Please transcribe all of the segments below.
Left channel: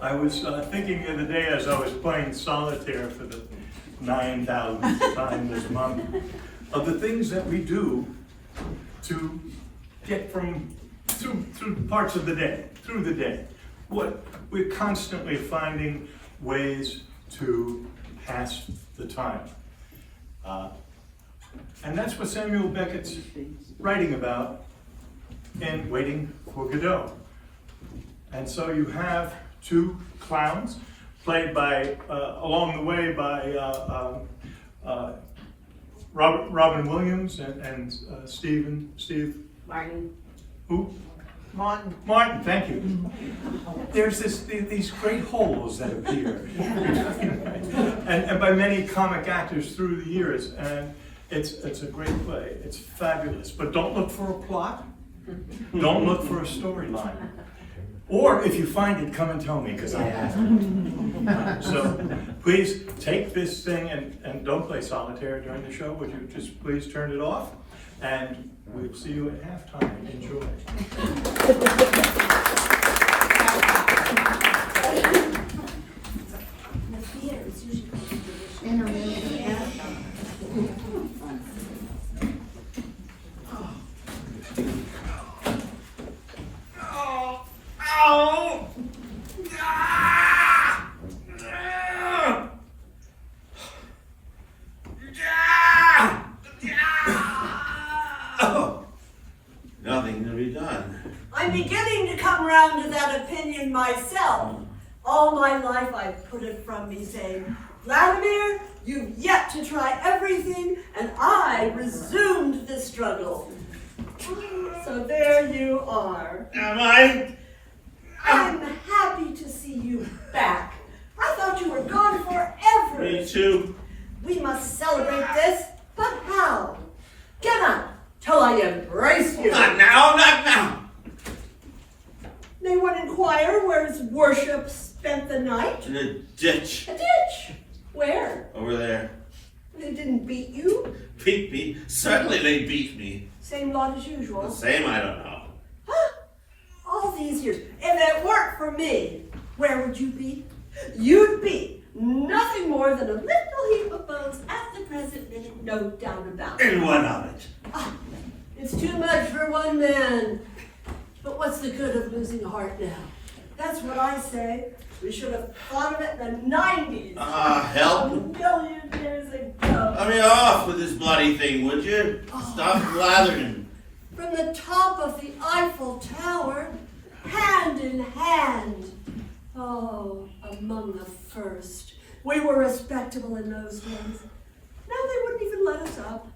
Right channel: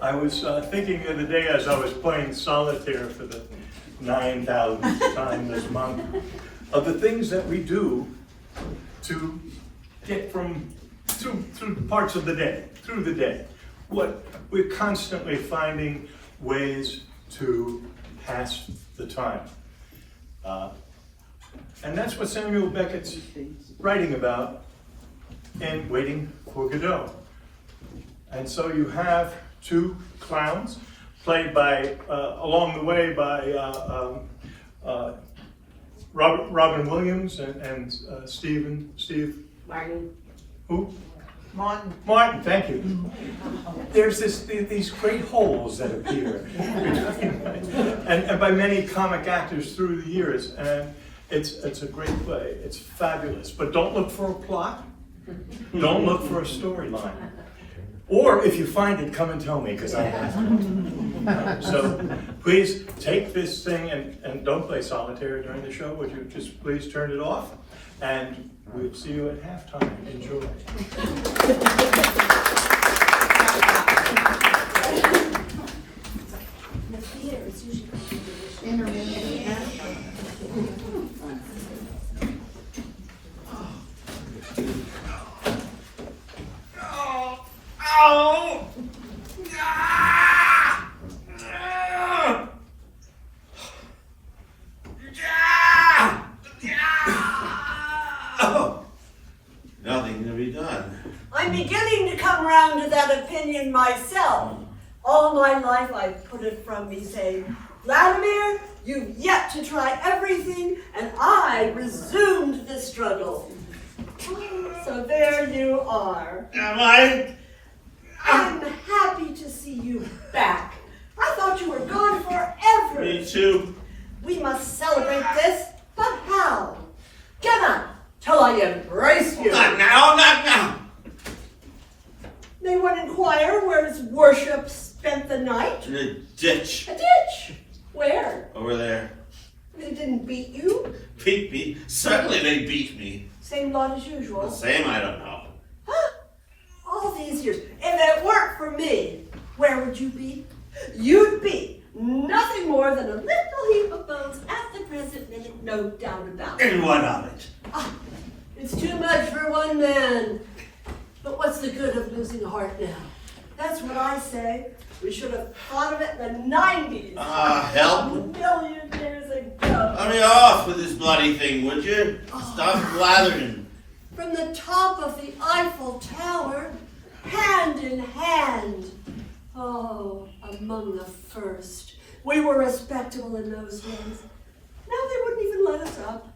I was thinking the other day as I was playing solitaire for the 9,000th time this month of the things that we do to get through parts of the day, through the day. We're constantly finding ways to pass the time. And that's what Samuel Beckett's writing about in Waiting for Godot. And so you have two clowns played by, along the way by Robin Williams and Steve. Martin. Who? Martin. Martin, thank you. There's these great holes that appear, and by many comic actors through the years, and it's a great play. It's fabulous, but don't look for a plot. Don't look for a storyline. Or if you find it, come and tell me, because I have it. So please take this thing and don't play solitaire during the show. Would you just please turn it off? And we'll see you at halftime. Enjoy. Nothing to be done. I'm beginning to come around to that opinion myself. All my life I've put it from me saying, Vladimir, you've yet to try everything, and I resumed the struggle. So there you are. Am I? I'm happy to see you back. I thought you were gone forever. Me too. We must celebrate this, but how? Come on, till I embrace you. Not now, not now. May one inquire where his worship spent the night? In a ditch. A ditch. Where? Over there. They didn't beat you? Beat me? Certainly they beat me. Same lot as The usual. same, I don't know. Huh? All these years. If it weren't for me, where would you be? You'd be nothing more than a little heap of bones at the present minute, no doubt about it. And what of it? Ah, it's too much for one man. But what's the good of losing heart now? That's what I say. We should have thought of it in the 90s. Help. A million years ago. Let me off with this bloody thing, would you? Stop blathering. From the top of the Eiffel Tower, hand in hand. Oh, among the first. We were respectable in those days. Now they wouldn't even let us up.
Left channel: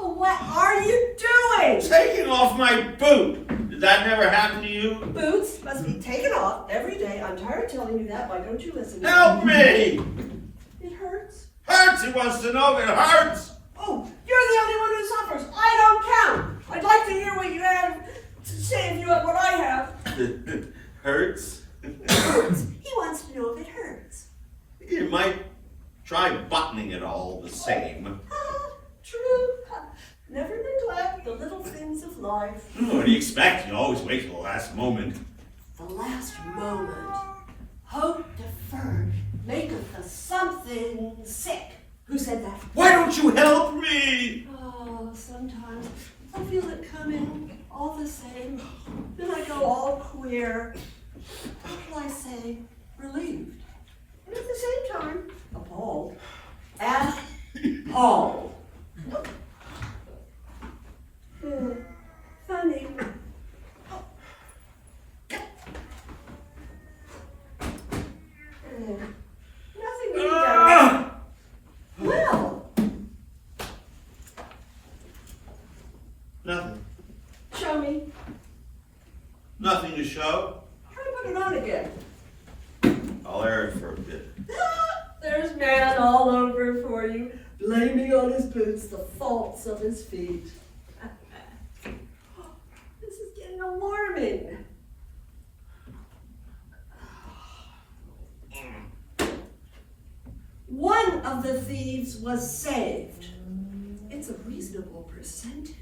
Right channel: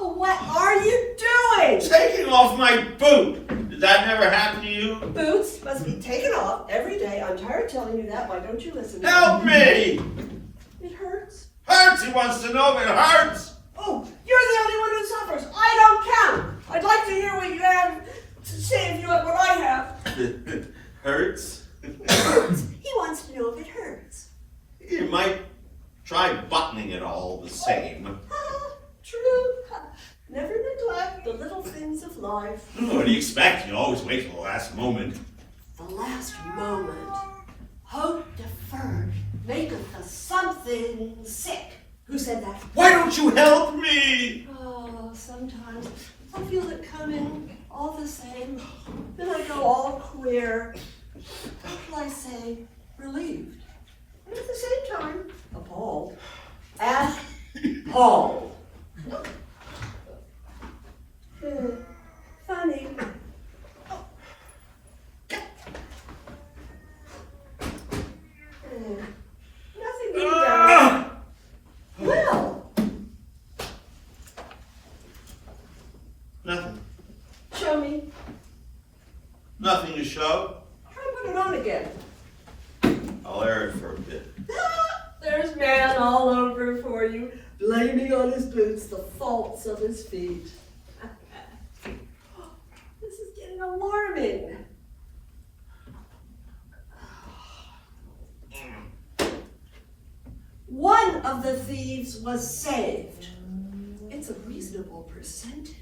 Oh, what are you doing? Taking off my boot. Did that never happen to you? Boots must be taken off every day. I'm tired of telling you that. Why don't you listen to Help me! It hurts. Hurts. He wants to know if it hurts. Oh, you're the only one who suffers. I don't count. I'd like to hear what you have to say if you have what I have. Hurts? It hurts. He wants to know if it hurts. You might try buttoning it all the same. True. Never neglect the little things of life. What do you expect? You always wait till the last moment. The last moment. Hope deferred maketh the something sick. Who said that? Why don't you help me? Oh, sometimes I feel it coming all the same. Then I go all queer. What will I say? Relieved. And at the same time, appalled. Appalled. Funny. Nothing to be done. Well, Nothing. show me. Nothing to show. Try to put it on again. I'll air it for a bit. There's man all over for you, blaming on his boots the faults of his feet. This is getting alarming. One of the thieves was saved. It's a reasonable percentage.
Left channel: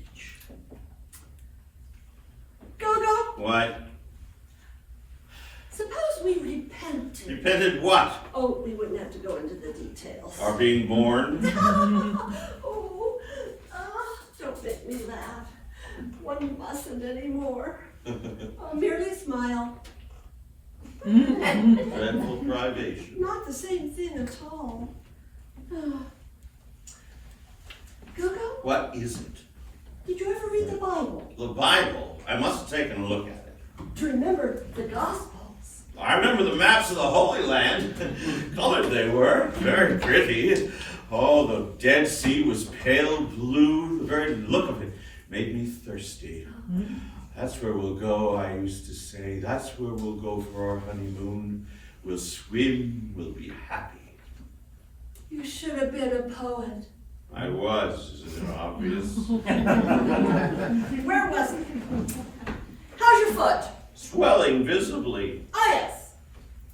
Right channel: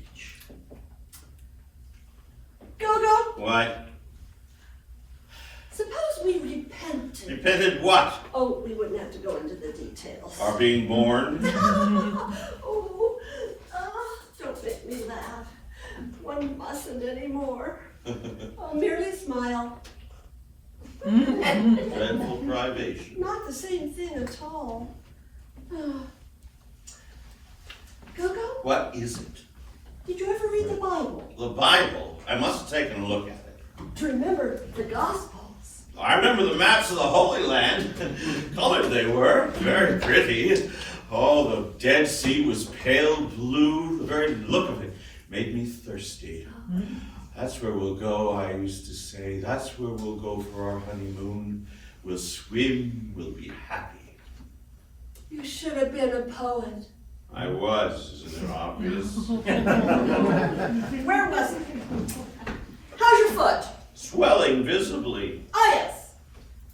Go. What? Repented what? Oh, we wouldn't have to go into the details. Are being mourned? Oh, don't make me laugh. One mustn't anymore. I'll merely smile. Dreadful privation. Not the same thing at all. Gogo, What is it? did you ever read the Bible? The Bible. I must have taken a look at it. To remember the Gospels. I remember the maps of the Holy Land. Colored they were, very pretty. Oh, the Dead Sea was pale blue. The very look of it made me thirsty. That's where we'll go, I used to say. That's where we'll go for our honeymoon. We'll swim, we'll be happy. You should have been a poet. I was, isn't it obvious? Where was it? How's your foot? Swelling visibly. Ah, yes.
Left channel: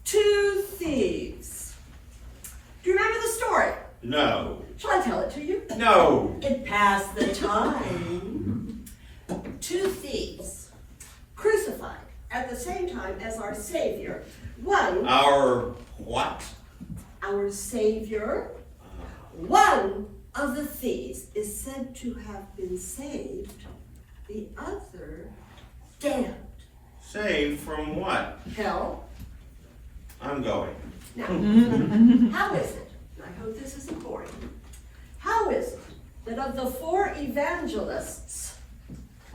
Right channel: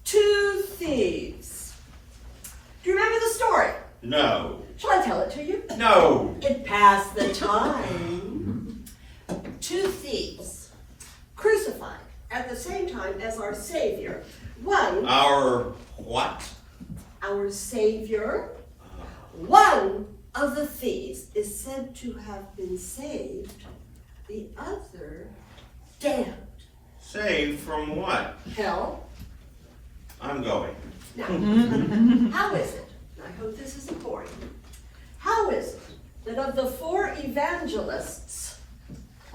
2 thieves. Do you remember the story? No. Shall I tell it to you? No. It passed the time. 2 thieves crucified at the same time as our Savior. One, Our what? our Savior. One of the thieves is said to have been saved. The other, damned. Saved from what? Hell. I'm going. Now, how is it, and I hope this is important, how is it that of the 4 evangelists,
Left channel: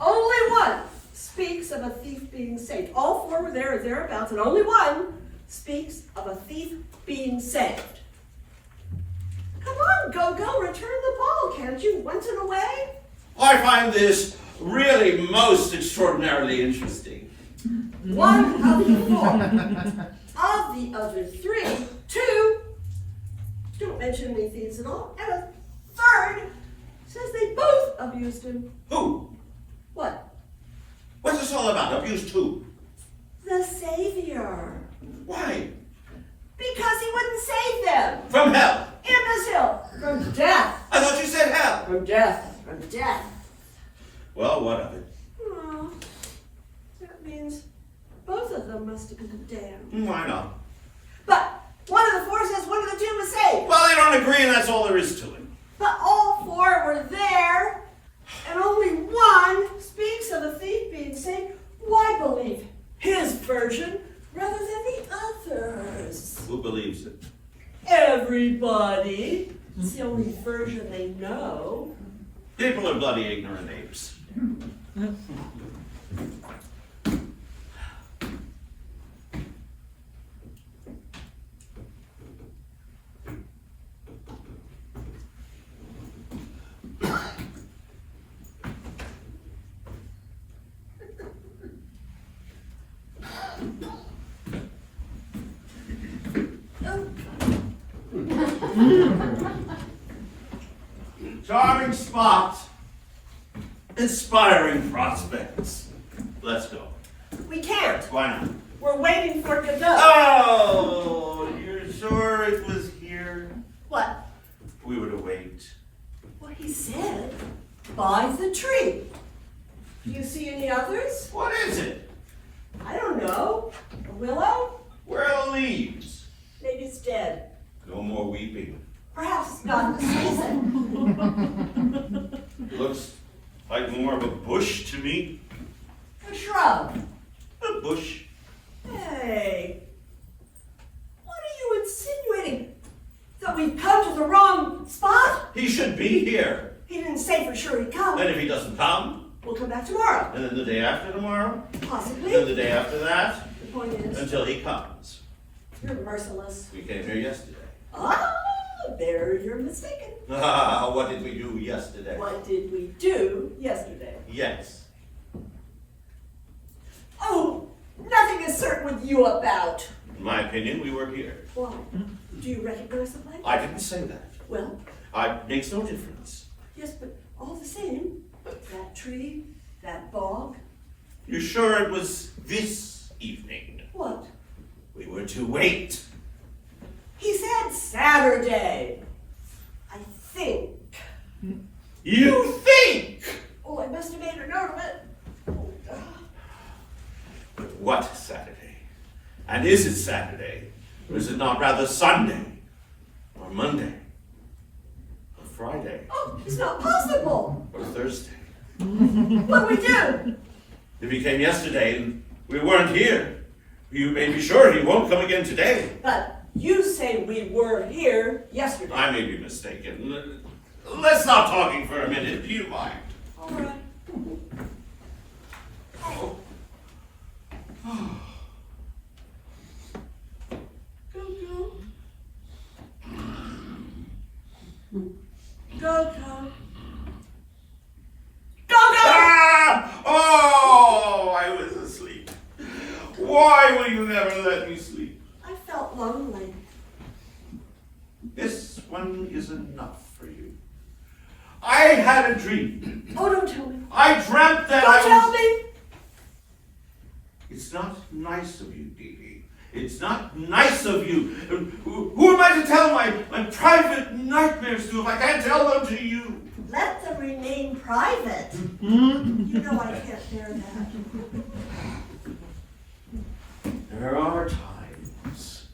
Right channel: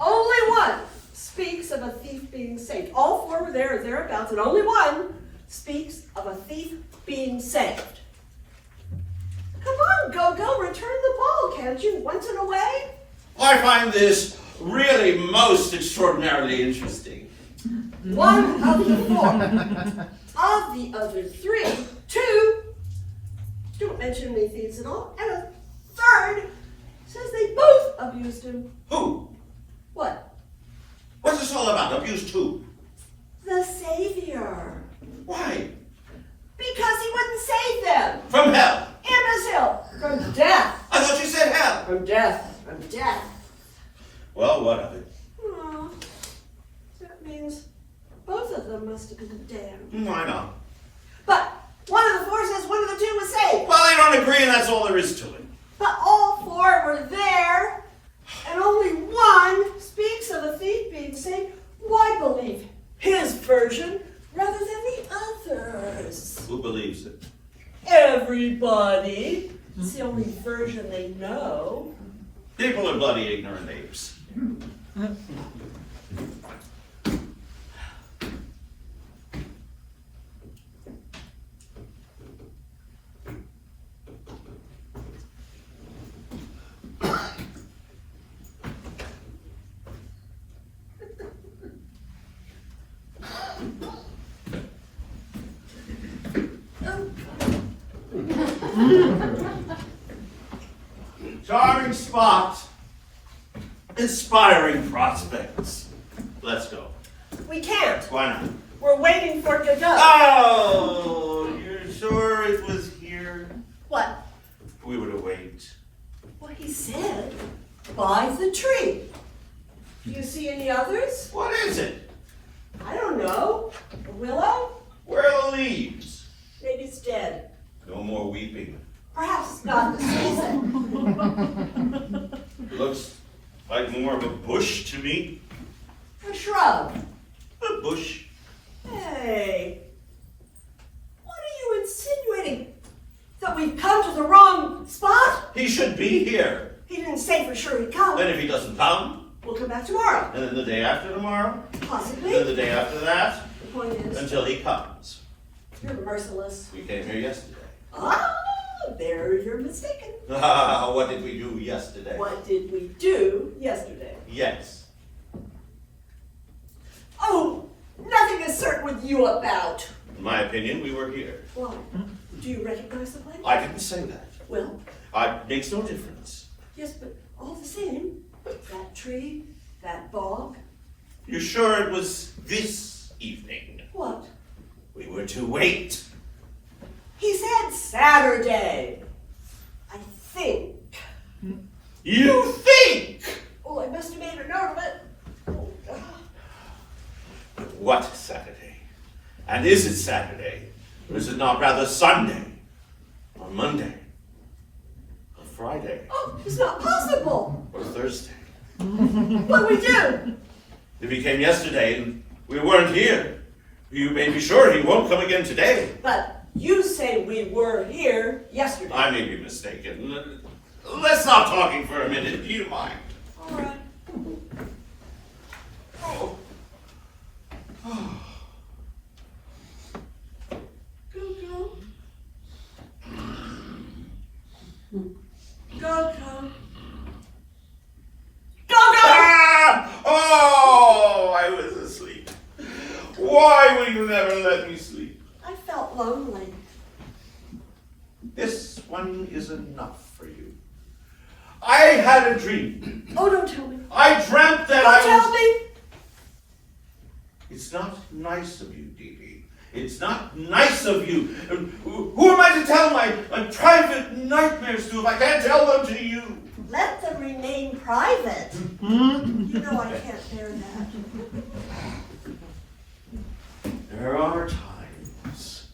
only one speaks of a thief being saved? All 4 were there or thereabouts, and only one speaks of a thief being saved. Come on, Gogo, return the ball, can't you, once in a way? I find this really most extraordinarily interesting. One of the 4. Of the other 3, 2 don't mention any thieves at all, and a 3rd says they both abused him. Who? What? What's this all about? Abused who? The Savior. Why? Because he wouldn't save them. From hell. Imbecile. From death. I thought you said hell. From death. From death. Well, what of it? Oh, that means both of them must have been damned. Why not? But one of the 4 says one of the 2 was saved. Well, they don't agree, and that's all there is to it. But all 4 were there, and only one speaks of a thief being saved. Why believe his version rather than the others? Who believes it? Everybody. It's the only version they know. People are bloody ignorant apes. Charming spot. Inspiring prospects. Let's go. We can't. Why not? We're waiting for Godot. Oh, you're sure it was here? What? We were to wait. What he said. By the tree. Do you see any others? What is it? I don't know. A willow? Where are the leaves? Maybe it's dead. No more weeping. Perhaps it's not the season. Looks like more of a bush to me. A shrub. A bush. Hey. What are you insinuating? That we've come to the wrong spot? He should be here. He didn't say for sure he'd come. Then if he doesn't come, We'll come back tomorrow. and then the day after tomorrow, Possibly. then the day after that, The point is, until he comes. you're merciless. We came here yesterday. Ah, there you're mistaken. What did we do yesterday? What did we do yesterday? Yes. Oh, nothing is certain with you about. In my opinion, we were here. Why? Do you recognize the place? I didn't say that. Well, It makes no difference. yes, but all the same, that tree, that bog, You sure it was this evening? what? We were to wait. He said Saturday. I think. You think? Oh, I must have made a note of it. Oh, God. What Saturday? And is it Saturday? Or is it not rather Sunday, or Monday, or Friday, Oh, it's not possible. or Thursday? What do we do? If he came yesterday and we weren't here, you may be sure he won't come again today. But you say we were here yesterday. I may be mistaken. Let's stop talking for a minute, do you mind? All right. Oh. Go, go. Go, go! Ah! Oh, I was asleep. Why will you never let me sleep? I felt lonely. This one is enough for you. I had a dream. Oh, don't tell me. I dreamt that Don't tell me. It's not nice of you, Dee Dee. It's not nice of you. Who am I to tell my private nightmares to if I can't tell them to you? Let them remain private. You know I can't bear that. There are times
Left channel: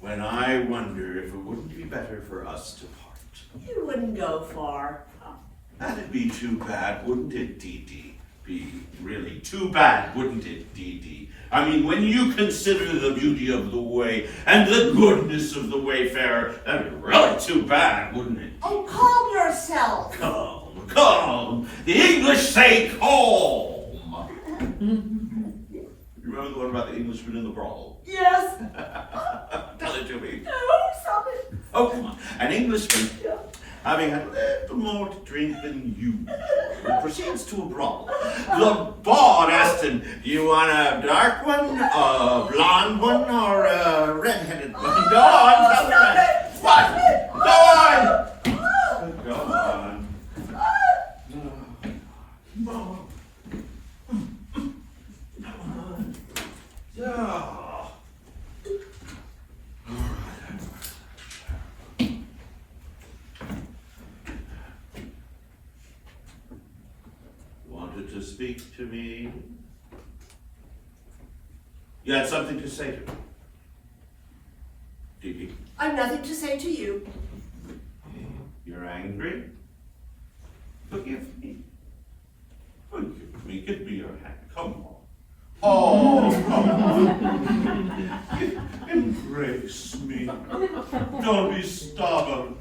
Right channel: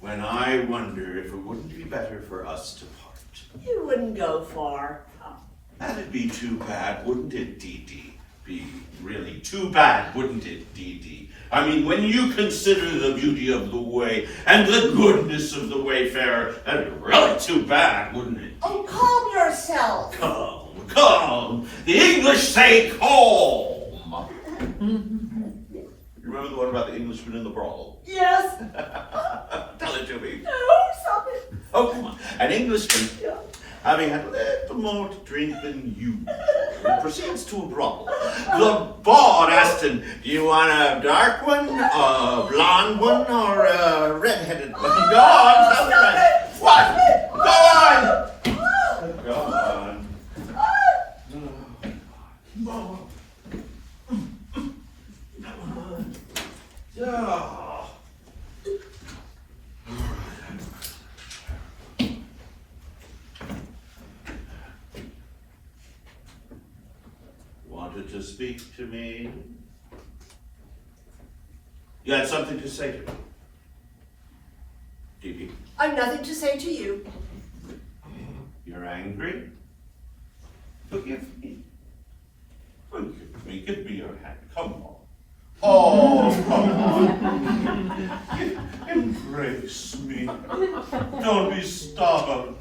when I wonder if it wouldn't be better for us to part. You wouldn't go far. That'd be too bad, wouldn't it, Dee Dee? Be really too bad, wouldn't it, Dee Dee? I mean, when you consider the beauty of the way and the goodness of the wayfarer, that'd be really too bad, wouldn't it? Oh, calm yourself. Calm, calm. The English say calm. You remember the one about the Englishman in the brawl? Yes. Tell it to me. No, stop it. Oh, come on. An Englishman, Yeah. having had a little more to drink than you, proceeds to a brawl. The bard asked him, "You want a dark one, a blonde one, or a red-headed one?" Go on, tell me that. What? Go on. Go on. Yeah. Wanted to speak to me? You had something to say to me? Dee Dee, I've nothing to say to you. you're angry? Forgive me. Forgive me. Give me your hand. Come on. Oh, come on. Embrace me. Don't be stubborn.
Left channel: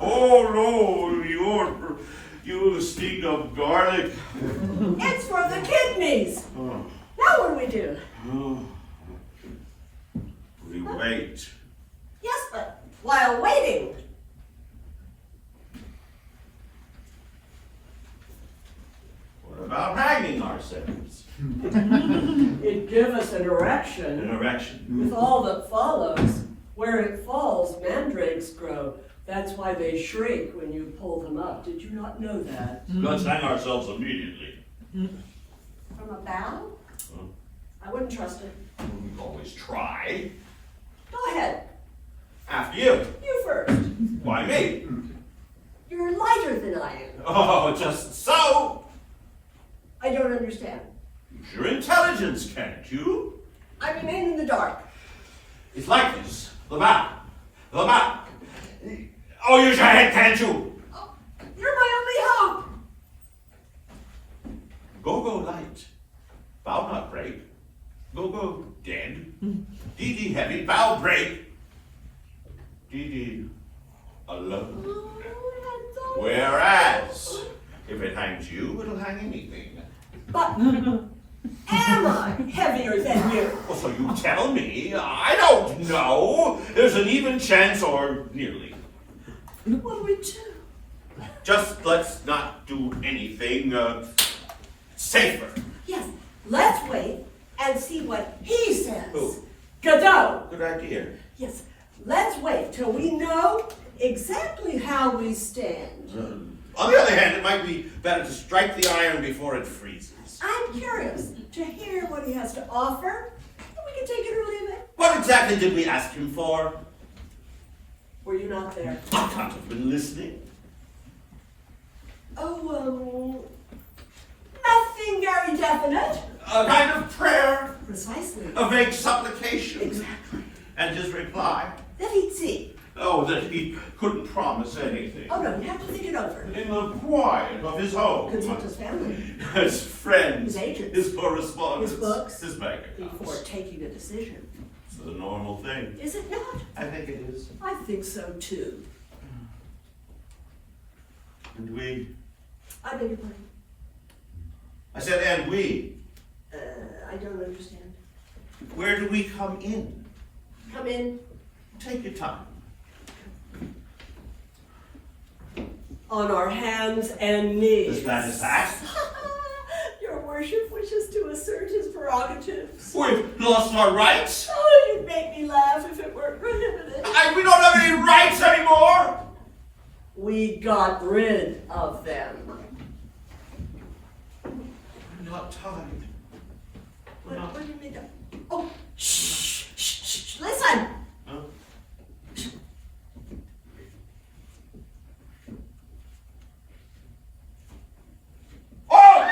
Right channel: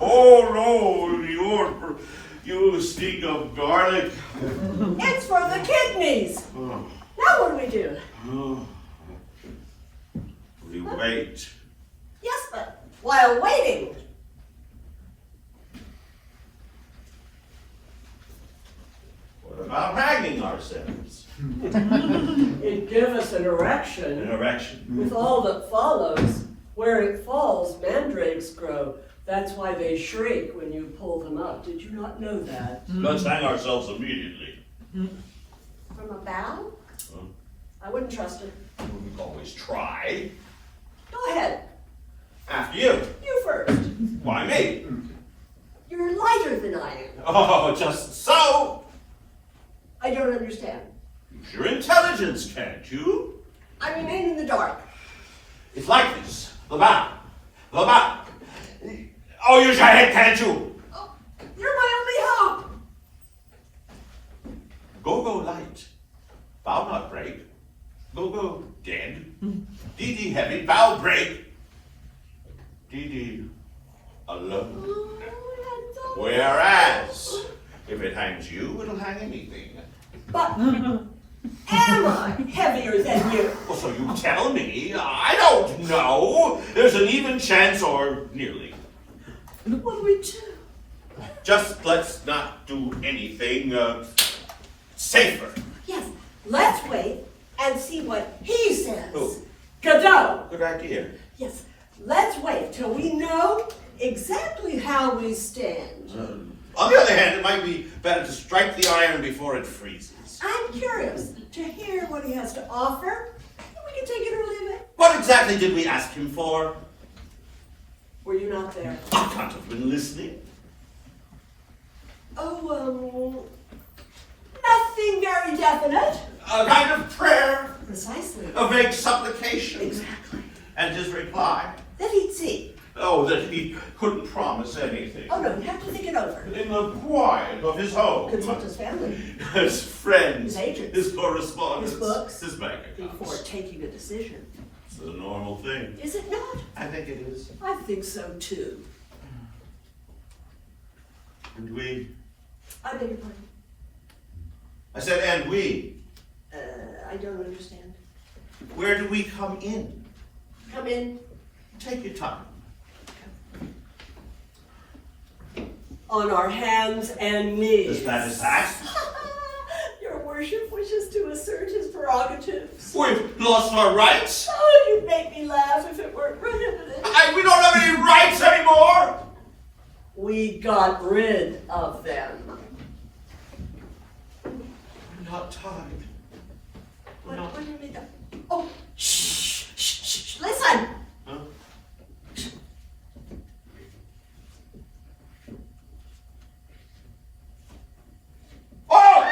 Oh no, you stink of garlic. It's for the kidneys. Oh, Now what do we do? oh. We wait. Yes, but while waiting. What about hanging ourselves? It'd give us an An erection erection. with all that follows. Where it falls, mandrakes grow. That's why they shrink when you pull them up. Did you not know that? Let's hang ourselves immediately. From a bough? Huh? I wouldn't trust it. We can always try. Go ahead. After you. You first. Why me? You're lighter than I am. Oh, just so. I don't understand. Use your intelligence, can't you? I remain in the dark. It's like this. The back. The back. Oh, use your head, can't you? Oh, you're my only hope. Go light. Bow not break. Go dead. Dee Dee heavy. Bow break. Dee Dee alone. Oh, that's so Whereas, if it hangs you, it'll hang anything. But am I heavier than you? Well, so you tell me. I don't know. There's an even chance, or nearly. What do we do? Just let's not do anything safer. Yes, let's wait and see what he says. Who? Godot. Good idea. Yes, let's wait till we know exactly how we stand. On the other hand, it might be better to strike the iron before it freezes. I'm curious to hear what he has to offer. We can take it or leave it. What exactly did we ask him for? Were you not there? I can't have been listening. Oh, Something very definite. A kind of prayer, Precisely. a vague supplication. Exactly. And his reply? That he'd see. Oh, that he couldn't promise anything. Oh no, you have to think it over. In the quiet of his home. Consult his family. His friends. His agents. His correspondence. His books. His bank accounts. Before taking a decision. It's a normal thing. Is it not? I think it is. I think so too. And we? I beg your pardon. I said, and we? I don't understand. Where do we come in? Come in. Take your time. On our hands and knees. Is that his act? Your worship wishes to assert his prerogatives. We've lost our rights? Oh, you'd make me laugh if it weren't prohibited. We don't have any rights anymore? We got rid of them. We're not tied. We're not. What do you mean that? Oh, shh, shh, shh, listen. Huh? Oh!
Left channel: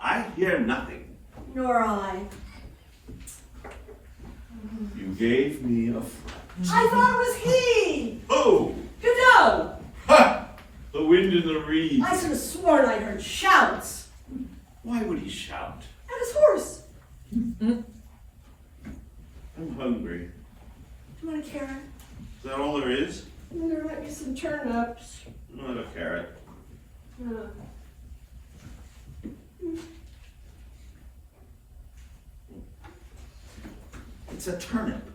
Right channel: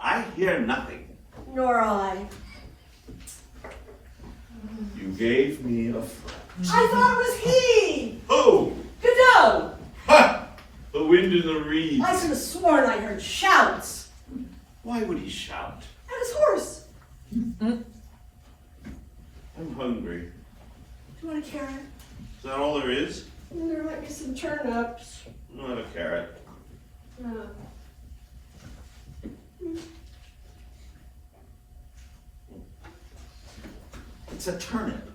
I hear nothing. Nor I. You gave me a friend. I thought it was he. Who? Godot. Ha! The wind in the reeds. I could have sworn I heard shouts. Why would he shout? At his horse. I'm hungry. Do you want a carrot? Is that all there is? There might be some turnips. Not a carrot. No. It's a turnip.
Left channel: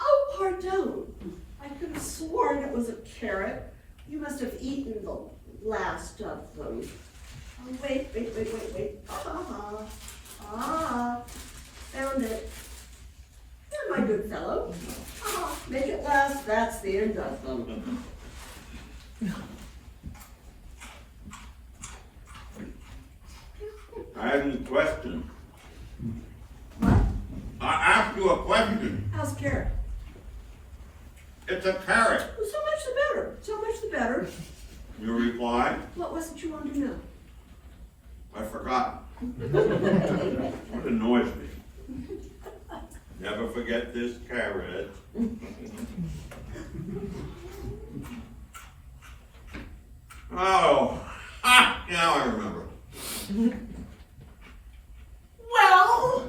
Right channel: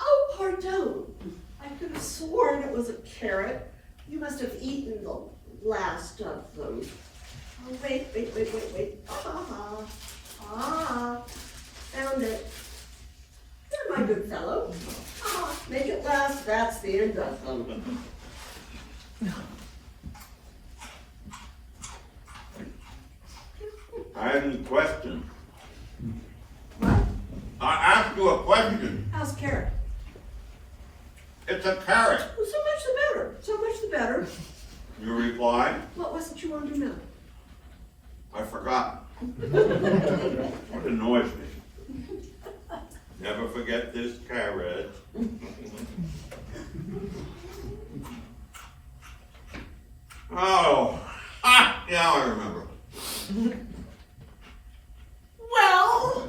Oh, pardon. I could have sworn it was a carrot. You must have eaten the last of them. Oh, wait. Found it. There, my good fellow. Make it last, that's the end of them. I have a question. What? I asked you a question. How's carrot? It's a carrot. Well, so much the better. So much the better. You reply, What was it you wanted to know? I forgot. What annoys me? Never forget this carrot. Oh, now I remember. Well,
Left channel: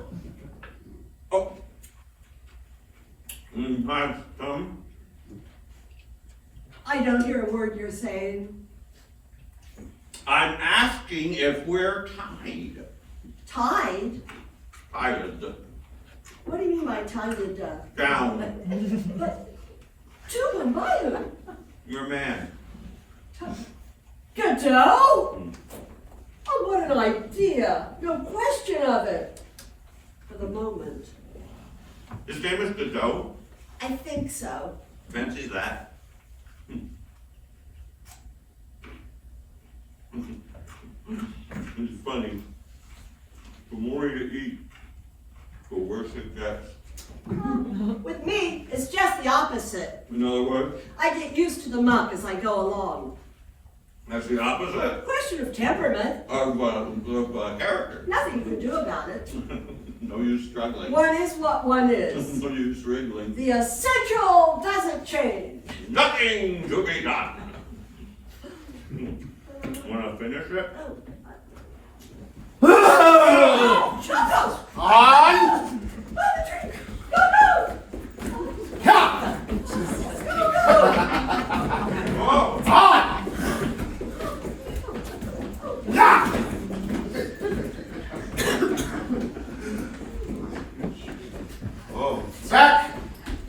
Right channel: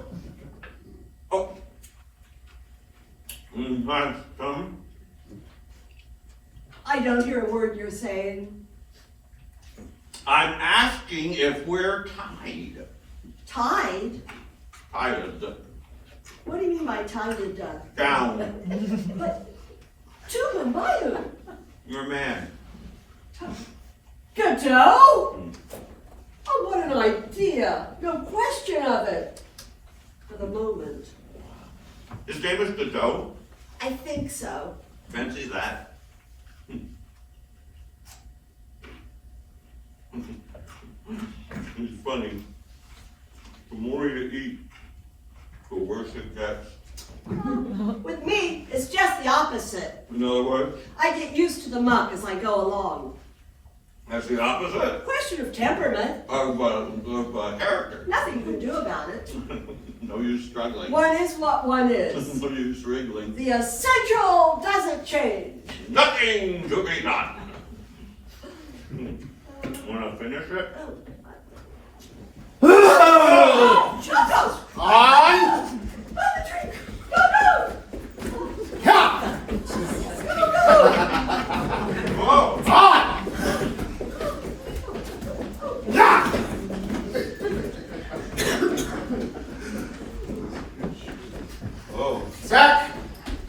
Oh, have some? I don't hear a word you're saying. I'm asking if we're tied. Tied? Tied What do you mean by tied down. But, to whom, by whom? Your man. Godot? Oh, what an idea. No question of it. For the moment. His name is Godot. I think so. Fancy that. It's funny. The more you eat, the worse it gets. With me, it's just the opposite. In other words, I get used to the muck as I go along. that's the opposite Question of temperament. of character. Nothing you can do about it. No use struggling. One is what one is. No use wriggling. The essential doesn't change. Nothing to be done. Want to finish it? Oh, Choco! On! By the tree! Go, Ha! Oh! On! Ya! Oh! Zach!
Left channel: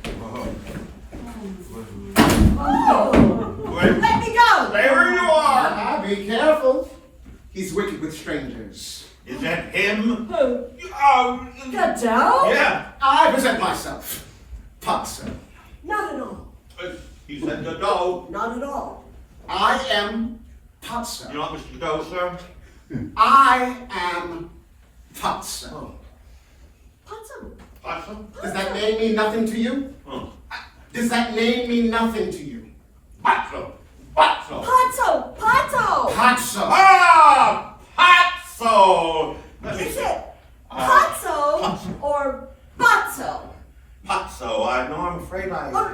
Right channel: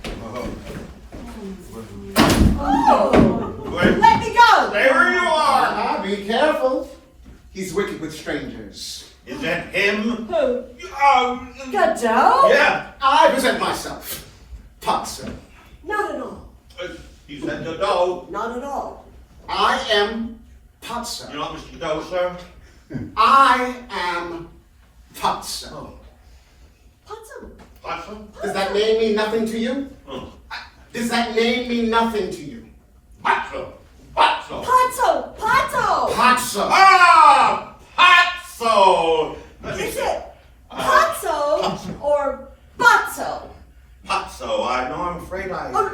Oh! Oh! Wait, Let me go! stay where you are! Be careful. He's wicked with strangers. Is that him? Who? Godot? Godot? Yeah. I present myself. Potson. Not at all. He said Godot. Not at all. I am You Potson. know Mr. Godot, sir? I am Potson. Potsum. Potsum? Does that name mean nothing to you? Oh. Does that name mean nothing to you? Potsum. Potsum. Potso! Potso! Potsum. Ah! Potso! Is it Potso or Botso? Potso, I'm afraid I... Oh,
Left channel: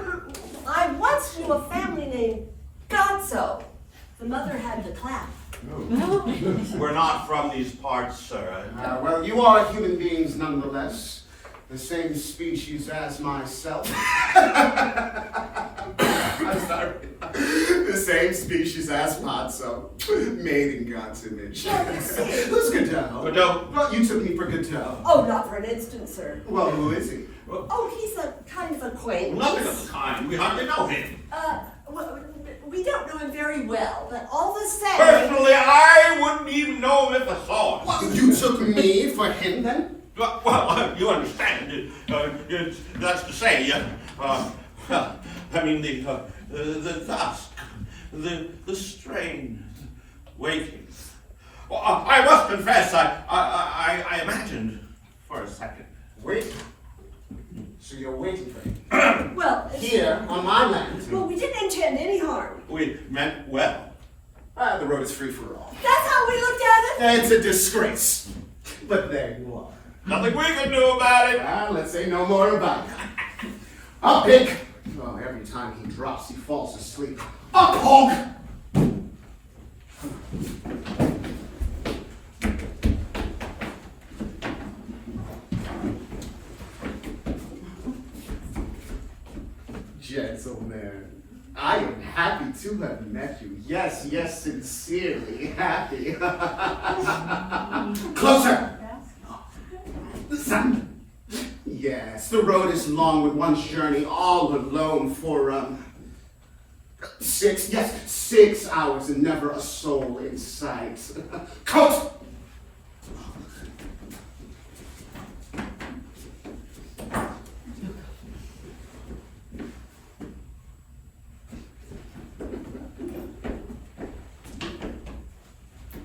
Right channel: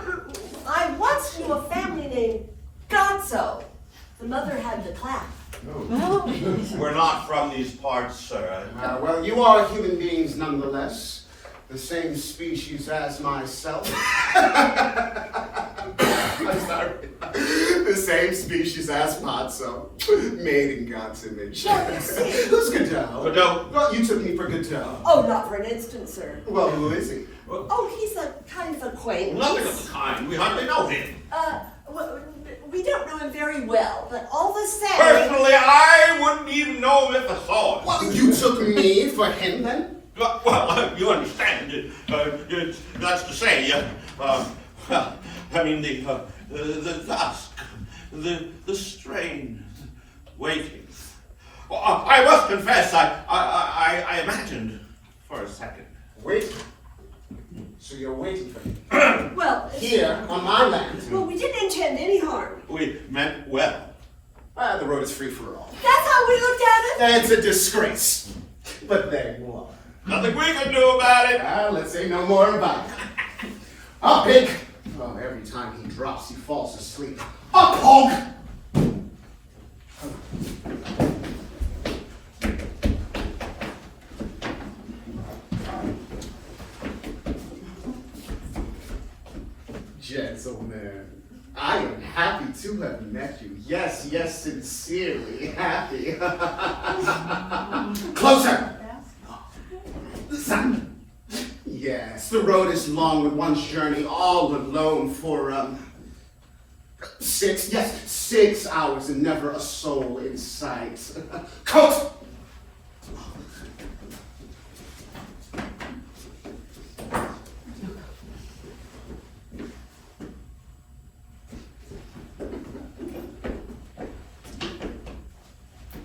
I once knew a family named Gotso. The mother had the clap. We're not from these parts, sir. Well, you are human beings nonetheless. The same species as myself. I'm sorry. The same species as Potso. Made in God's image. Well, you see. Who's Godot? Godot. Well, you took me for Godot. Oh, not for an instant, sir. Well, who is he? Oh, he's a kind of acquaintance. Nothing of the kind. We hardly know him. Well, we don't know him very well, but all the same. Personally, I wouldn't even know him if I saw him. Well, you took me for him then? Well, you understand. That's to say, I mean, the dusk, the strain, waiting. Well, I must confess, I imagined for a second. Wait. So you're waiting for him? Well, Here, on my land. well, we didn't intend any harm. We meant well. The road is free for all. That's how we looked at it. It's a disgrace. But there you are. Nothing we can do about it. Let's say no more about it. Up, Pig! Oh, every time he drops, he falls asleep. Up, Hog! Gentlemen, I am happy to have met you. Yes, yes, sincerely happy. Closer! Yes, the road is long with one's journey all alone for 6 hours and never a soul in sight. Coat!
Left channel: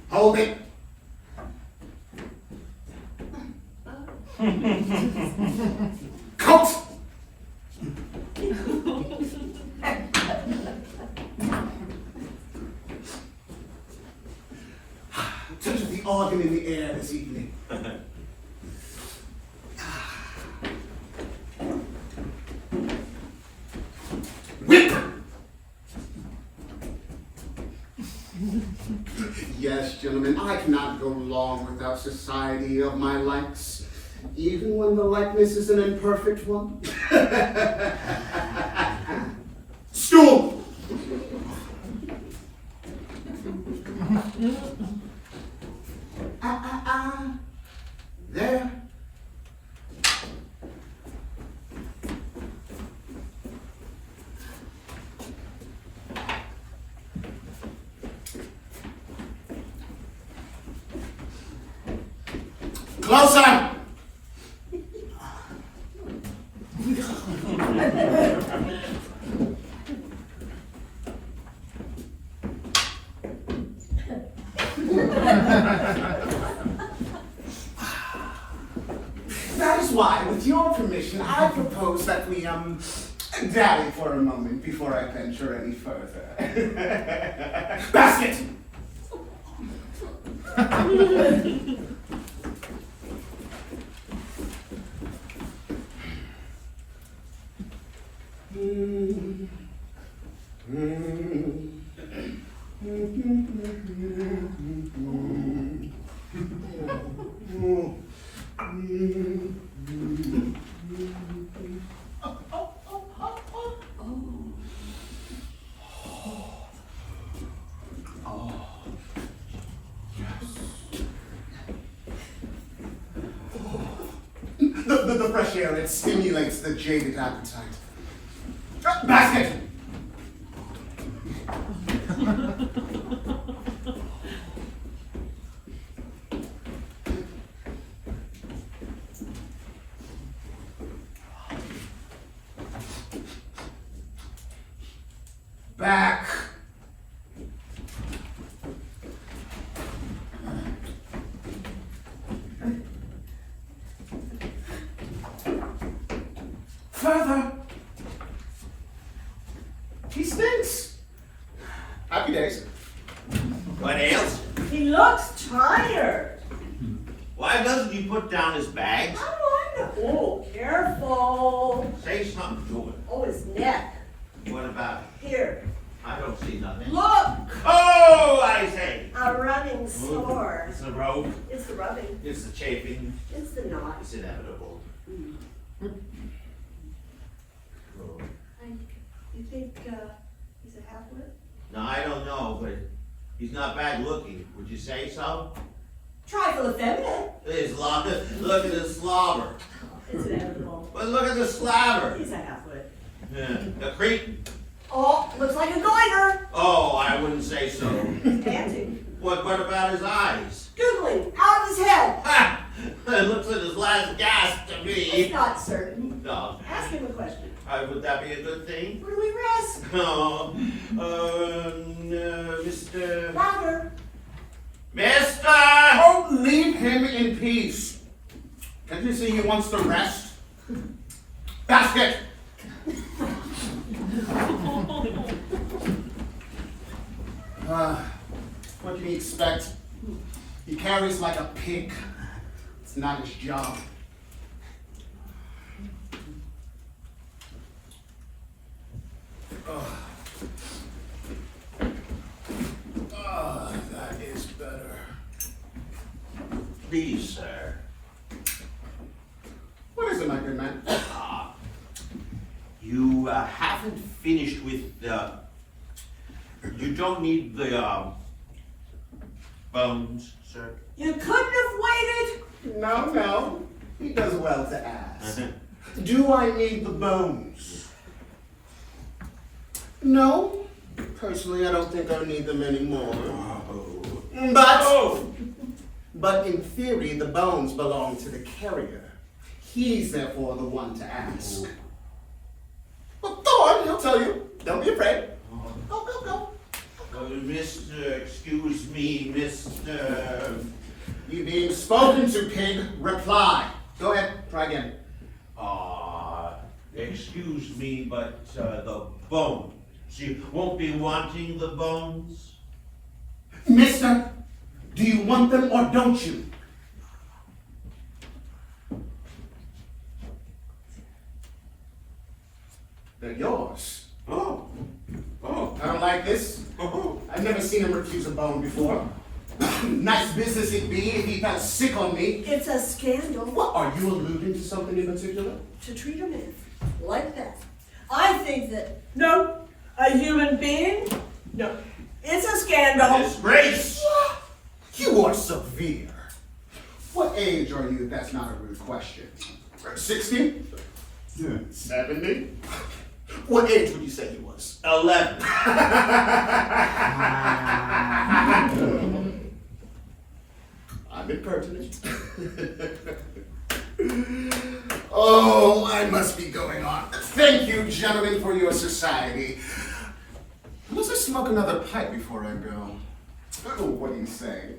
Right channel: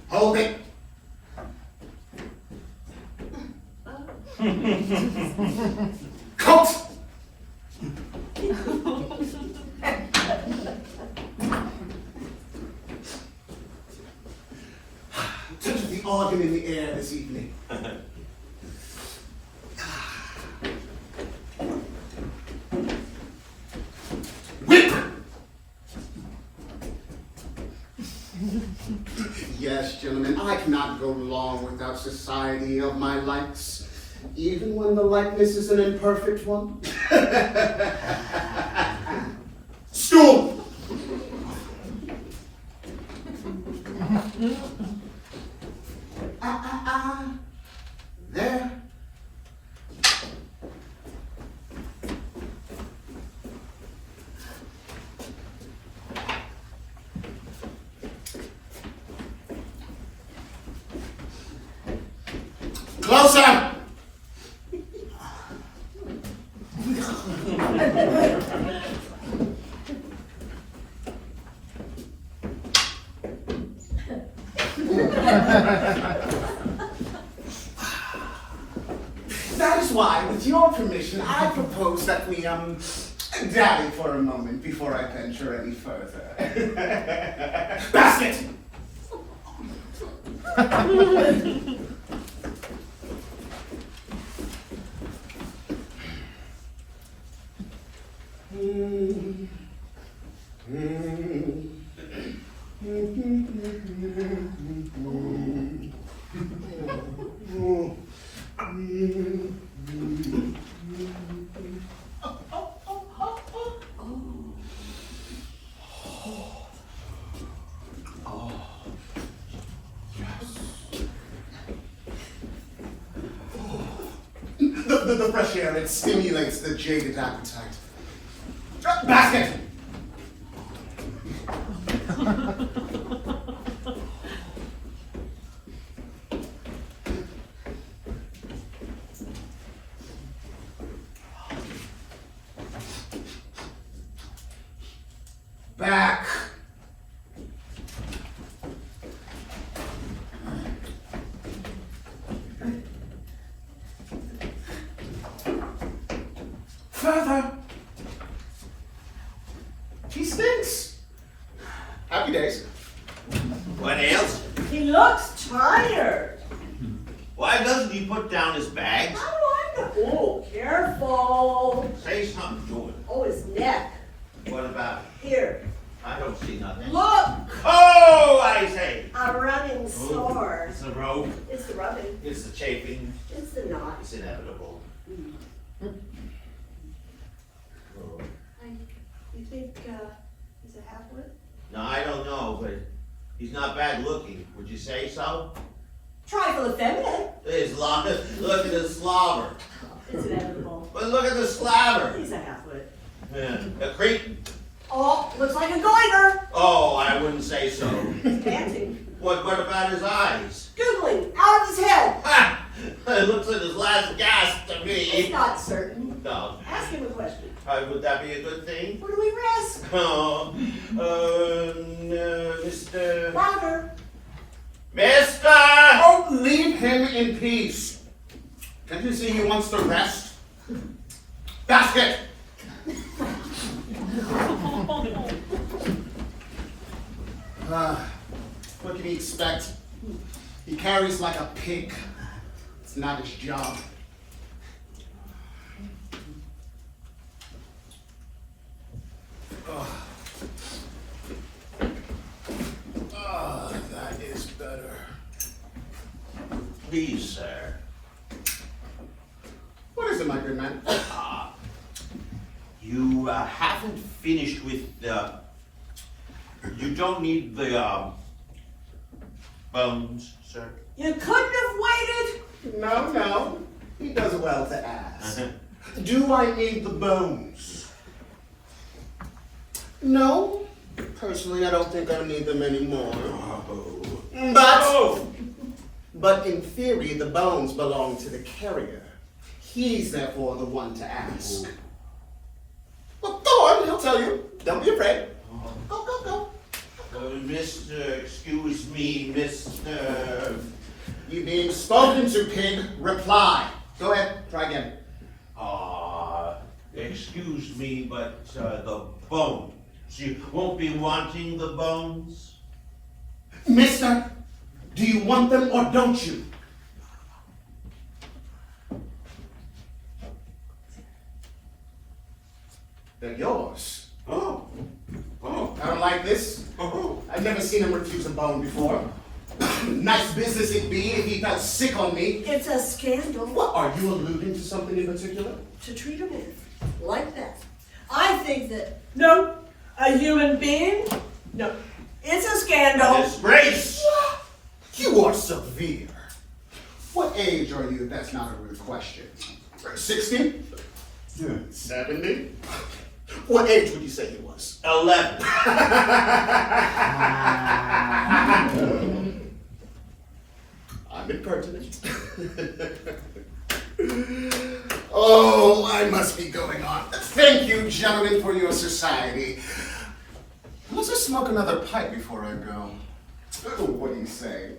Hold it. Coat! Touch of the organ in the air this evening. Whip! Yes, gentlemen, I cannot go long without society of my likes, even when the likeness is an imperfect one. Stool! There. Closer! That is why, with your permission, I propose that we, dally for a moment before I venture any further. Basket! The fresh air, it stimulates the jaded appetite. Basket! Back. further. He stinks. Happy days. What ails? He looks tired. Why doesn't he put down his bags? How do I know? Oh, careful. Say something to him. Oh, his neck. What about it? Here, I don't see nothing. look. Oh, I say. A running sore. It's the rope. It's the rubbing. It's the chafing. It's the knot. It's inevitable. Oh. You think he's a halfwit? No, I don't know, but he's not bad looking. Would you say so? Trifle effeminate. Look at the slobber. It's inevitable. But look at the slobber. He's a halfwit. A creep? Oh, looks like a goiter. Oh, I wouldn't say so. Panting. What about his eyes? Googling. Out of his head. Ha! It looks like his last gasp to It's me. not certain. No. Ask him a question. Would that be a good thing? What do we risk? Oh, Mr. Louder. Mister! Oh, leave him in peace. Can't you see he wants to rest? Basket! What can he expect? He carries like a pig. It's not his job. That is better. Please, sir. What is it, my good man? You haven't finished with the... You don't need the bones, sir. You couldn't have waited. No. He does well to ask. Do I need the bones? No. Personally, I don't think I need them anymore. But in theory, the bones belong to the carrier. He's therefore the one to ask. Well, go on, he'll tell you. Don't be afraid. Go. Mister, excuse me, Mister. You being spoken to, pig, reply. Go ahead, try again. Excuse me, but the bones. You won't be wanting the bones? Mister, do you want them or don't you? They're yours. Oh. I don't like this. I've never seen him refuse a bone before. Nice business it'd be if he felt sick on me. It's a scandal. What, are you alluding to something in particular? To treat a man like that. I think that, no, a human being, no, it's a scandal. Disgrace! You are severe. What age are you? That's not a rude question. 60? 70? What age would you say he was? 11. I'm impertinent. Oh, I must be going on. Thank you, gentlemen, for your society. Let's just smoke another pipe before I go. Oh, what do you say?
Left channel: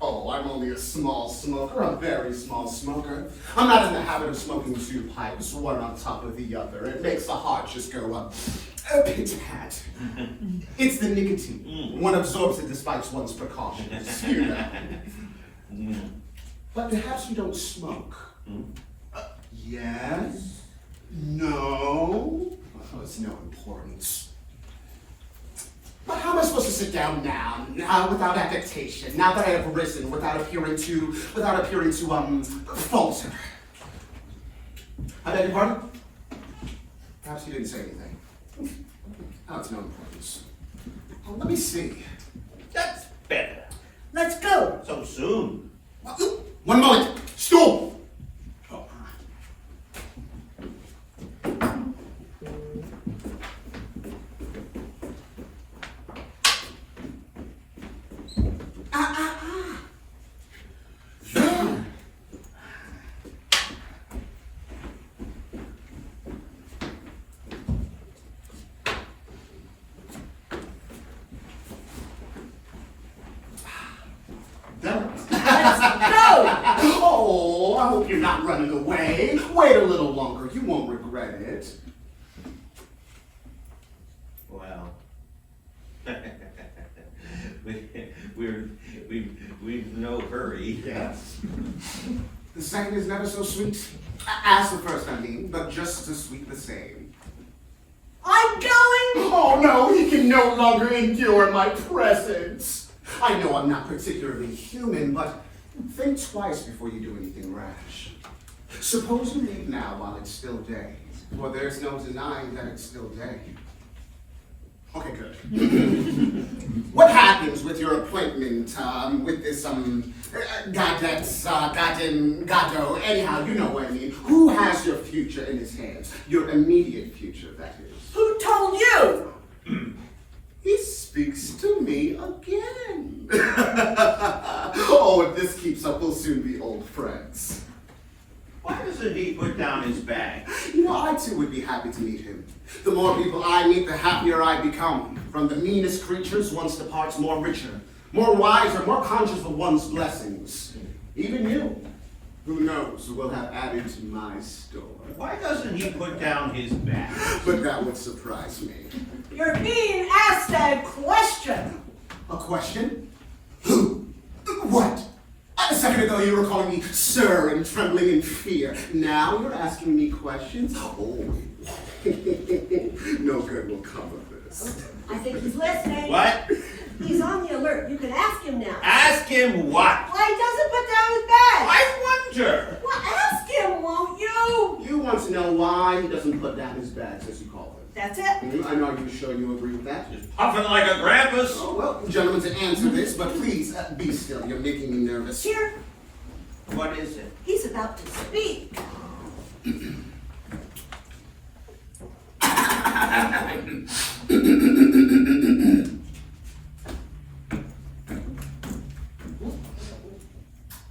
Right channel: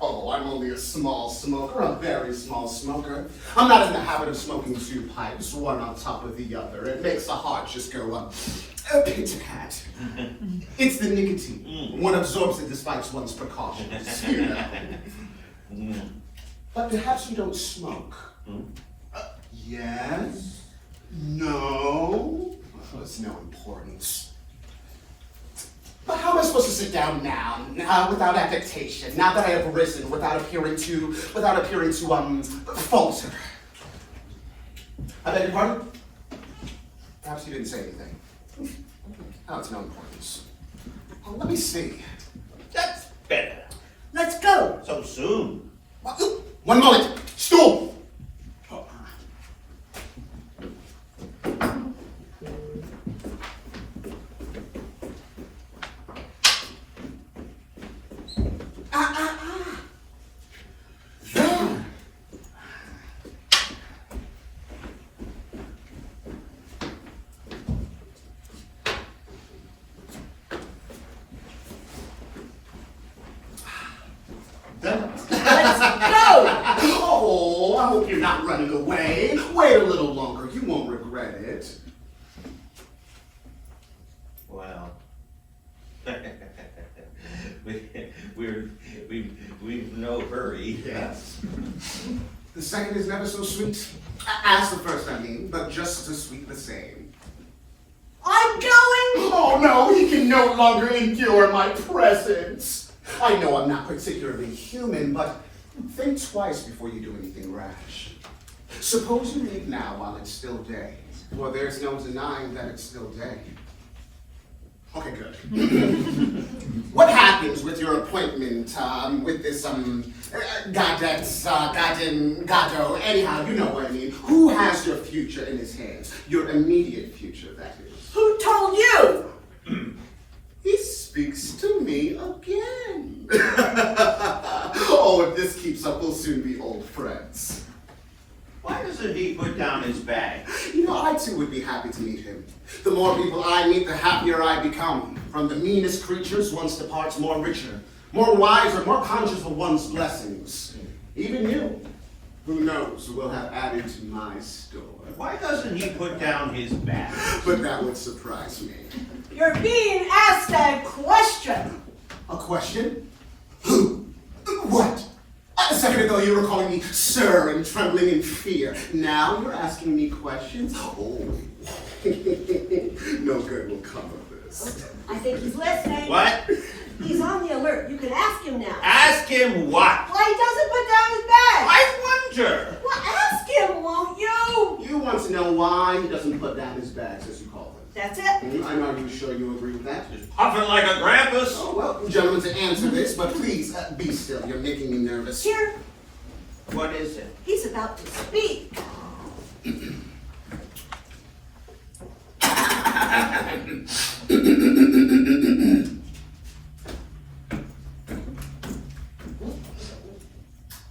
Oh, I'm only a small smoker, a very small smoker. I'm not in the habit of smoking two pipes, one on top of the other. It makes the heart just go up. A pit-a-pat. It's the nicotine. One absorbs it despite one's precautions. You know. But perhaps you don't smoke. Yes? No? Well, it's no importance. But how am I supposed to sit down now, without affectation, now that I have risen, without appearing to falter? I beg your pardon? Perhaps you didn't say anything. Oh, it's no importance. Well, let me see. That's better. Let's go. So soon. One moment. Stool. There. Oh, I hope you're not running away. Wait a little longer. You won't regret credit. Well, we've no hurry. Yes. The second is never so sweet as the first, I mean, but just as sweet the same. I'm going. Oh no, he can no longer endure my presence. I know I'm not particularly human, but think twice before you do anything rash. Suppose you leave now while it's still day, for there's no denying that it's still day. Okay, good. What happens with your appointment with this, Godot? Anyhow, you know what I mean. Who has your future in his hands? Your immediate future, that is. Who told you? He speaks to me again. Oh, if this keeps up, we'll soon be old friends. Why doesn't he put down his bag? You know, I too would be happy to meet him. The more people I meet, the happier I become. From the meanest creatures, one departs more richer, more wiser, more conscious of one's blessings. Even you, who knows, will have added to my store. Why doesn't he put down his bag? But that would surprise me. You're being asked a question. A question? Who? What? A second ago you were calling me sir and trembling in fear. Now you're asking me questions? Oh. No good will come of this. I think he's listening. What? He's on the alert. You can ask him now. Ask him what? Why he doesn't put down his bag? I wonder. Well, ask him, won't you? You want to know why he doesn't put down his bags, as you call it. That's it. I know you're sure you agree with that. He's puffing like a grampus. Oh, well, gentlemen, to answer this, but please be still. You're making me nervous. Here, What is it? he's about to speak.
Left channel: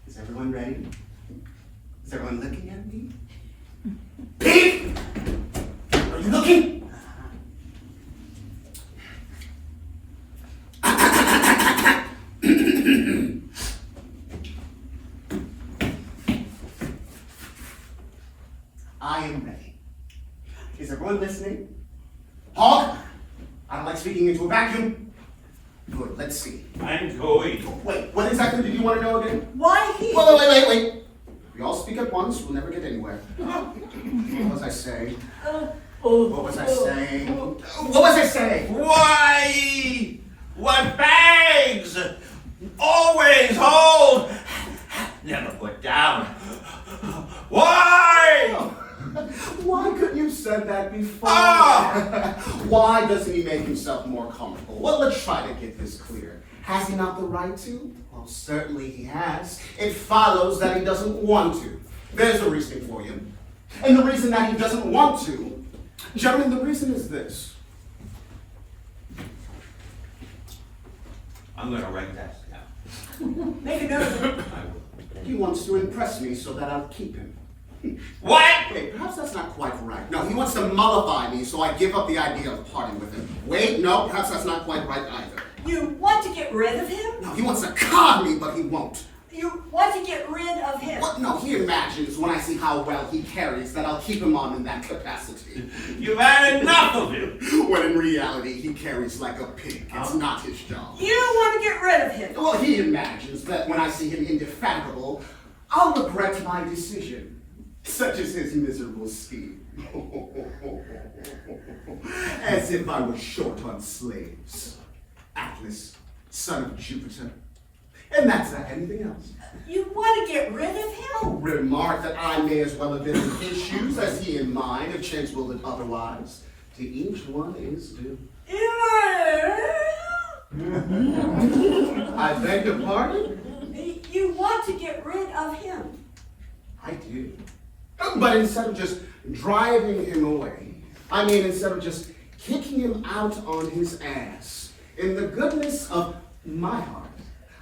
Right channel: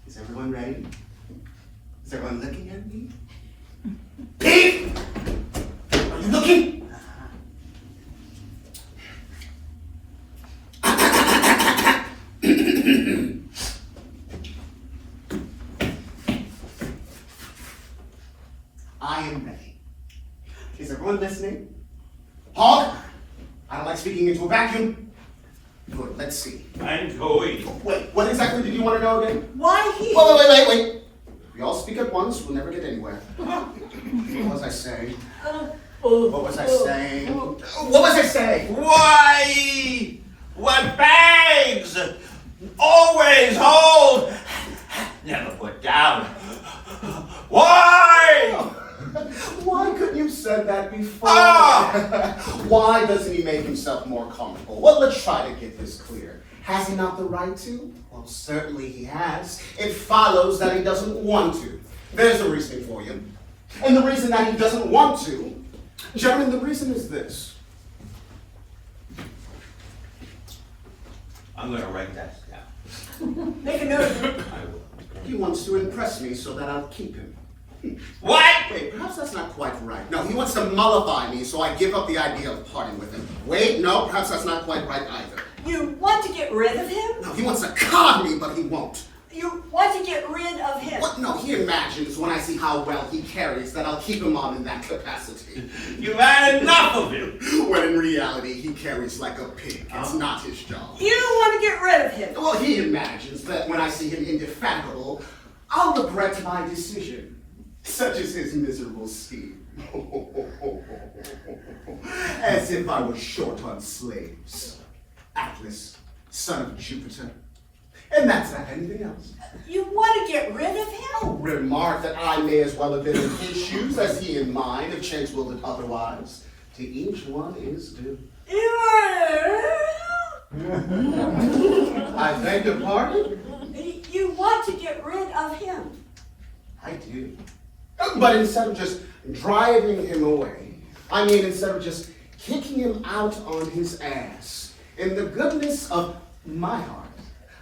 Is everyone ready? Is everyone looking at me? Pete! Are you looking? I am ready. Is everyone listening? Hog? I don't like speaking into a vacuum. Good, let's see. I'm going. Wait, what exactly did you want to know again? Why he? Wait. We all speak at once, we'll never get anywhere. What was I saying? What was I saying? What was I saying? Why? What bags? Always hold. Never put down. Why? Why couldn't you have said that before? Ah! Why doesn't he make himself more comfortable? Well, let's try to get this clear. Has he not the right to? Well, certainly he has. It follows that he doesn't want to. There's a reason for you. And the reason that he doesn't want to, gentlemen, the reason is this. I'm gonna write that down. Make a note of it. I will. He wants to impress me so that I'll keep him. What? Wait, perhaps that's not quite right. No, he wants to mollify me, so I give up the idea of parting with him. Wait, no, perhaps that's not quite right either. You want to get rid of him? No, he wants to con me, but he won't. You want to get rid of him? What? No, he imagines when I see how well he carries that I'll keep him on in that capacity. You've had enough of him. When in reality, he carries like a pig. It's not his job. You want to get rid of him? Well, he imagines that when I see him indefatigable, I'll regret my decision. Such is his miserable scheme. As if I were short on slaves. Atlas, son of Jupiter. And that's not anything else. You want to get rid of him? Remark that I may as well have been in his shoes as he in mine, if chance willed it otherwise. To each one is due. I beg your pardon? You want to get rid of him? I do. But instead of just driving him away, I mean instead of just kicking him out on his ass, in the goodness of my heart,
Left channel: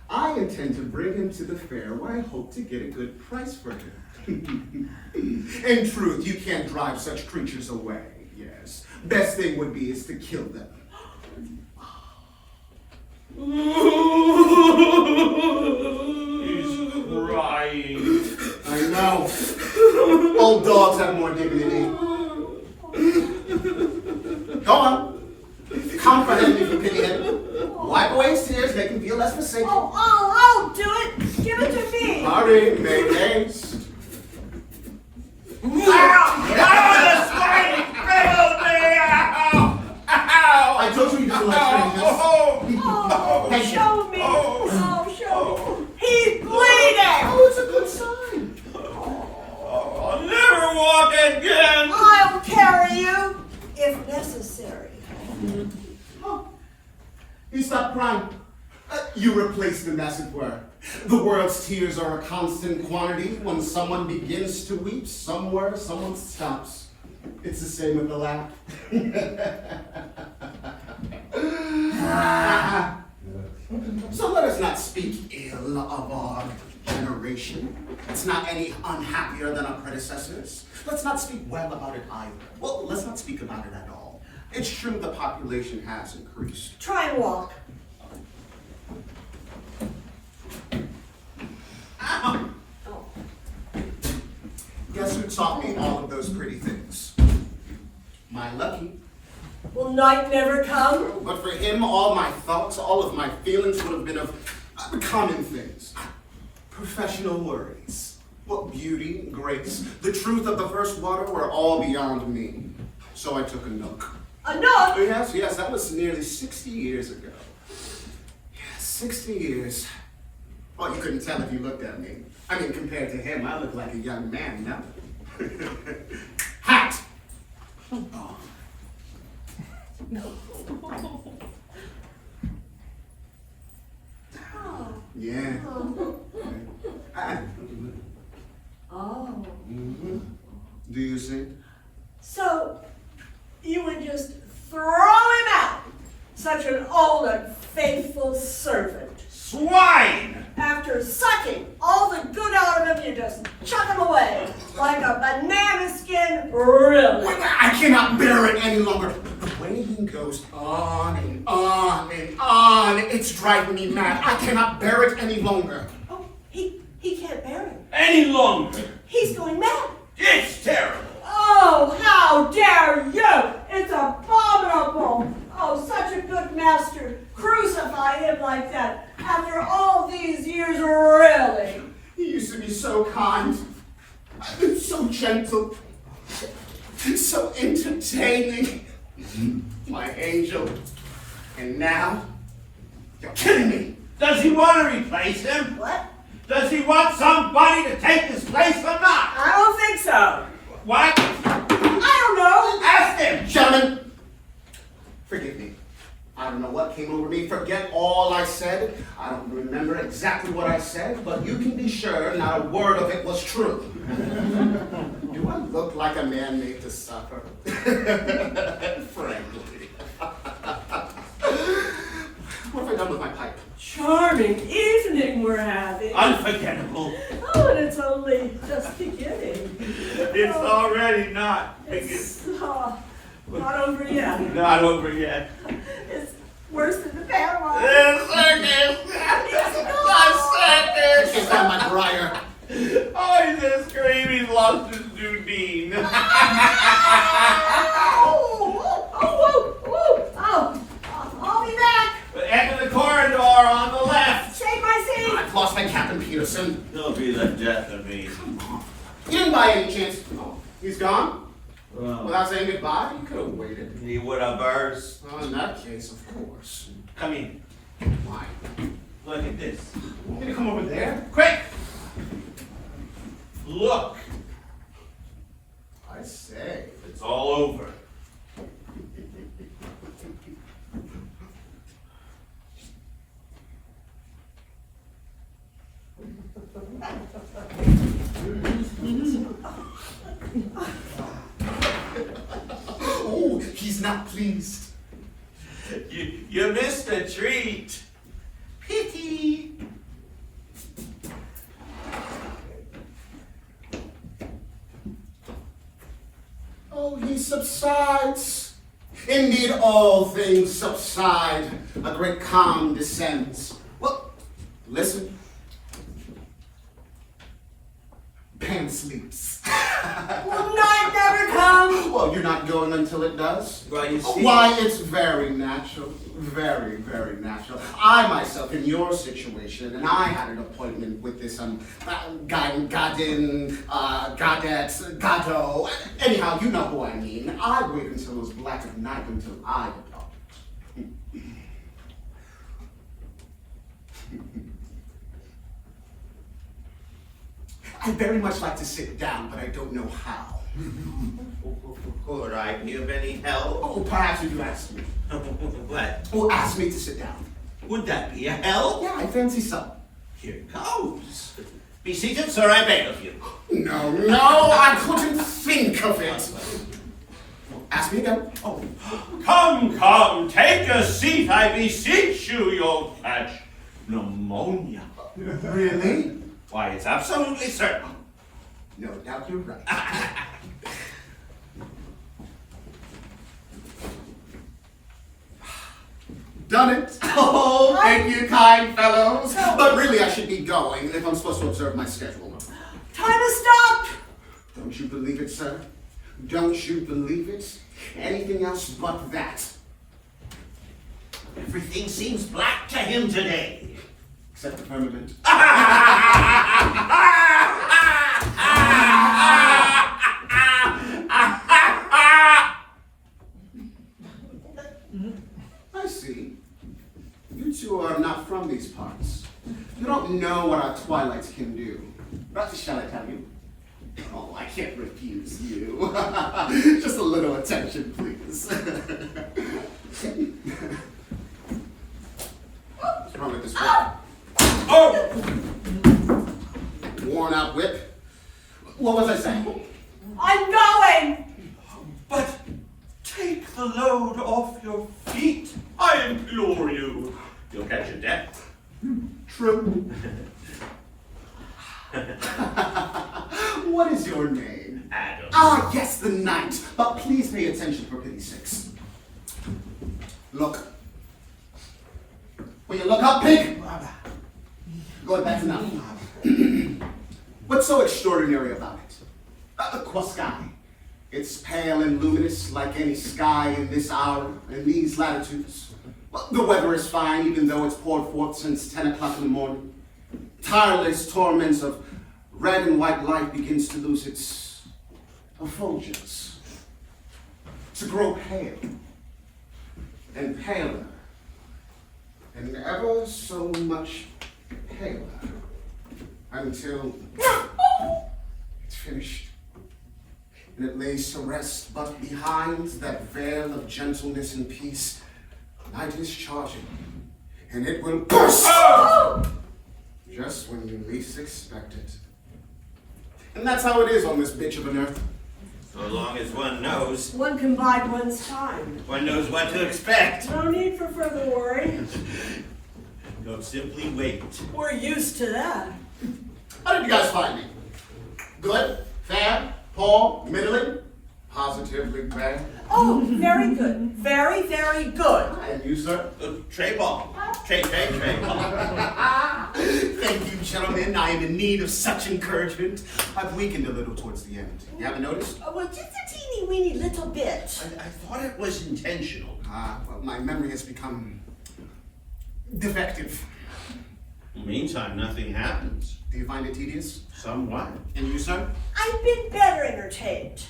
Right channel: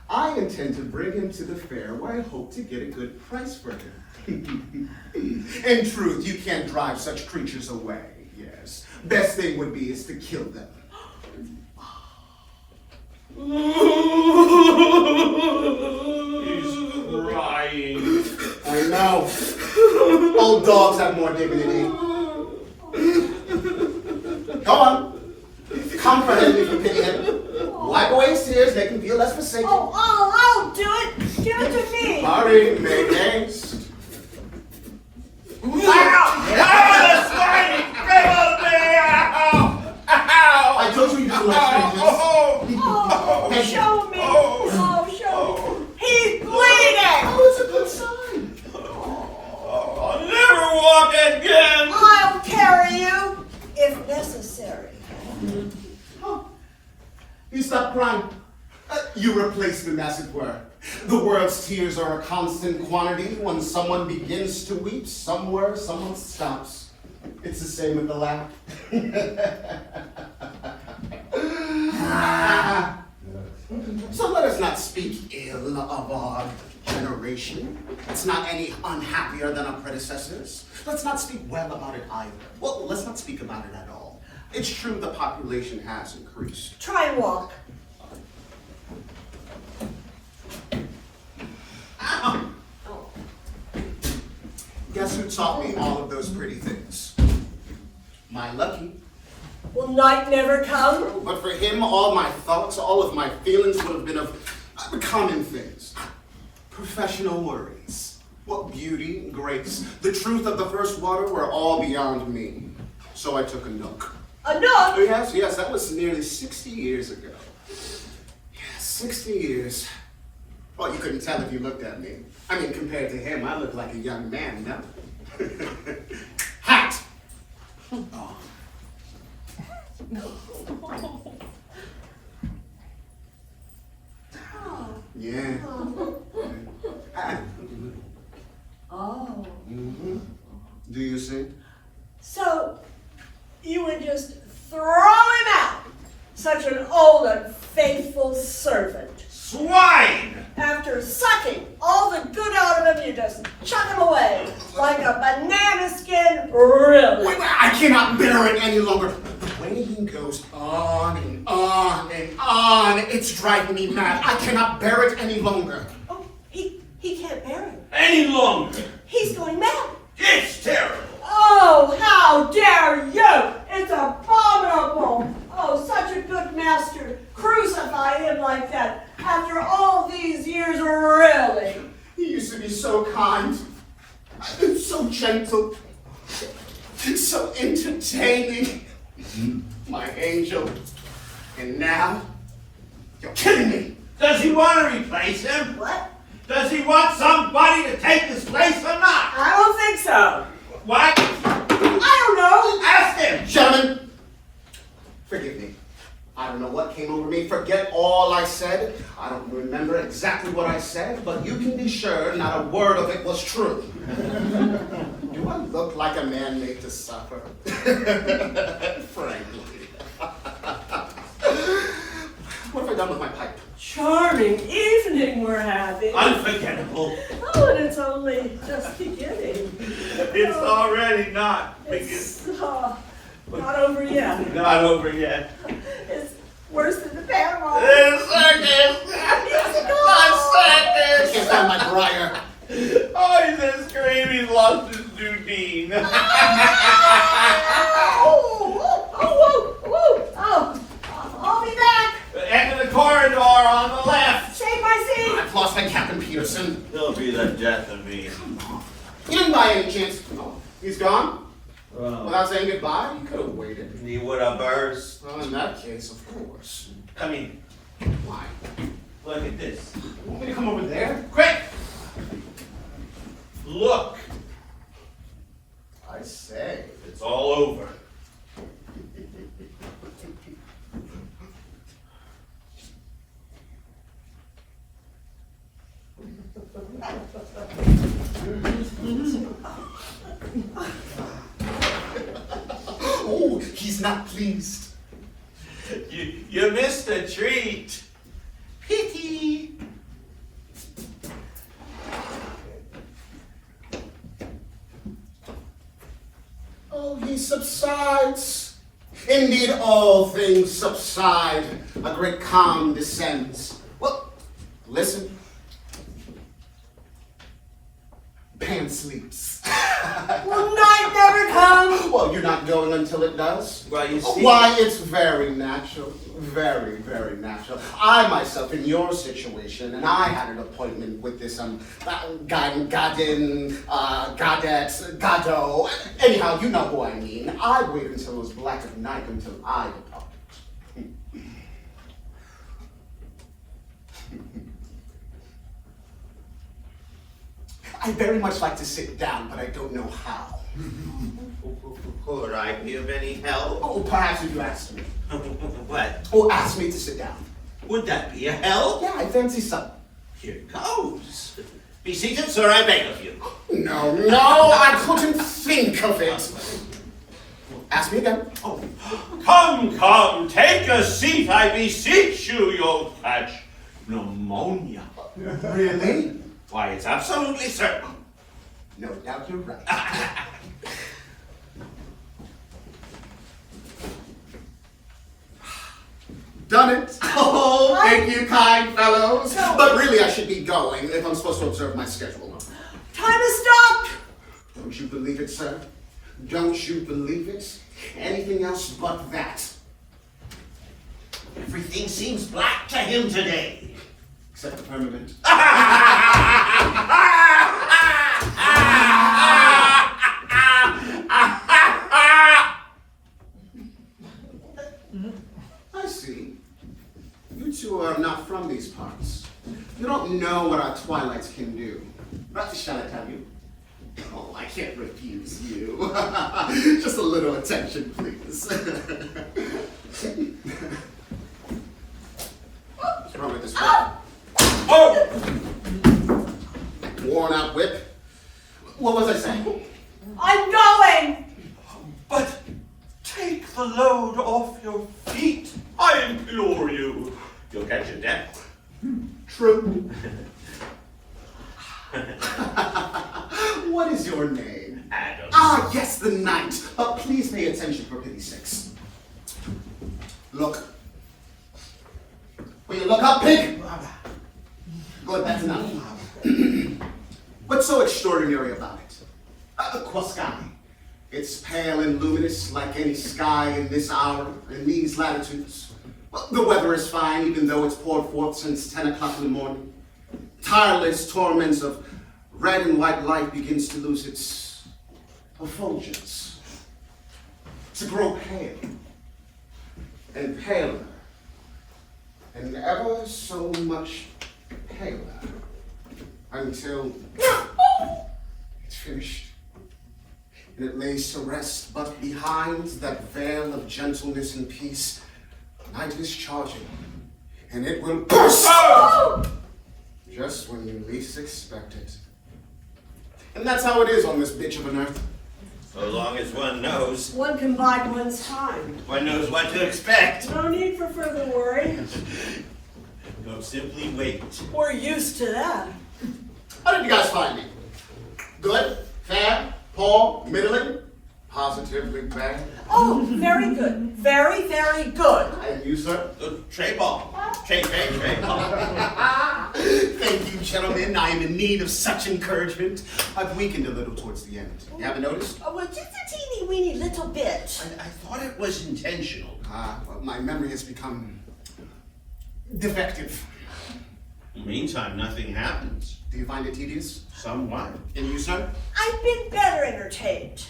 I intend to bring him to the fair where I hope to get a good price for him. In truth, you can't drive such creatures away, yes. Best thing would be is to kill them. He's crying. I know. Old dogs have more dignity. waste tears, make him feel less forsaken. I'll do it. Give it to me. Hurry, make haste. I told you you should like strangers. Thank you. Show me. Show me. He's bleeding. Oh, it's a good sign. I'll never walk again. I'll carry you if necessary. Oh, you stop crying. You replaced them, as it were. The world's tears are a constant quantity. When someone begins to weep, somewhere someone stops. It's the same with the laugh. So let us not speak ill of our generation. It's not any unhappier than our predecessors. Let's not speak well about it either. Well, let's not speak about it at all. It's true the population has increased. Try and walk. Oh. Guess who taught me all of those pretty things? My Lucky. Will night never come? But for him, all my thoughts, all of my feelings would have been of common things. Professional worries. What beauty, grace, the truth of the first water were all beyond me. So I took a nook. A nook? Yes, that was nearly 60 years ago. Yes, 60 years. Oh, you couldn't tell if you looked at me. I mean, compared to him, I look like a young man, no? Hat! Oh. Yeah. Oh. Do you see? So, you would just throw him out? Such an old and faithful servant. Swine! After sucking all the good out of him, you just chuck him away. Like a banana skin, really. Wait, I cannot bear it any longer. The way he goes on and on and on, it's driving me mad. I cannot bear it any longer. Oh, he can't bear it. Any longer. He's going mad. It's terrible. Oh, how dare you! It's abominable! Oh, such a good master. Crucify him like that after all these years, really. He used to be so kind, so gentle, so entertaining. My angel. And now, you're killing me. Does he want to replace him? What? Does he want somebody to take his place or not? I don't think so. What? I don't know. Ask him. Gentlemen, forgive me. I don't know what came over me. Forget all I said. I don't remember exactly what I said, but you can be sure not a word of it was true. Do I look like a man made to suffer? Frankly. What have I done with my pipe? Charming evening we're having. Unforgettable. Oh, and it's only just beginning. It's already not. It's not over yet. Not over yet. It's worse than the Panama. The circus! The It's on my briar. circus! Oh, he's just screaming. He's lost his Dudine. I'll be back. Enter the corridor on the left. Take my seat. I've lost my Captain Peterson. He'll be the death of me. He didn't by any chance. Oh, he's gone? Well, Without saying goodbye? He could have waited. he would have burst. Well, in that case, of course. Come in. Why? Look at this. Can you come over there? Quick! Look. I say. It's all over. Oh, he's not pleased. You missed a treat. Pity. Oh, he subsides. Indeed, all things subside. A great calm descends. Well, listen. Pan sleeps. Will night never come? Well, you're not going until it does. Well, you see. Why, it's very natural. Very, very natural. I myself, in your situation, and I had an appointment with this, Godot. Anyhow, you know who I mean. I wait until it was black at night until I depart. I very much like to sit down, but I don't know how. All right, do you have any help? Oh, perhaps if you ask me. What? Oh, ask me to sit down. Would that be a help? Yeah, I fancy so. Here goes. Be seated, sir, I beg of you. No, I couldn't think of it. Ask me again. Oh, come, take a seat, I beseech you, you'll catch pneumonia. Really? Why, it's absolutely certain. No doubt you're right. Done it. Oh, thank you, kind fellows. But really, I should be going if I'm supposed to observe my schedule. Time to stop! Don't you believe it, sir? Don't you believe it? Anything else but that. Everything seems black to him today. Except the firmament. I see. You two are not from these parts. You don't know what our twilights can do. But shall I tell you? Oh, I can't refuse you. Just a little attention, please. What's wrong with this whip? Oh! Worn out whip? What was I saying? I'm going! But take the load off your feet, I implore you. You'll catch a death. True. What is your name? Adam. Ah, yes, the knight. But please pay attention for pity's sakes. Look. Will you look up, pig? Good, that's enough. What's so extraordinary about it? The sky. It's pale and luminous like any sky in this hour, in these latitudes. Well, the weather is fine, even though it's poured forth since 10 o'clock in the morning. Tireless torments of red and white light begins to lose its effulgence, to grow pale and paler, and ever so much paler, until it's finished, and it lays to rest. But behind that veil of gentleness and peace, night is charging, and it will burst just when you least expect it. And that's how it is on this bitch of an earth. So long as one knows. One can bide one's time. One knows what to expect. No need for further worry. Don't simply wait. We're used to that. How did you guys find me? Good? Fair? Poor? Middling? Positively bad? Oh, very good. Very, very good. And you, sir? Tray ball. Tray ball. Thank you, gentlemen. I am in need of such encouragement. I've weakened a little towards the end. You haven't noticed? Oh, well, just a teeny weeny little bit. I thought it was intentional. Well, my memory has become defective. In the meantime, nothing happens. Do you find it tedious? Somewhat. And you, sir? I've been better entertained.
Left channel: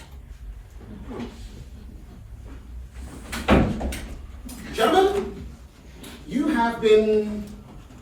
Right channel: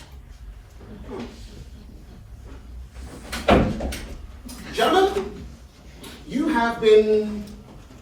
Gentlemen, you have been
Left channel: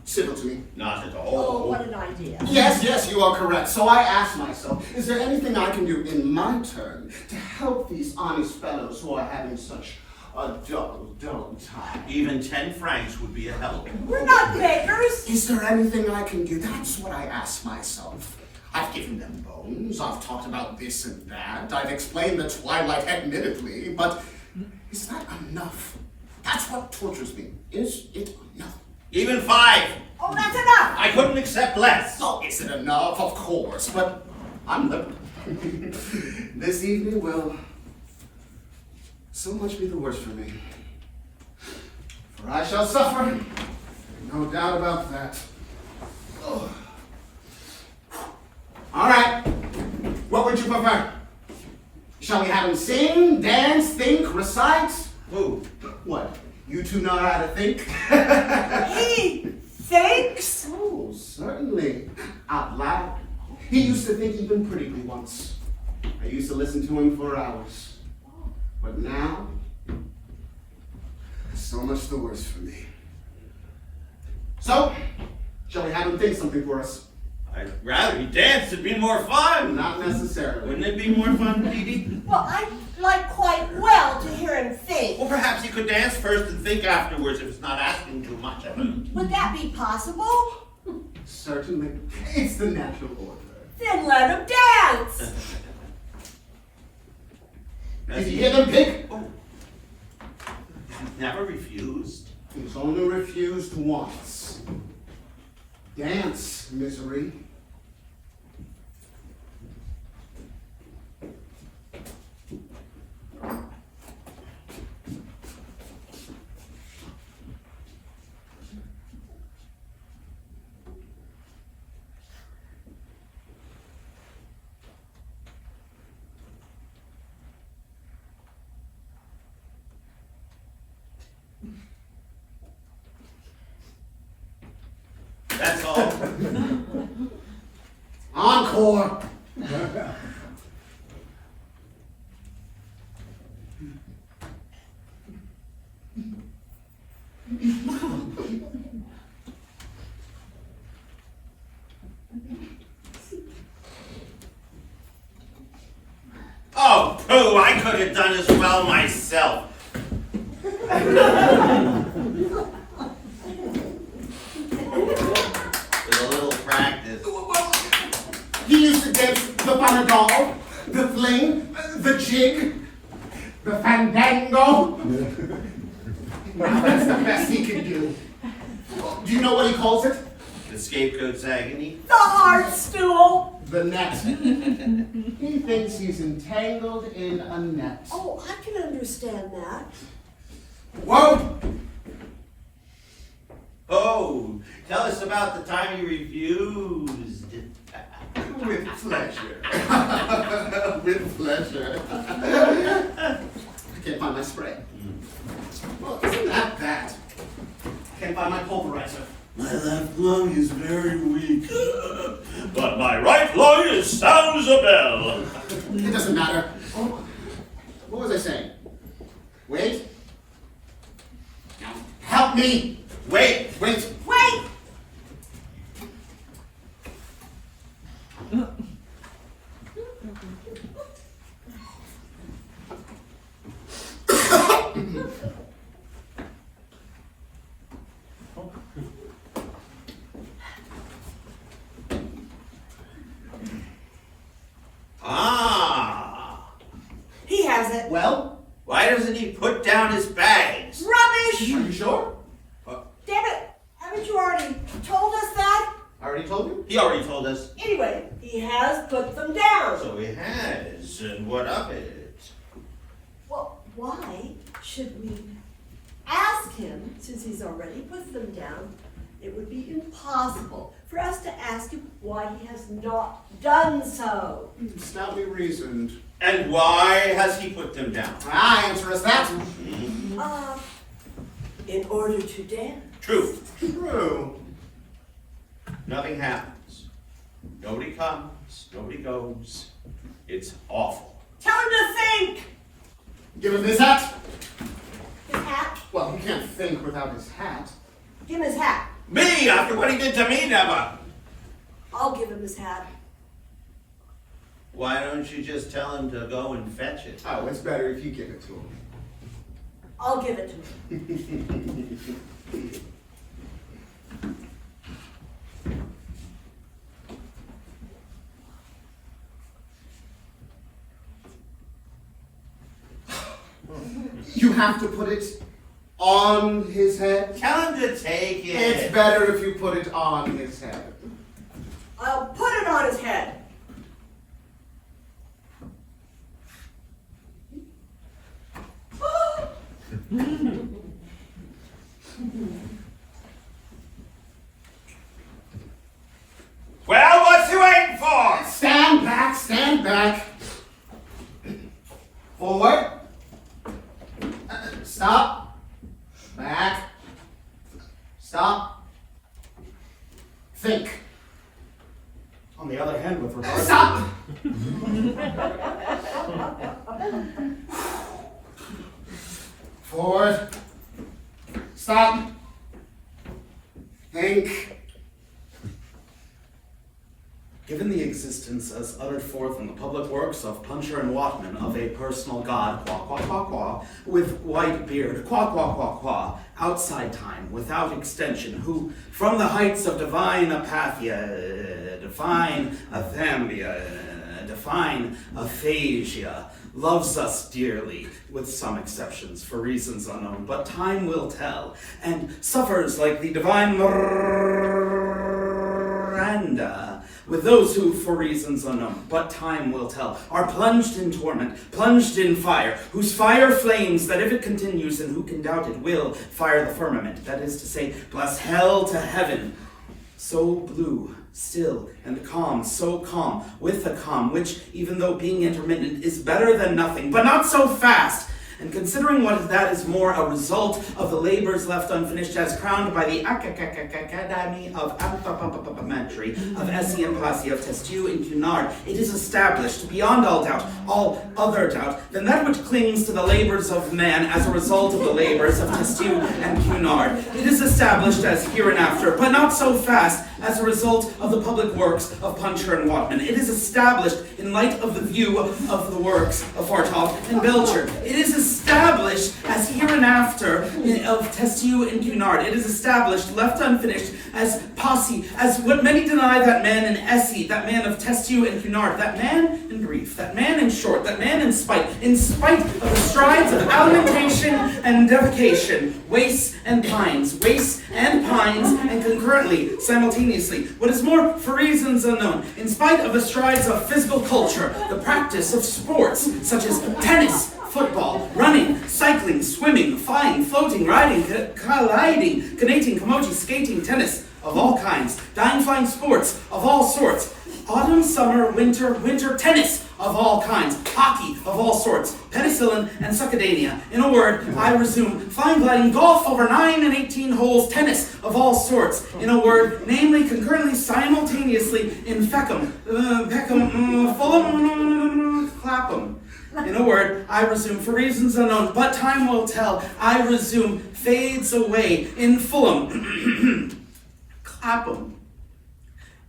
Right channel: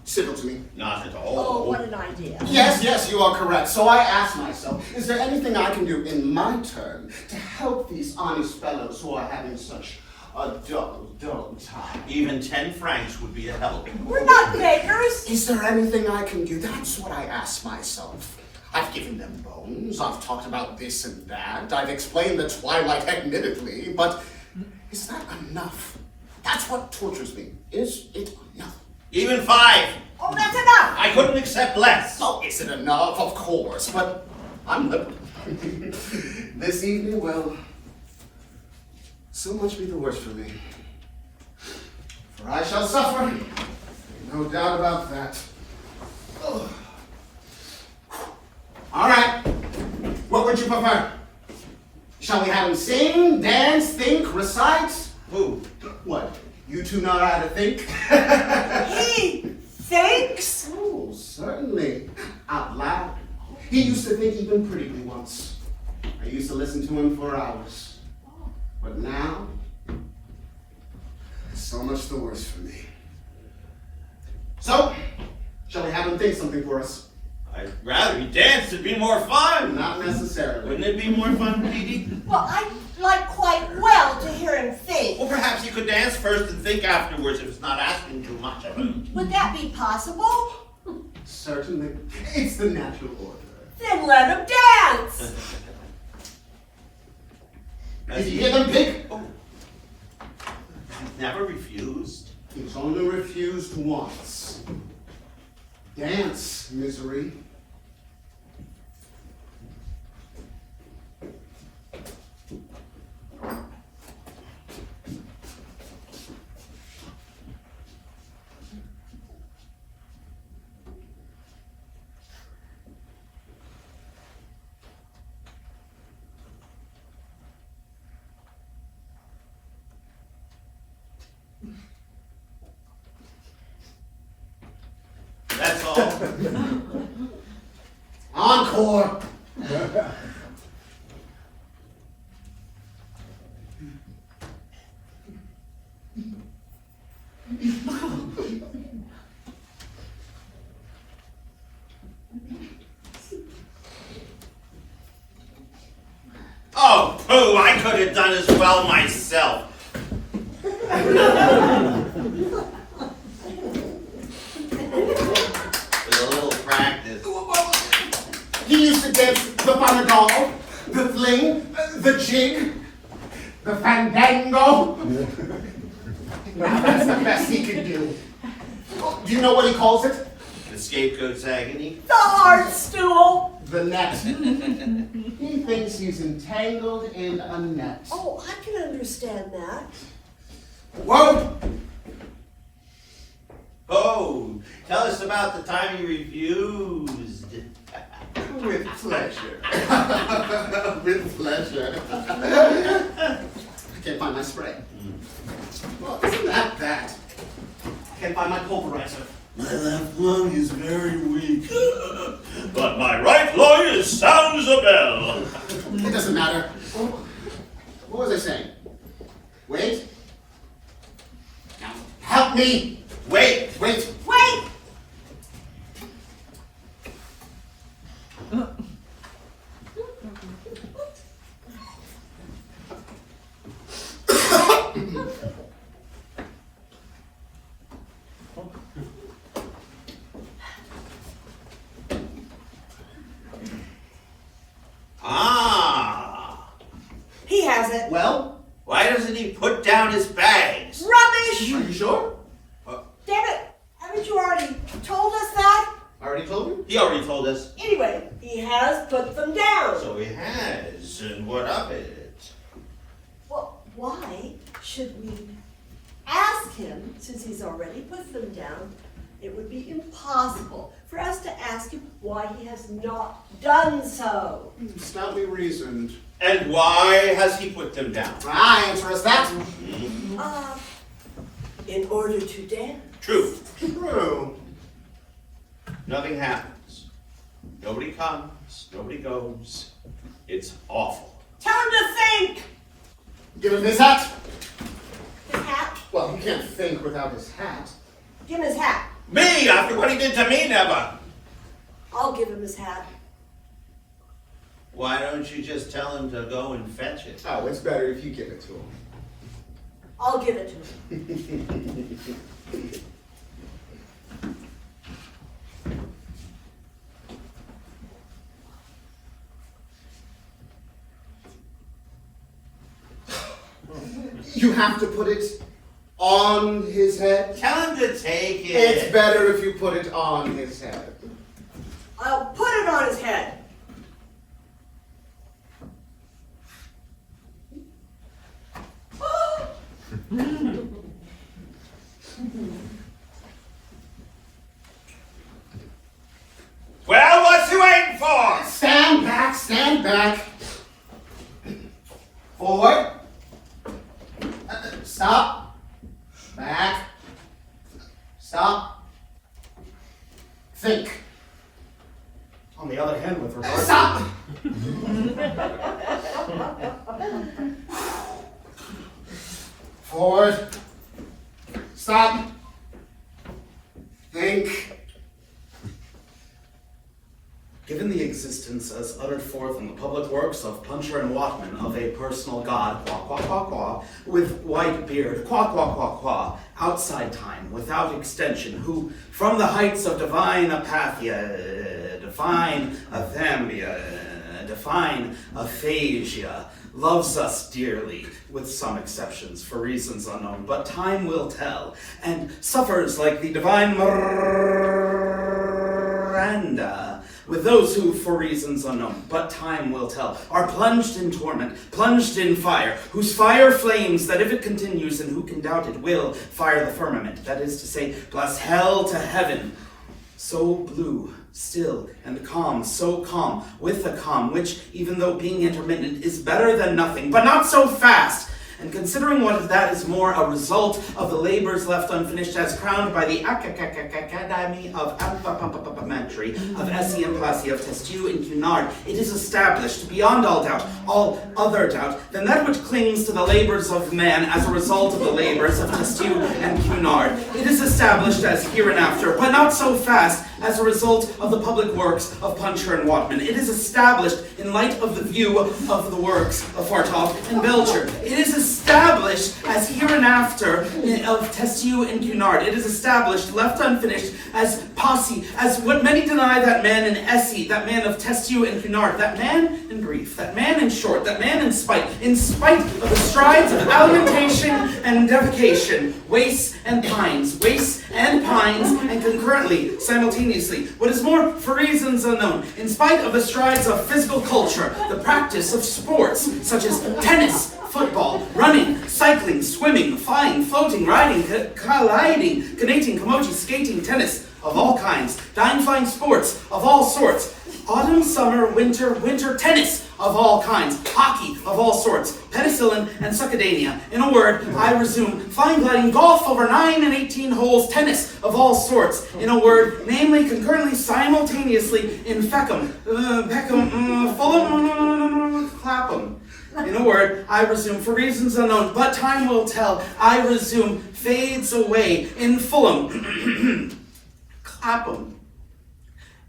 civil to me. Not at Oh, all. what an idea. Yes, you are correct. So I asked myself, is there anything I can do in my turn to help these honest fellows who are having such a dull time? Even 10 francs would be a help. We're not beggars. Is there anything I can do? That's what I asked myself. I've given them bones, I've talked about this and that, I've explained the twilight admittedly, but is that enough? That's what tortures me. Is it enough? Even 5. Oh, that's enough. I couldn't accept less. Oh, is it enough? Of course, but I'm liberal. This evening, well, so much be the worse for me. For I shall suffer, no doubt about that. Oh. All right, what would you prefer? Shall we have him sing, dance, think, recite? Who? What? You two know how to think? He thinks? Oh, certainly. Out loud. He used to think even critically once. I used to listen to him for hours. But now, so much the worse for me. So, shall we have him think something for us? I'd rather he danced. It'd be more fun. Not necessarily. Wouldn't it be more fun, Petey? Well, I'd like quite well to hear him think. Well, perhaps you could dance first and think afterwards if it's not asking too much of it. Would that be possible? Certainly. It's the natural order. Then let him dance. Did you hear them pick? Oh. Never refused. He's only refused once. Dance, misery. That's all. Encore! Oh, pooh, I could have done as well myself. With a little practice. He used to dance the For Godot, the fling, the jig, the fandango. Now that's the best he can do. Do you know what he calls it? The scapegoat's agony. The hard stool. The net. He thinks he's entangled in a net. Oh, I can understand that. Whoa! Oh, tell us about the time you refused. With pleasure. With pleasure. I can't find my spray. Well, isn't that that? I can't find my pulverizer. My left lung is very weak, but my right lung is sound as a bell. It doesn't matter. What was I saying? Wait. Now, help me. Wait, Wait. Wait! Ah, He has it. Well, why doesn't he put down his bags? Rubbish! are you sure? Damn it! Haven't you already told us that? I already told you. He already told us. Anyway, he has put them down. So he has, and what of it? Well, why should we ask him, since he's already put them down? It would be impossible for us to ask him why he has not done so. Stoutly reasoned. And why has he put them down? Answer us that. In order to dance. True. True. Nothing happens. Nobody comes, nobody goes. It's awful. Tell him to think! Give him his hat. His hat? Well, he can't think without his hat. Give him his hat. Me, after what he did to me, never. I'll give him his hat. Why don't you just tell him to go and fetch it? Oh, it's better if you give it to him. I'll give it to him. You have to put it on his head. Tell him to take it. It's better if you put it on his head. I'll put it on his head. Well, what's he waiting for? Stand back, stand back. Stop! Forward. Stop. Think. Given the existence as uttered forth in the public works of Puncher and Watman of a personal god, qua qua qua qua, with white beard, qua qua qua qua, outside time, without extension, who from the heights of divine apathia, divine athambia, divine aphasia, loves us dearly, with some exceptions, for reasons unknown, but time will tell, and suffers like the divine Miranda, with those who, for reasons unknown, but time will tell, are plunged in torment, plunged in fire, whose fire flames that if it continues, and who can doubt it, will fire the firmament, that is to say, blast hell to heaven, so blue, still, and calm, so calm, with a calm, which, even though being intermittent, is better than nothing, but not so fast. And considering what that is more a result of the labors left unfinished as crowned by the Academy of Amphipampimetry of Essie and Plassi of Testiu and Cunard, it is established, beyond all doubt, all other doubt, than that which clings to the labors of man as a result of the labors of Testiu and Cunard. It is established as hereinafter, but not so fast, as a result of the public works of Puncher and Watman. It is established in light of the view of the works of Fartov and Belcher. It is established as hereinafter of Testiu and Cunard. It is established, left unfinished, as posse, as what many deny that man in Essie, that man of Testiu and Cunard, that man in brief, that man in short, that man in spite of the strides of alimentation and defecation, wastes and pines, and concurrently, simultaneously, what is more, for reasons unknown, in spite of the strides of physical culture, the practice of sports, such as tennis, football, running, cycling, swimming, flying, floating, riding, colliding, canoeing, camoji, skating, tennis of all kinds, dying flying sports of all sorts, autumn, summer, winter tennis of all kinds, hockey of all sorts, penicillin and succedaneous. In a word, I resume, flying, gliding, golf over 9 and 18 holes, tennis of all sorts. In a word, namely, concurrently, simultaneously, in Feckham, Fulham, Clapham. In a word, I resume, for reasons unknown, but time will tell, I resume, fades away, in Fulham, Clapham.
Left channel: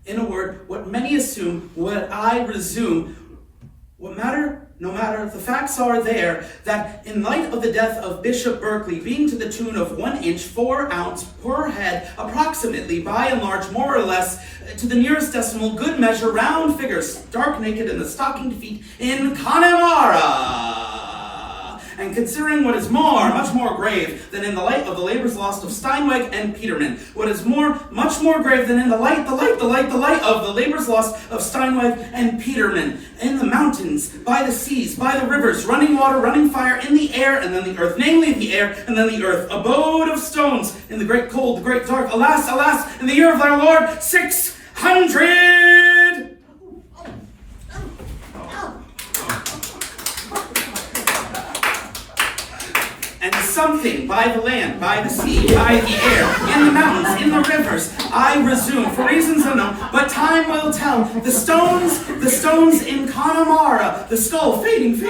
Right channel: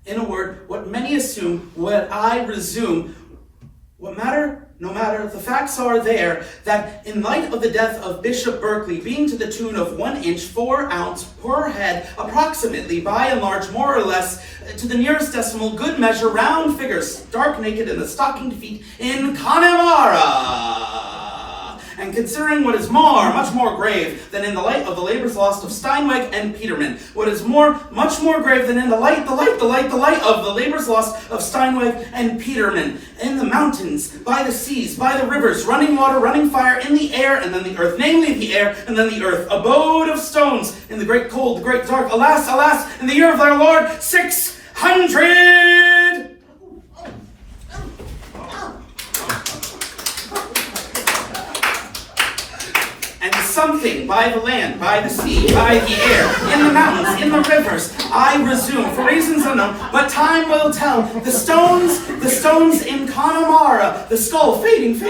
In a word, what many assume, what I resume, what matter? No matter, the facts are there, that in light of the death of Bishop Berkeley, being to the tune of 1 inch 4 ounce per head, approximately, by and large, more or less, to the nearest decimal, good measure, round figures, stark naked in the stockinged feet, in Connemara. And considering what is much more grave than in the light of the labors lost of Steinweg and Peterman, what is much more grave than in the light of the labors lost of Steinweg and Peterman, in the mountains, by the seas, by the rivers, running water, running fire, in the air, and then the earth, namely the air, and then the earth, abode of stones, in the great cold, the great dark, alas, alas, in the year of our Lord, 600! And something by the land, by the sea, by the air, in the mountains, in the rivers, I resume, for reasons unknown, but time will tell. The stones in Connemara, the skull fading,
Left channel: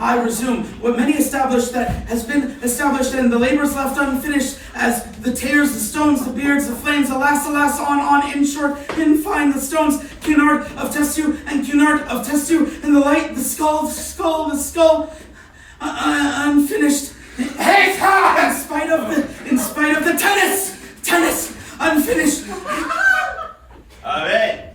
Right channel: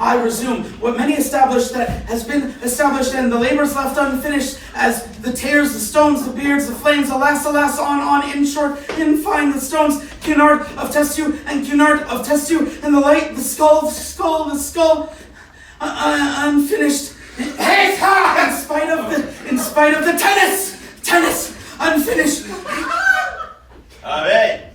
I resume, what many established that has been established, and the labors left unfinished, as the tears, the stones, the beards, the flames, alas, alas, on, in short, in fine, the stones, Cunard of Testiu, and Cunard of Testiu, and the light, the skull, unfinished. Hey, in spite of the tennis, unfinished. All right.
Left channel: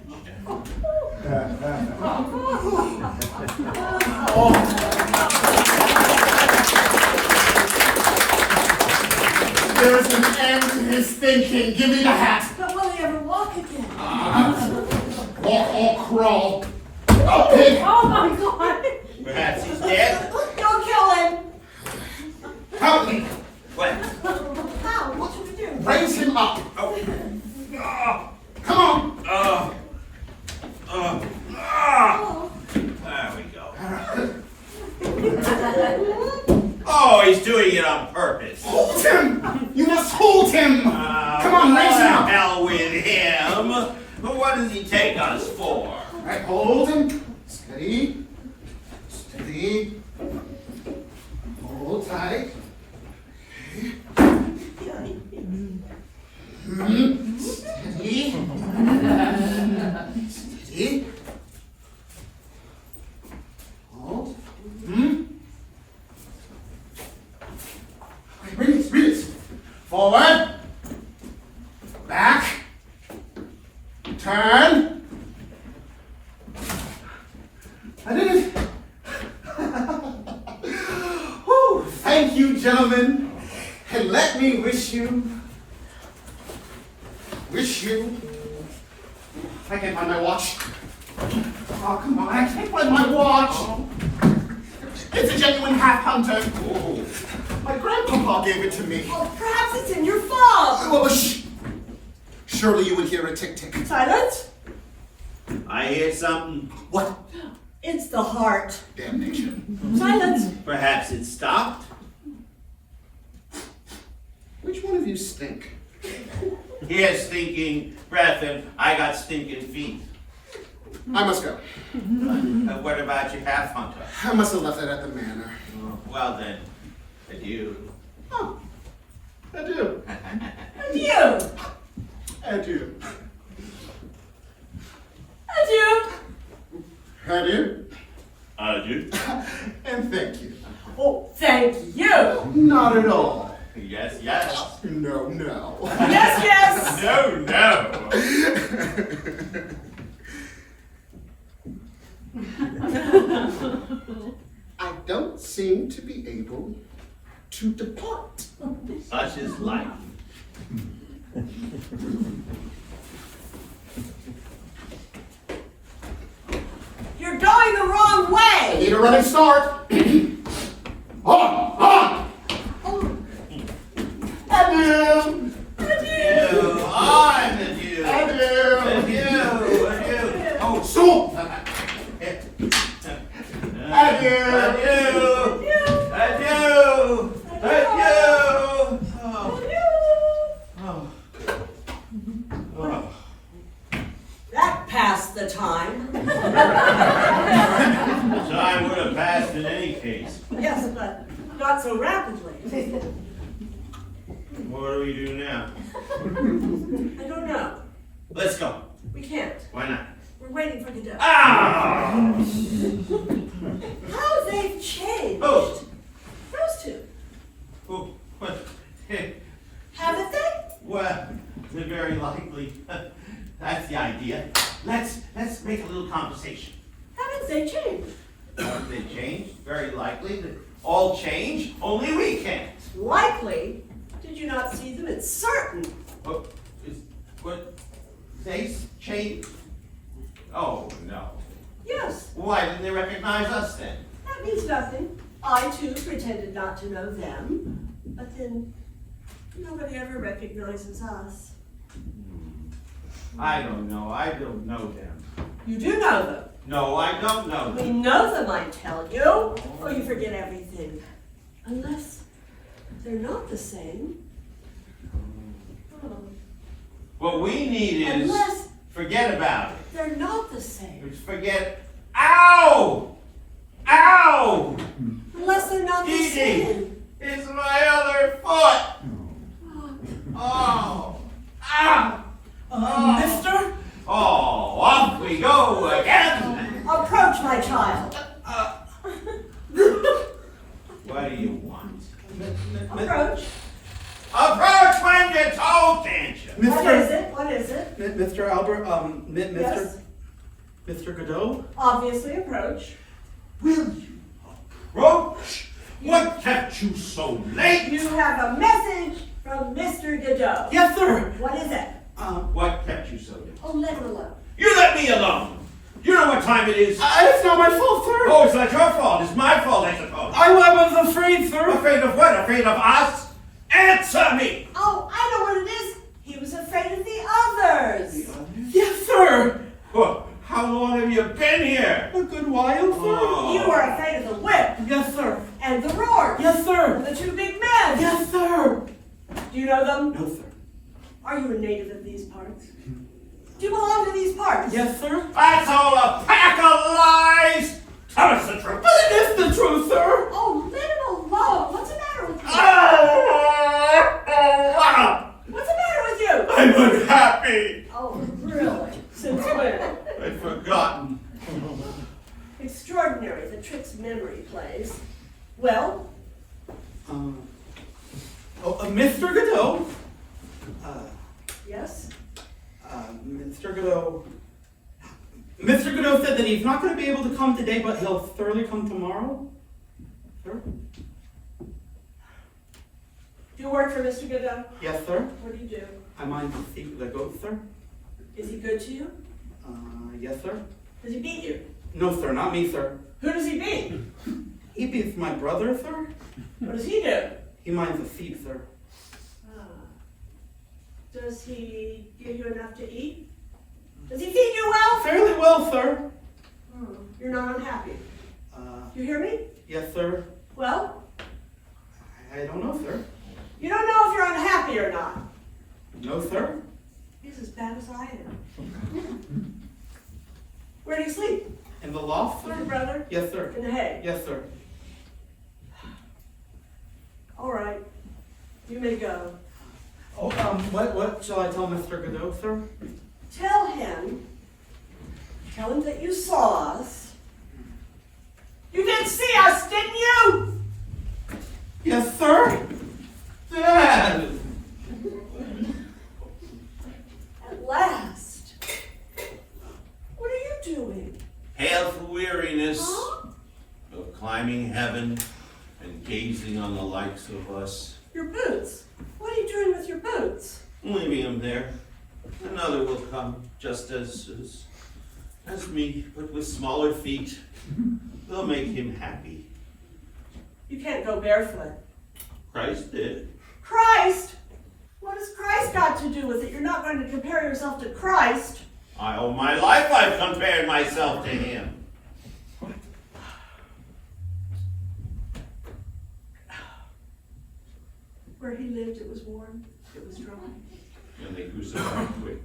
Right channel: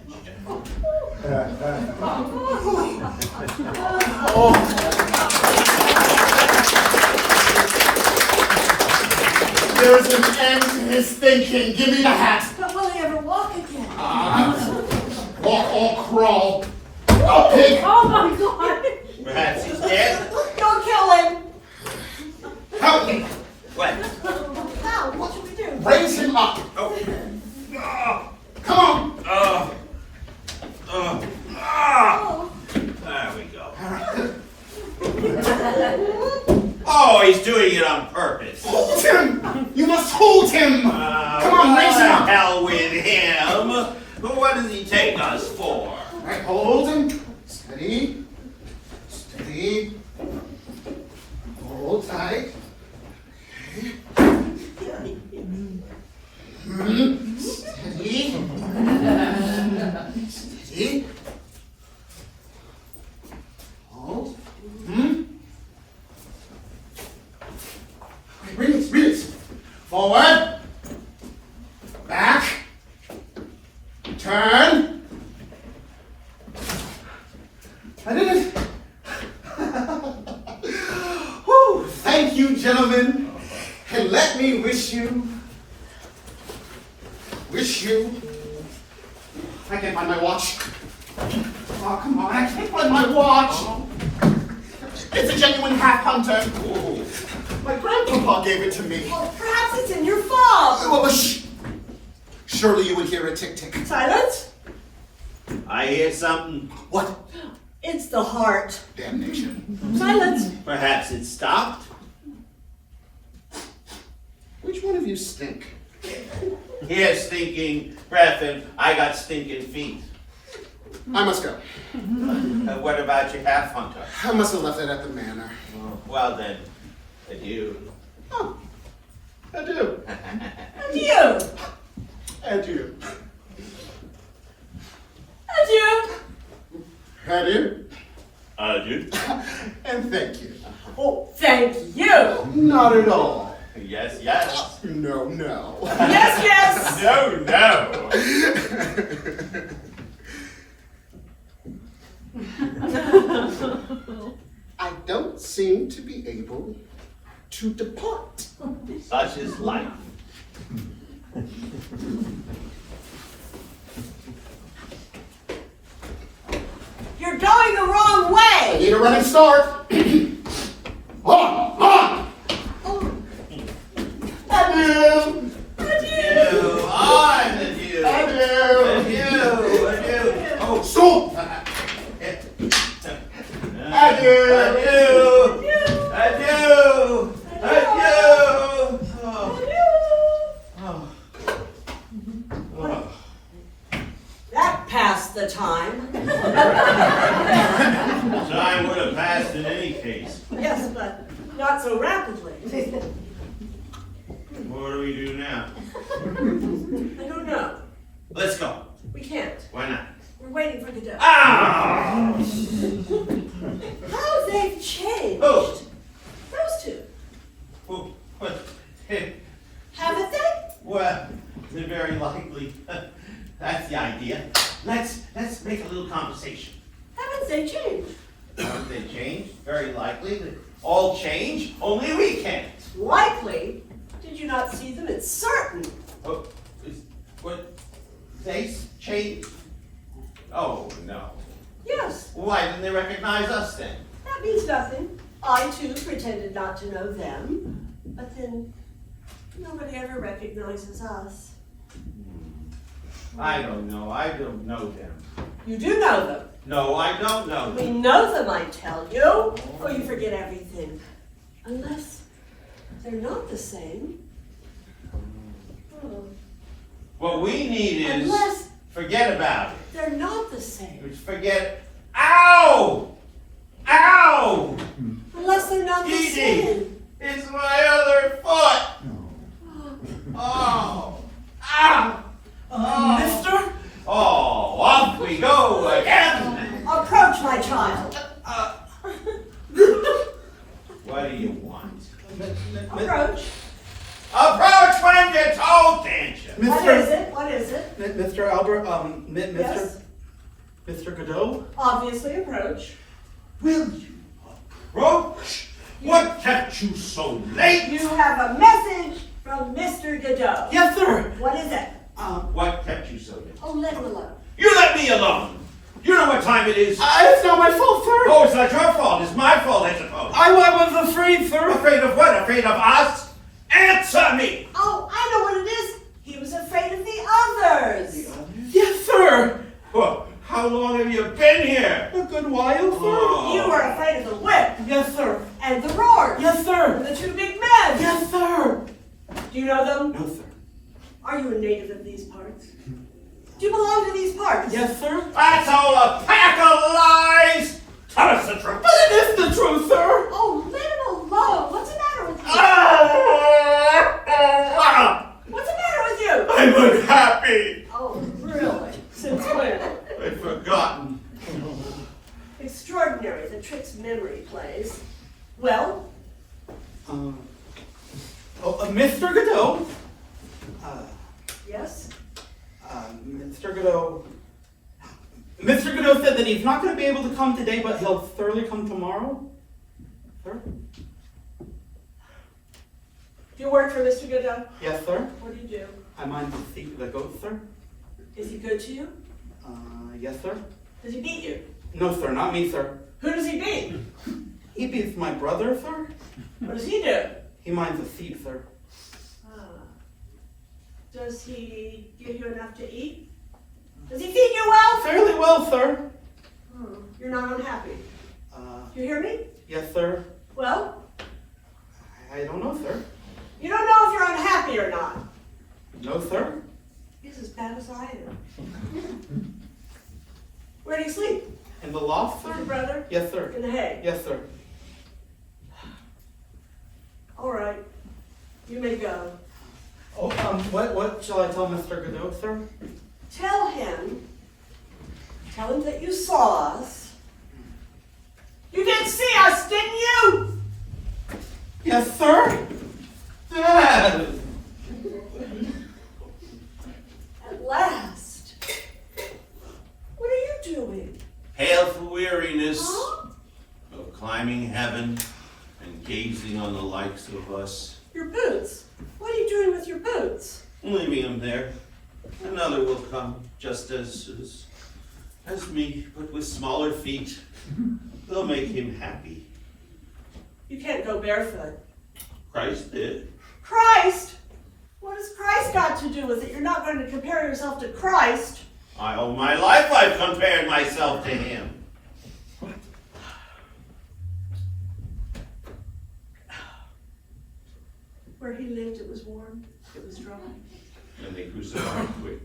There's an end to his thinking. Give me the hat. But will he ever walk again? Walk or crawl. A pig. Oh my God! Perhaps he's dead. Don't kill him! Help me. What? How? What should we do? Raise him up. Oh. Come on. There we go. Oh, he's doing it on purpose. Hold him. You must hold him. Come on, raise him up. Hell with him. What does he take us for? Right, hold him. Steady. Steady. Hold tight. Okay. Steady. Steady. Hold. Okay, release. Forward. Back. Turn. I did it. Whew, thank you, gentlemen. And let me wish you. I can't find my watch. Oh, come on, I can't find my watch. It's a genuine half hunter. Oh, my grandpapa gave it to me. Oh, perhaps it's in your fob. Oh, shh. Surely you would hear a tick-tick. Silence. I hear something. What? It's the heart. Damnation. Silence. Perhaps it stopped. Which one of you stink? He has stinking breath and I got stinking feet. I must go. What about your half hunter? I must have left it at the manor. Well then, adieu. Oh, adieu. Adieu. Adieu. Adieu. Adieu. Adieu. And thank you. Oh, thank you. Not at all. Yes, yes. No, no. Yes, yes. No, no. I don't seem to be able to depart. Such is life. You're going the wrong way. Need a running start. On! Adieu! Adieu. On, adieu. Adieu! Adieu. Oh, soup! Adieu! Adieu. Adieu. Adieu. Oh. Oh. That passed the time. Time would have passed in any case. Yes, but not so rapidly. What do we do now? I don't know. Let's go. We can't. Why not? We're waiting for Godot. Ah! How they've changed. Oh. Those two. Oh, what? Haven't they? Well, very likely. That's the idea. Let's make a little conversation. Haven't they changed? Haven't they changed? Very likely. They all change. Only we can't. Likely. Did you not see them? It's certain. What? They change? Oh no. Yes. Why didn't they recognize us then? That means nothing. I too pretended not to know them. But then nobody ever recognizes us. I don't know. I don't know them. You do know them. No, I don't know We them. know them, I tell you. Oh, you forget everything. Unless they're not the same. Oh. What we need is Unless forget about it. they're not the same. Just forget. Ow! Ow! Unless they're not the Edie, same. it's my other foot. Oh! Ah! Oh. Mister, Oh, off we go again. approach my child. What do you want? Approach. Approach when you're told, can't you? What is it? What is it? Mr. Albert, Mr. Yes. Mr. Godot? Obviously approach. Will you approach? What kept you so late? You have a message from Mr. Godot. Yes, sir. What is it? What kept you so late? Oh, let it alone. You let me alone. You know what time it is. It's not my fault, sir. Oh, it's not your fault. It's my fault, I suppose. I was afraid, sir. Afraid of what? Afraid of us? Answer me. Oh, I know what it is. He was afraid of the others. Yes, sir. Well, how long have you been here? A good while, sir. Oh. You are afraid of the whip Yes, sir. and the roar. Yes, sir. And the two big men. Yes, sir. Do you know them? No, sir. Are you a native of these parts? Do you belong to these parts? Yes, sir. That's all a pack of lies! Tell us the truth. But it is the truth, sir. Oh, let him alone. What's the matter with you? What's the matter with you? I'm unhappy. Oh, really? Since when? I've forgotten. Extraordinary, the tricks memory plays. Well, Mr. Godot. yes? Mr. Godot. Mr. Godot said that he's not going to be able to come today, but he'll thoroughly come tomorrow. Sir? Do you work for Mr. Godot? Yes, sir. What do you do? I mind the feet of the goat, sir. Is he good to you? Yes, sir. Does he beat you? No, sir, not me, sir. Who does he beat? He beats my brother, sir. What does he do? He minds the feet, sir. Does he give you enough to eat? Does he feed you well? Fairly well, sir. You're not unhappy. You hear me? Yes, sir. Well, I don't know, sir. you don't know if you're unhappy or not. No, sir. He's as bad as I am. Where do you sleep? In the loft, With sir? your brother? Yes, sir. In the hay? Yes, sir. All right. You may go. Oh, what shall I tell Mr. Godot, sir? Tell him that you saw us. You didn't see us, didn't you? Yes, sir. Yes. At last. What are you doing? Hail for weariness Huh? of climbing heaven and gazing on the likes of us. Your boots. What are you doing with your boots? Leaving him there. Another will come just as me, but with smaller feet. They'll make him happy. You can't go barefoot. Christ did. Christ? What has Christ got to do with it? You're not going to compare yourself to Christ. All my life I've compared myself to him. Where he lived, it was warm. It was dry. And they crucified quick.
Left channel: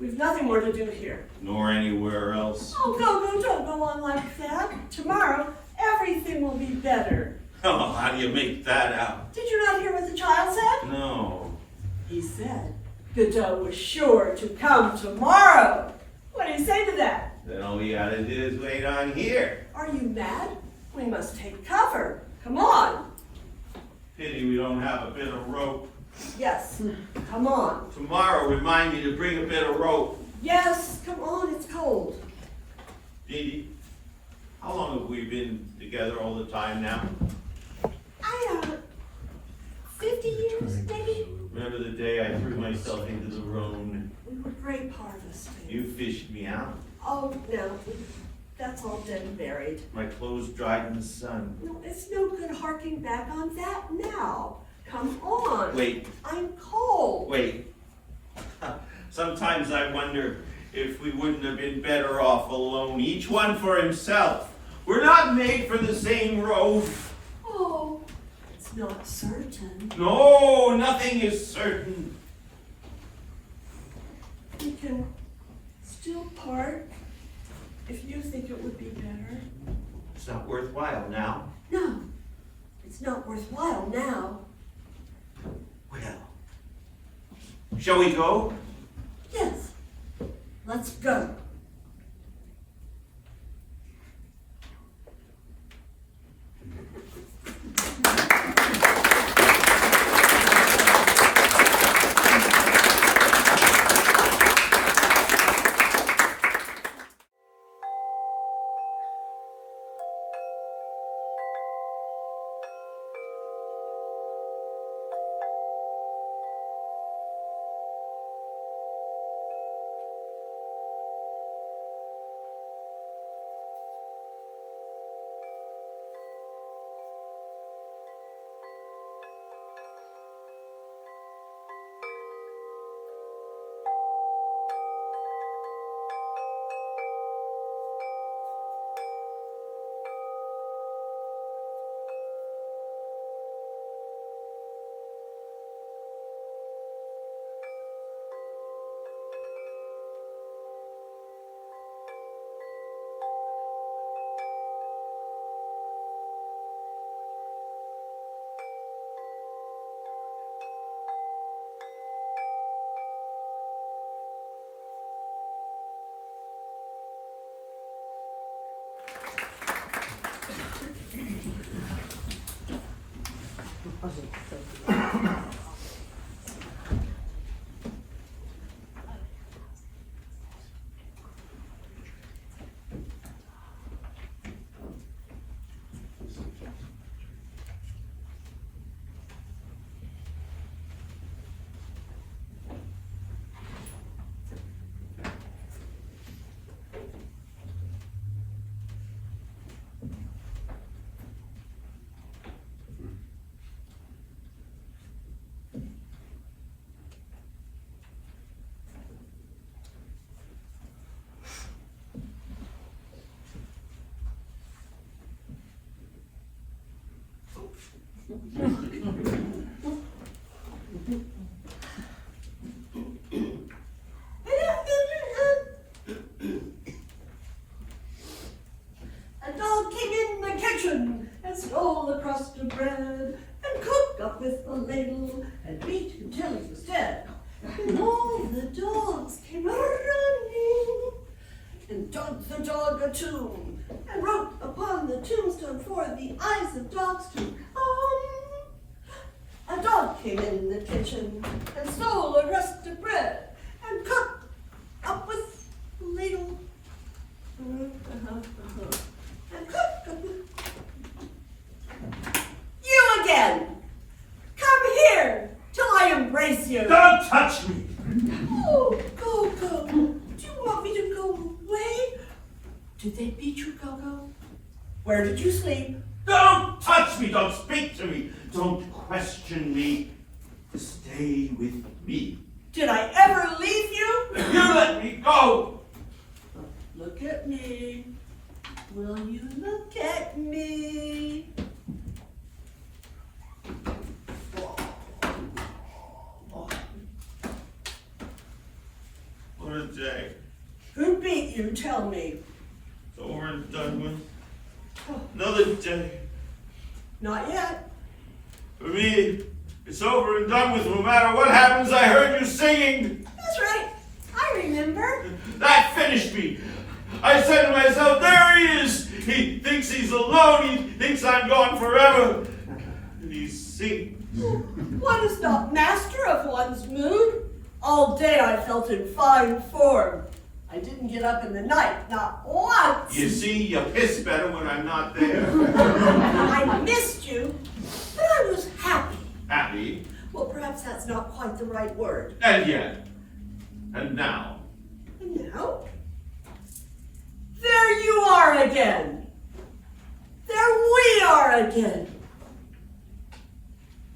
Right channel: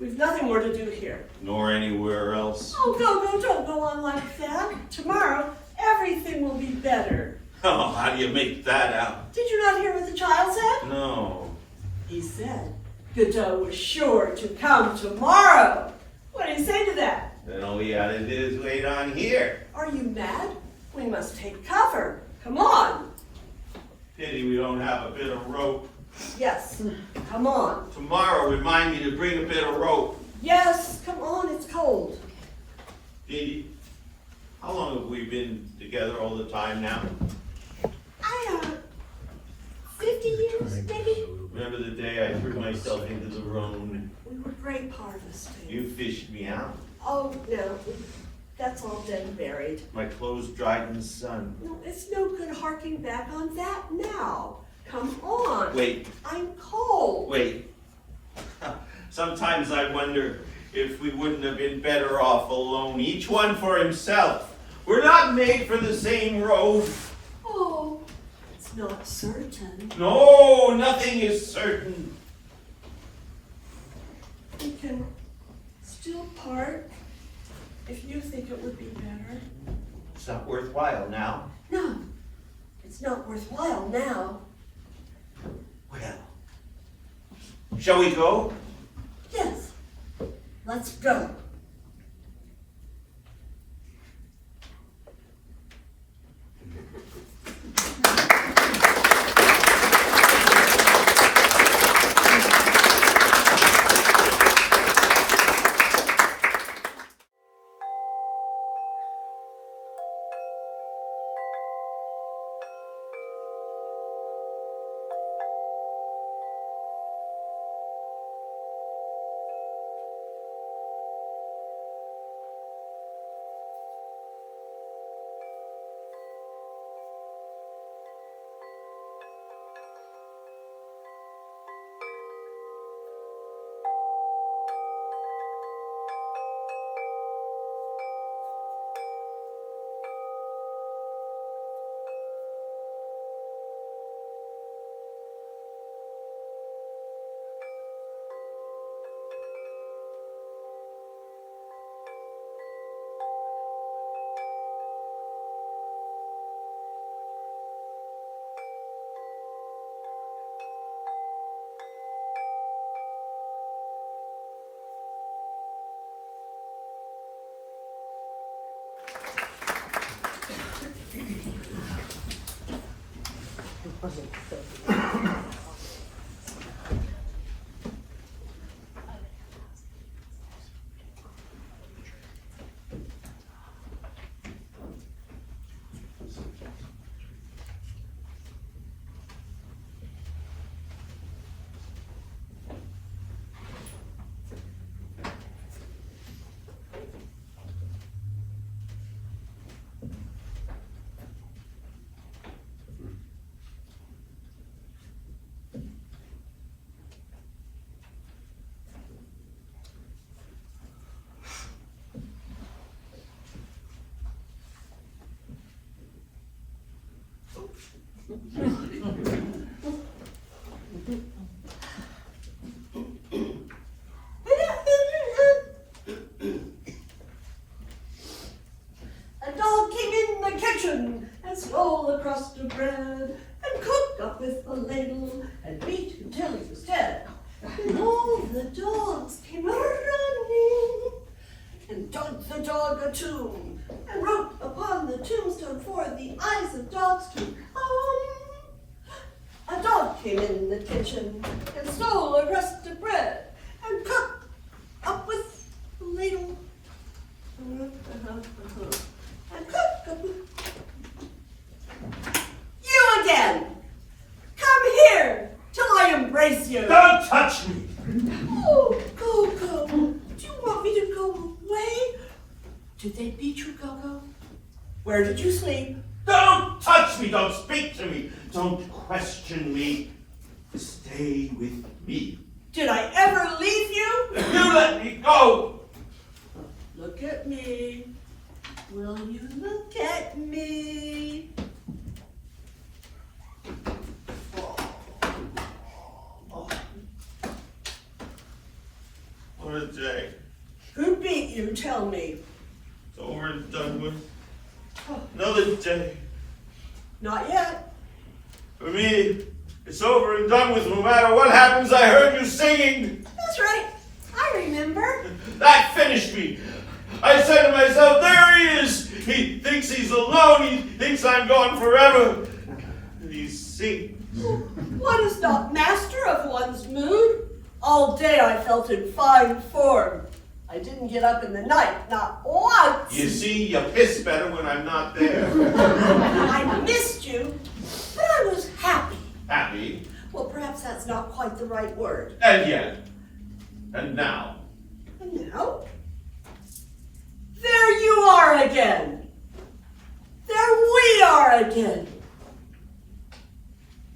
We've nothing more to do here. Nor anywhere else. Oh, don't go on like that. Tomorrow, everything will be better. Oh, how do you make that out? Did you not hear what the child said? No. He said Godot was sure to come tomorrow. What do you say to that? Then all we gotta do is wait on here. Are you mad? We must take cover. Come on. Pity we don't have a bit of rope. Yes, come on. Tomorrow, remind me to bring a bit of rope. Yes, come on, it's cold. Dee, how long have we been together all the time now? 50 years, maybe? Remember the day I threw myself into the room We were great harvesters. and you fished me out? Oh, no, that's all dead and buried. My clothes dried in the sun. No, it's no good harking back on that now. Come on. Wait, I'm cold. wait. Sometimes I wonder if we wouldn't have been better off alone, each one for himself. We're not made for the same road. Oh, it's not certain. No, nothing is certain. We can still part if you think it would be better. It's not worthwhile now. No, it's not worthwhile now. Well, shall we go? Yes, let's go. A dog came in the kitchen and stole a crust of bread and cooked up with a ladle and beat him till he was dead. And all the dogs came running and dug the dog a tomb and wrote upon the tombstone for the eyes of dogs to come. A dog came in the kitchen and stole a crust of bread and cooked up with a ladle. And cook. You again! Come here till I embrace you. Don't touch me! Oh, Gogo, do you want me to go away? Did they beat you, Gogo? Where did you sleep? Don't touch me! Don't speak to me! Don't question me! Stay with me! Did I ever leave you? You let me go! Look at me. Will you look at me? What a day. Who beat you? Tell me. It's over and done with. Another day. Not yet. For me, it's over and done with. No matter what happens, I heard you singing. That's right. I remember. That finished me. I said to myself, there he is. He thinks he's alone. He thinks I'm gone forever. And he sings. One is not master of one's mood. All day I felt in fine form. I didn't get up in the night, not once. You see, you piss better when I'm not there. I missed you, but I was happy. Happy. Well, perhaps that's not quite the right word. And yet. And now. And now, there you are again. There we are again.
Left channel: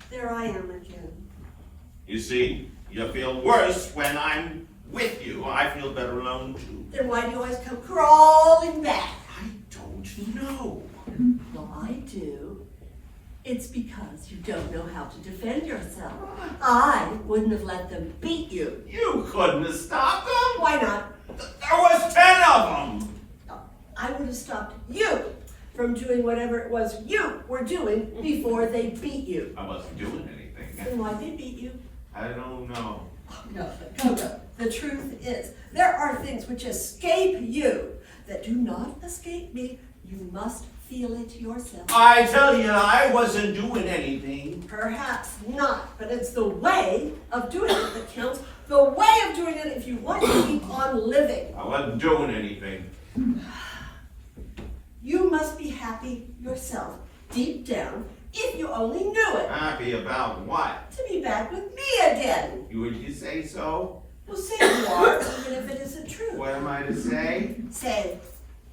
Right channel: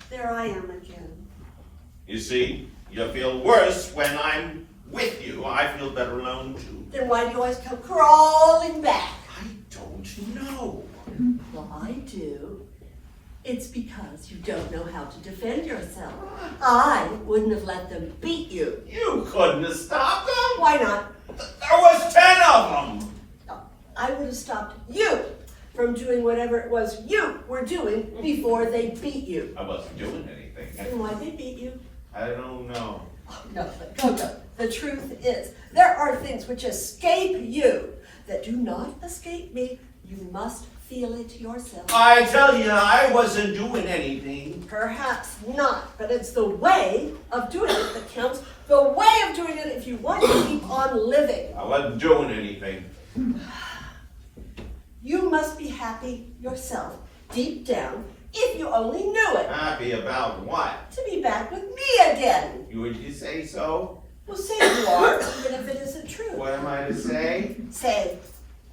There I am again. You see, you feel worse when I'm with you. I feel better alone too. Then why do you always come crawling back? I don't know. Well, I do. It's because you don't know how to defend yourself. I wouldn't have let them beat you. You couldn't have stopped them. Why not? There was 10 of them. No, I would have stopped you from doing whatever it was you were doing before they beat you. I wasn't doing anything. And why they beat you? I don't know. Oh, no, but Gogo, the truth is, there are things which escape you that do not escape me. You must feel it yourself. I tell you, I wasn't doing anything. Perhaps not, but it's the way of doing it that counts. The way of doing it if you want to keep on living. I wasn't doing anything. You must be happy yourself, deep down, if you only knew it. Happy about what? To be back with me again. Would you say so? Well, say you are, even if it isn't true. What am I to say? Say,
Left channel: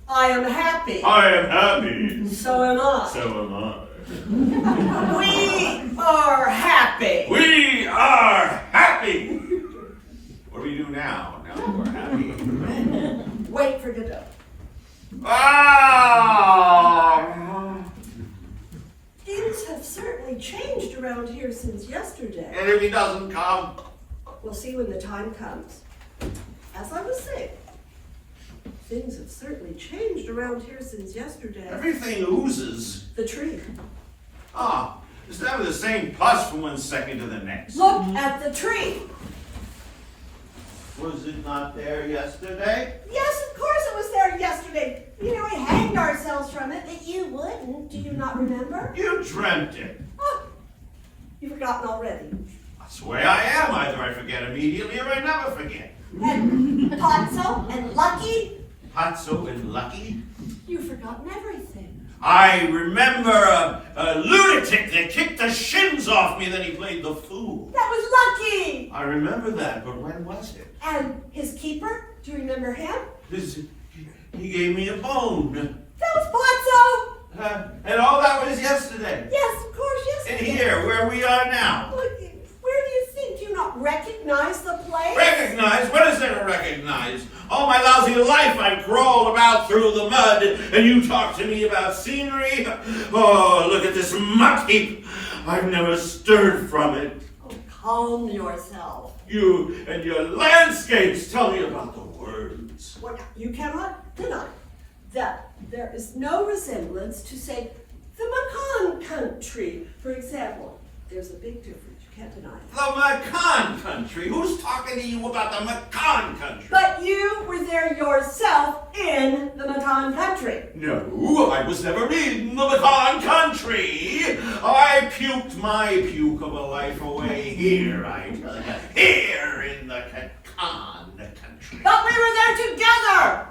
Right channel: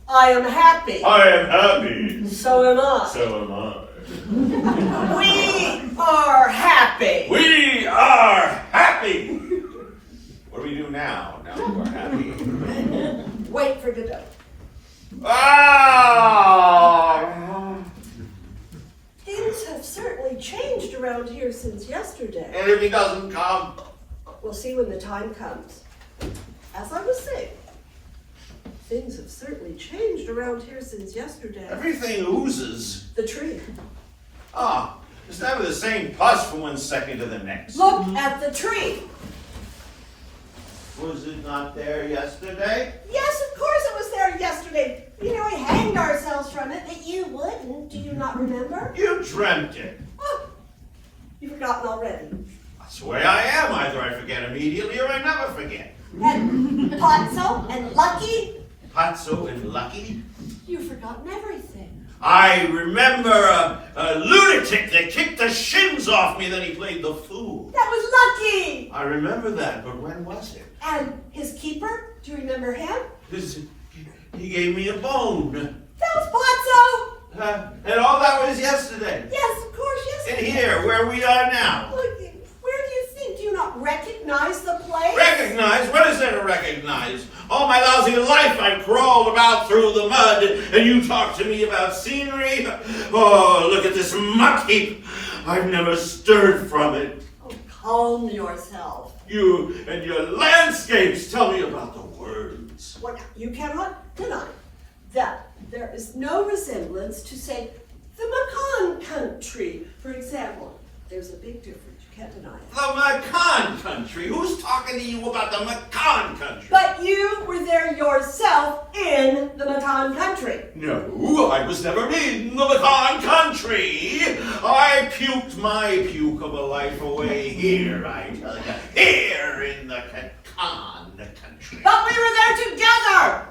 I am happy. I am happy. So am I. So am I. We are happy. We are happy. What do we do now? Now that we're happy. Wait for Godot. Ah! Things have certainly changed around here since yesterday. And if he doesn't come, We'll see when the time comes. As I was saying, things have certainly changed around here since yesterday. everything oozes. The tree. Ah, it's never the same pus from one second to the next. Look at the tree. Was it not there yesterday? Yes, of course it was there yesterday. You know, we hanged ourselves you not remember? You dreamt it. Oh, you've forgotten already. That's the way I am. Either I forget immediately or I never forget. And Potso and Lucky, Patso and Lucky. you've forgotten everything. I remember a lunatic that kicked the shins off me, then he played the fool. That was Lucky! I remember that, but when was it? And his keeper, do you remember him? He gave me a bone. That was Potso! And all that was yesterday. Yes, of course, yes. And here, where we are now. Look, where do you think? Do you not recognize the place? Recognize? What is there to recognize? All my lousy life I've crawled about through the mud, and you talk to me about scenery? Oh, look at this muck heap. I've never stirred from it. Oh, calm yourself. You and your landscapes tell me about the words. Well, you cannot deny that there is no resemblance to, say, the Macon country, for example. There's a big difference. You can't deny it. The Macon country? Who's talking to you about the Macon country? But you were there yourself in the Macon country. No, I was never in the Macon country. I puked my puke of a life away here, I tell you. Here in the Macon country. But we were there together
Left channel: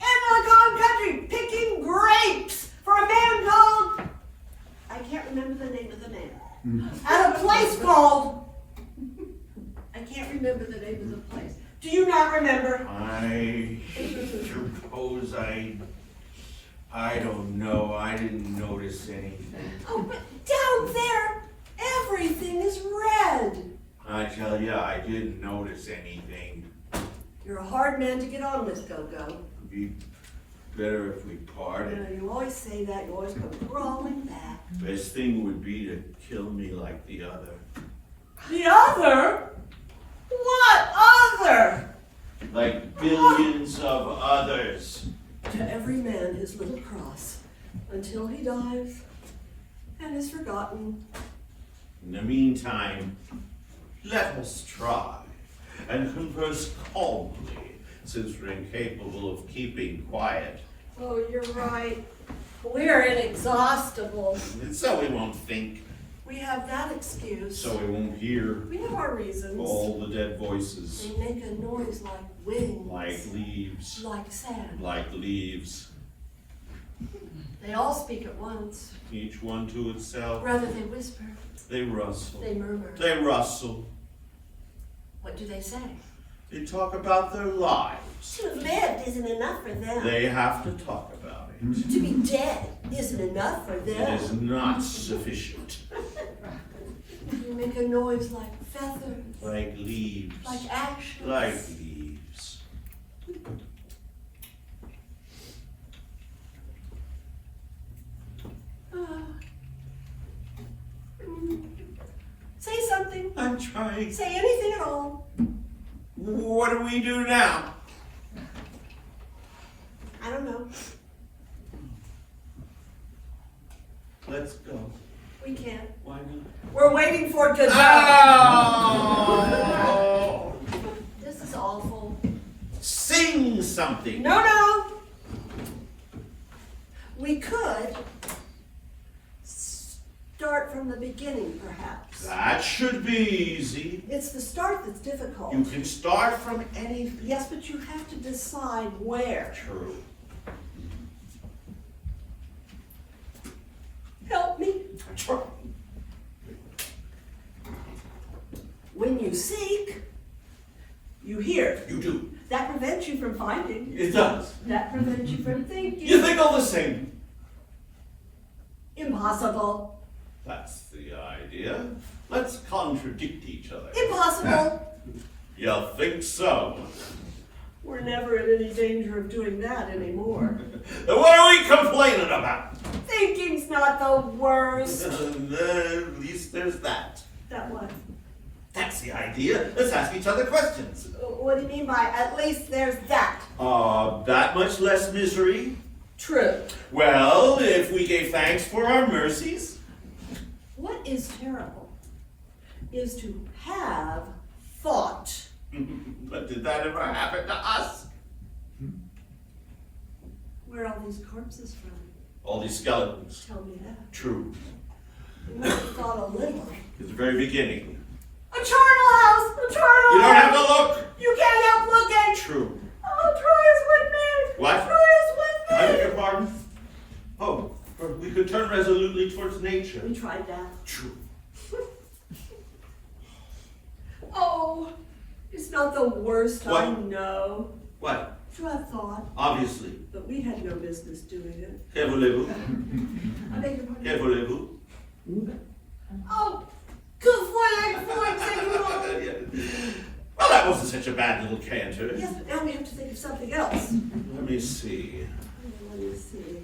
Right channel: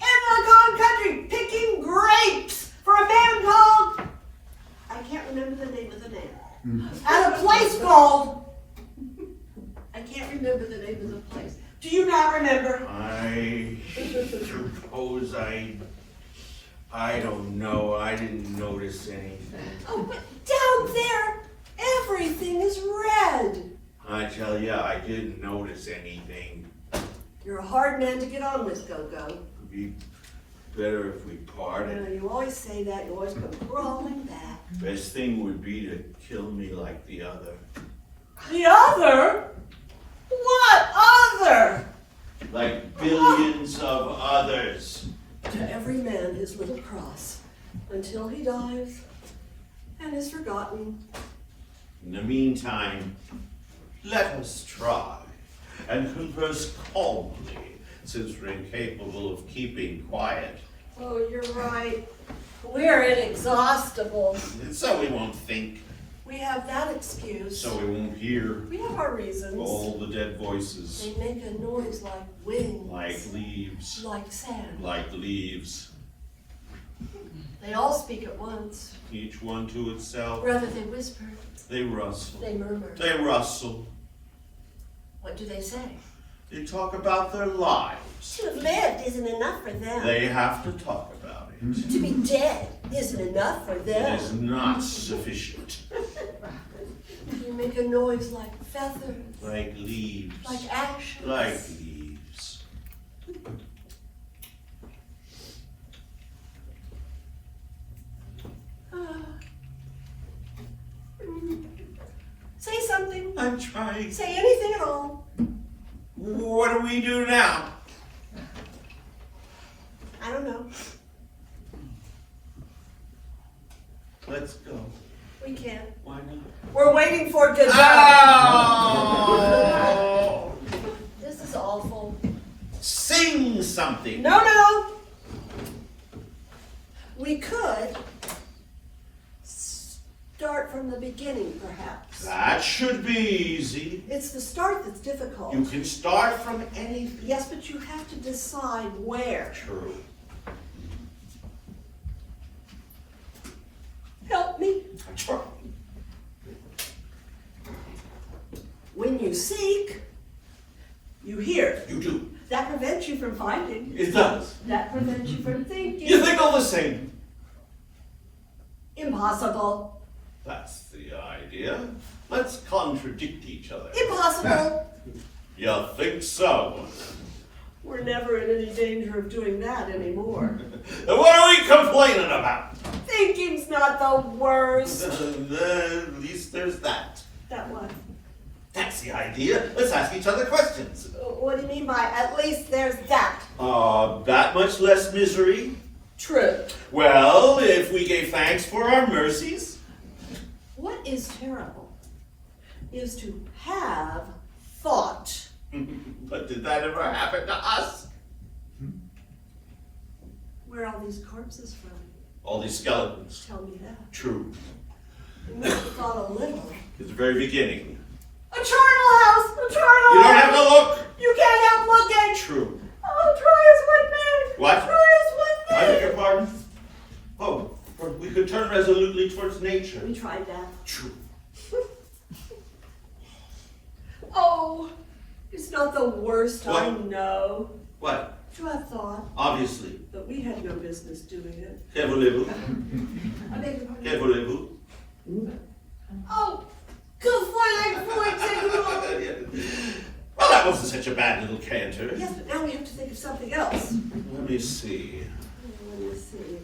in the Macon country, picking grapes for a man called, I can't remember the name of the man. At a place called, I can't remember the name of the place. Do you not remember? I suppose I don't know. I didn't notice anything. Oh, but down there, everything is red. I tell you, I didn't notice anything. You're a hard man to get on with, Go-Go. It'd be better if we You parted. know, you always say that, you always come crawling back. Best thing would be to kill me like the other. The other? What other? Like billions of others. To every man his little cross, until he dies and is forgotten. In the meantime, let us try and converse calmly, since we're incapable of keeping quiet. Oh, you're right. We're inexhaustible. And so we won't think, We have that excuse. so we won't hear We have our reasons. all the dead voices, They make a noise like wings. like leaves, Like sand. like leaves, They all speak at once. each one to itself. Rather they whisper, They rustle, they murmur. they rustle, What do they say? they talk about their lives. To have lived isn't enough for them. They have to talk about it. To be dead isn't enough for It them. is not sufficient. You make a noise like feathers, Like leaves, like ashes. like leaves. Say something. I'm trying. Say anything at all. What do we do now? I don't know. Let's go. We can't. Why not? We're waiting for Godot. Oh! This is awful. Sing something. No. We could start from the beginning, perhaps. That should be easy. It's the start that's difficult. You can start from anything. Yes, but you have to decide where. True. Help me. True. When you seek, you hear. You do. That prevents you from finding. It does. That prevents you from thinking. You think all the same. Impossible. That's the idea. Let's contradict each other. Impossible. You think so? We're never in any danger of doing that anymore. Then what are we complaining about? Thinking's not the worst. At least there's that. That one. That's the idea. Let's ask each other questions. What do you mean by at least there's that? That much less misery? True. Well, if we gave thanks for our mercies. What is terrible is to have thought. But did that ever happen to us? Where are these corpses from? All these skeletons. Tell me that. True. You must have thought a little. At the very beginning. A charnel house! A charnel You don't house! have to look! You can't help looking! True. Oh, try us with me! What? Try us with I me! beg your pardon? Oh, we could turn resolutely towards nature. We tried that. True. Oh, it's not the worst, I What? know. What? To have thought, Obviously. but we had no business doing it. Que voulez-vous? I beg your pardon. Que voulez-vous? Oh, que voulez-vous? Well, that wasn't such a bad little canter. Yes, but now we have to think of something else. Let me see. Let me see.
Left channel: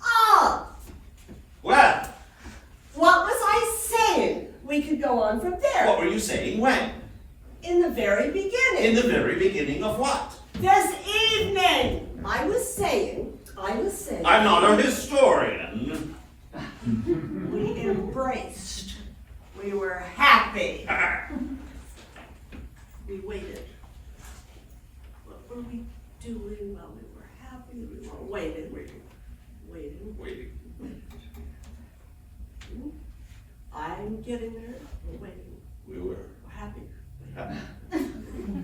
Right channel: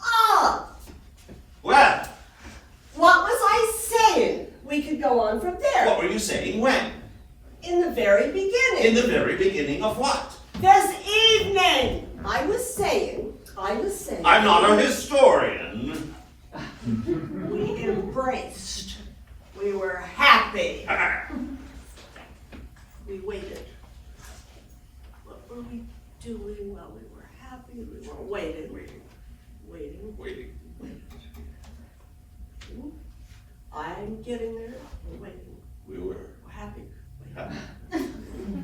Ah! Well, What was I saying? We could go on from there. what were you saying when? In the very beginning. In the very beginning of what? This evening. I was saying. I'm not a historian. We embraced. We were happy. We waited. What were we doing while we were happy? We were waiting. Waiting. I'm getting there. We're waiting. We were We're happy. happy.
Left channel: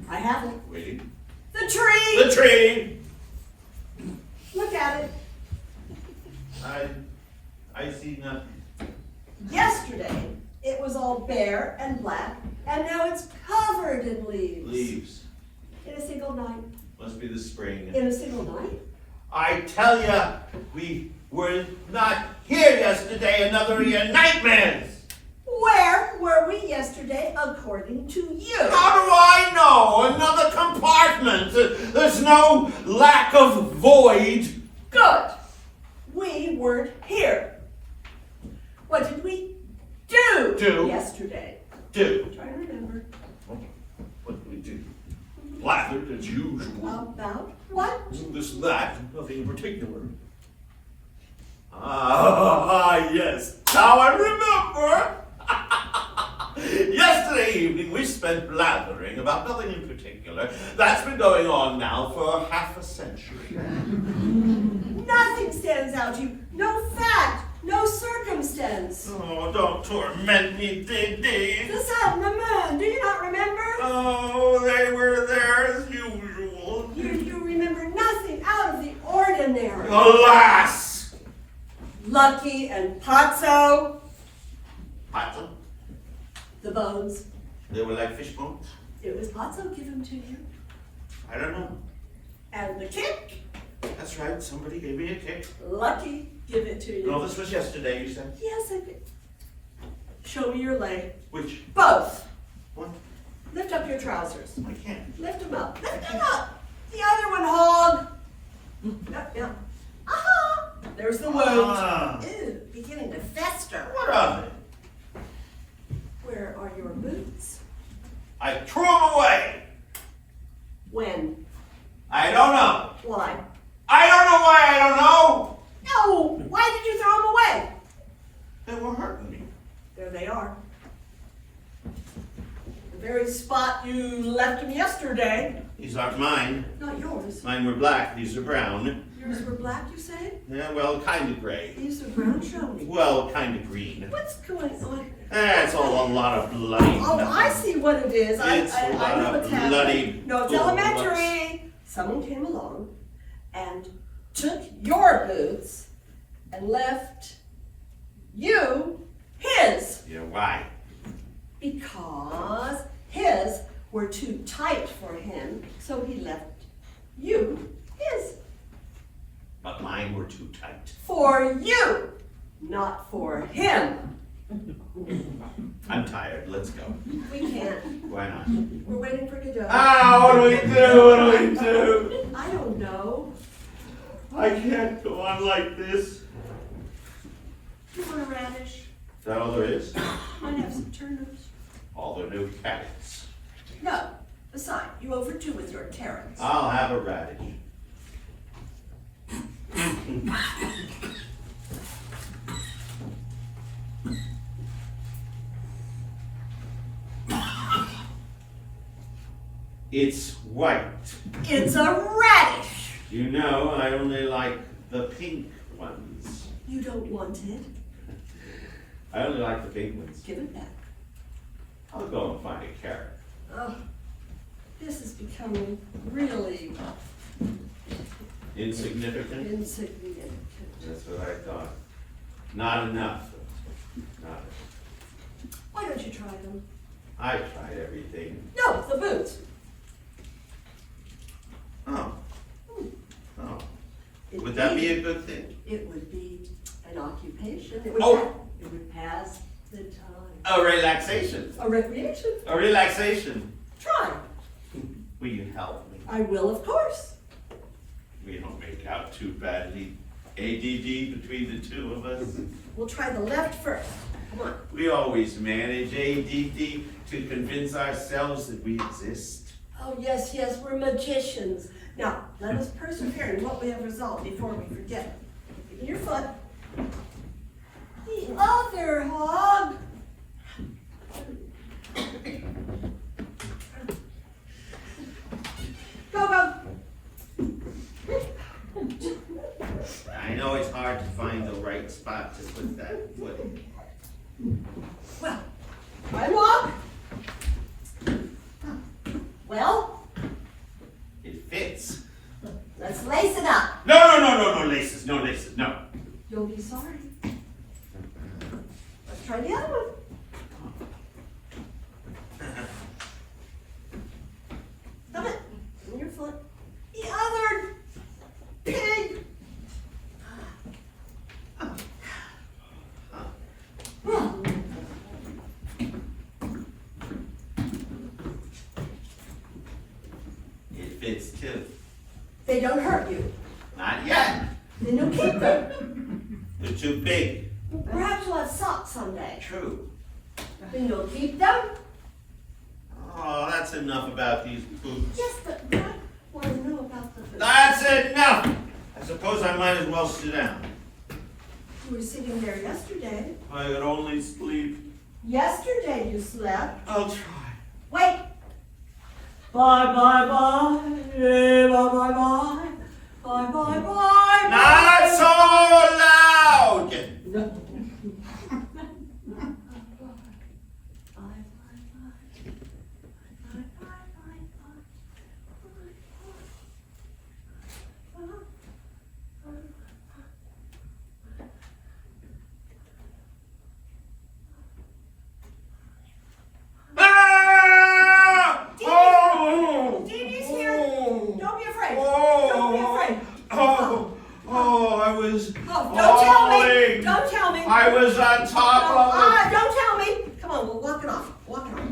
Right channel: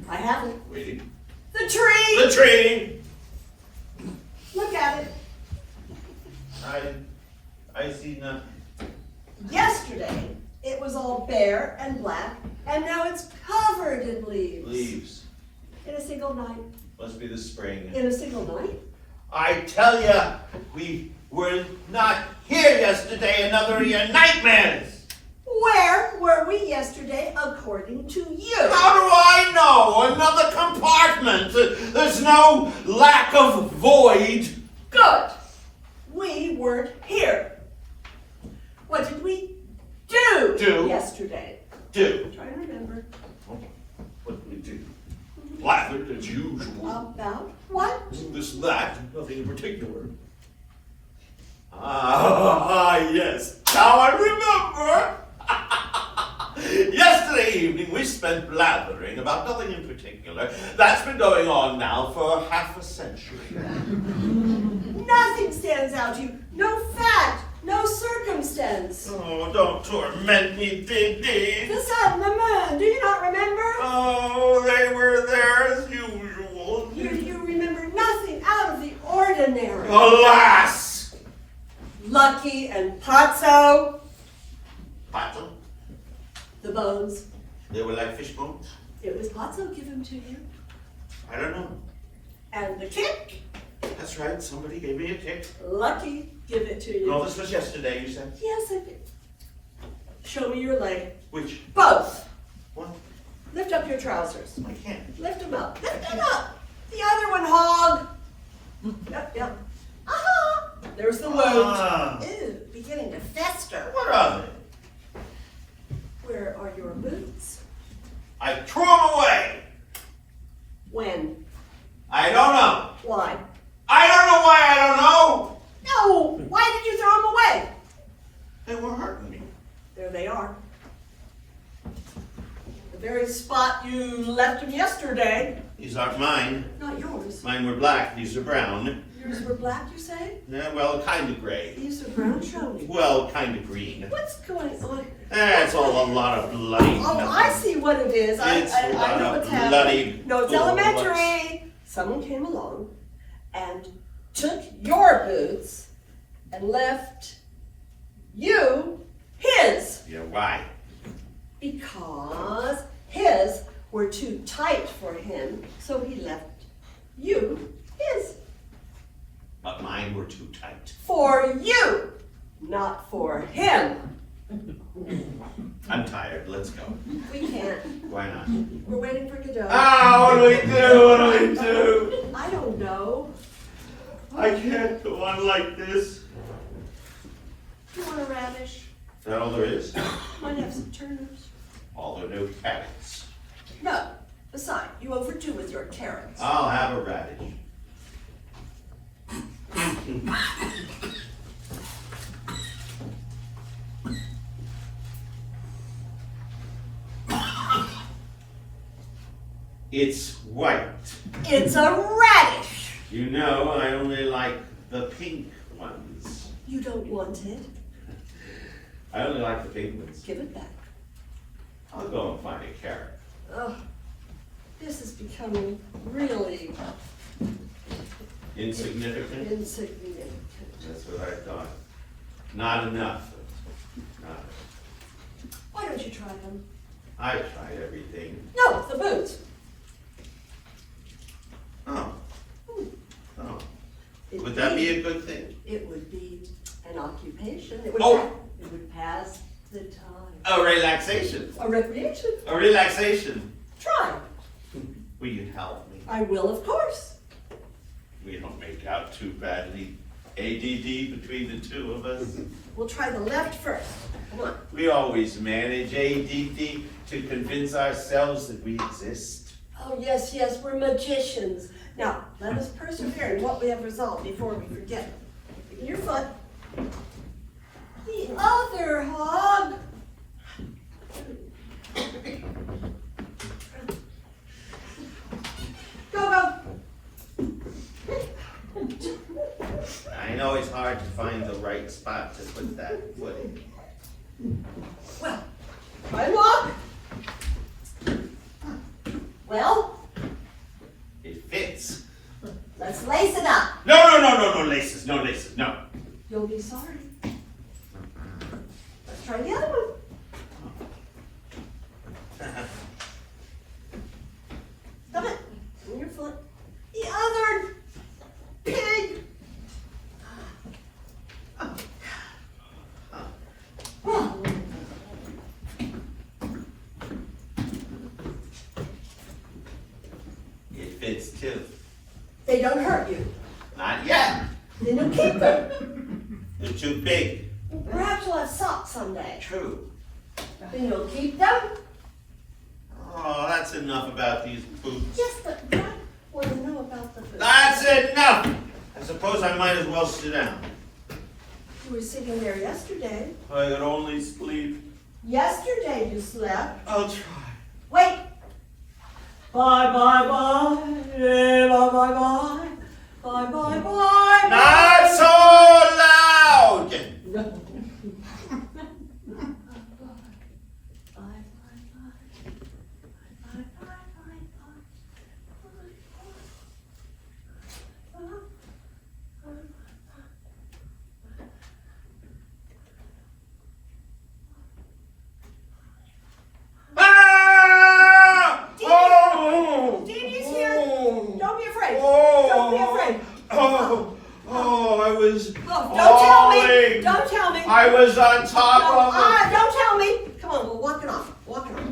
I haven't. Waiting. The tree! The tree! Look at it. I see nothing. Yesterday, it was all bare and black, and now it's covered in leaves. Leaves. In a single night. Must be the spring. In a single night? I tell ya, we were not here yesterday, another of your nightmares. Where were we yesterday, according to you? How do I know? Another compartment. There's no lack of void. Good. We weren't here. What did we do, Do? yesterday? Do. Try to remember. What did we do? Laughed as usual. About what? This and that. Nothing in particular. Ah, yes. Now I remember. Yesterday evening we spent blathering about nothing in particular. That's been going on now for half a century. Nothing stands out to you. No fact. No circumstance. Oh, don't torment me, Dee. The sun, the moon. Do you not remember? Oh, they were there as usual. You remember nothing out of the ordinary. Alas! Lucky and Pazzo, Pazzo? the bones. They were like fish bones? It was Pazzo given to you. I don't know. And the kick, That's right, somebody gave me a kick. Lucky, give it to you. No, this was yesterday, you said? Yes, I did. Show me your leg. Which? Both. What? Lift up your trousers. I can't. Lift them up. Lift them up. The other one, hog. Yep. Aha! There's the wound. Ah. Ew, beginning to fester. What of it? Where are your boots? I threw them away. When? I don't know. Why? I don't know why I don't know. No! Why did you throw them away? They were hurting me. There they are. The very spot you left them yesterday. These aren't mine. Not yours. Mine were black, these are brown. Yours were black, you say? Yeah, well, kind of gray. These are brown. Show me. Well, kind of green. What's going on? It's all a lot of bloody. Oh, I see what it is. It's I a know lot what's of happening. bloody No, it's bullocks. elementary. Someone came along and took your boots and left you his. Yeah, why? Because his were too tight for him, so he left you his. But mine were too tight. For you, not for him. I'm tired, let's go. We can't. Why not? We're waiting for Godot. Ah, what do we do? What do we do? I don't know. I can't go on like this. You want a radish? Is that all there is? Might have some turnips. All the new carrots. No. Besides, you overdue with your carrots. I'll have a radish. It's white. It's a radish. You know, I only like The pink ones. You don't want it? I only like the pink ones. Give it back. I'll go and find a carrot. Oh, this is becoming really Insignificant? insignificant. That's what I thought. Not enough. Not enough. Why don't you try them? I tried everything. No, the boots. Oh. Oh. It Would that be a good thing? It would be an occupation. It would, Oh. it would pass the time. A relaxation. A recreation. A relaxation. Try. Will you help me? I will, of course. We don't make out too badly. ADD between the two of us. We'll try the left first. Come on. We always manage ADD to convince ourselves that we exist. Oh, yes, yes, we're magicians. Now, let us persevere in what we have resolved before we forget. Your foot. The other hog. Go, go. I know it's hard to find the right spot to put that foot in. Well, try and walk. Well, It fits. let's lace it up. No laces, no laces, no. You'll be sorry. Let's try the other one. Stop it. On your foot. The other pig. It fits too. They don't hurt you. Not yet. Then you'll keep them. They're too big. Perhaps you'll have socks someday. True. Then you'll keep them. Oh, that's enough about these boots. Yes, but I want to know about the food. That's enough! I suppose I might as well sit down. You were sitting there yesterday. I could only sleep. Yesterday you slept. I'll try. Wait. Bye, bye, bye. Yeah, bye, bye, bye. Bye, bye, bye. Not so loud! Ah! Oh! Deedee's here. Don't be afraid. Oh! Don't be afraid. I was. Oh, don't tell me. falling. Don't tell me. I was on top of it. Don't tell me. Come on, we'll walk it off. Walk it off.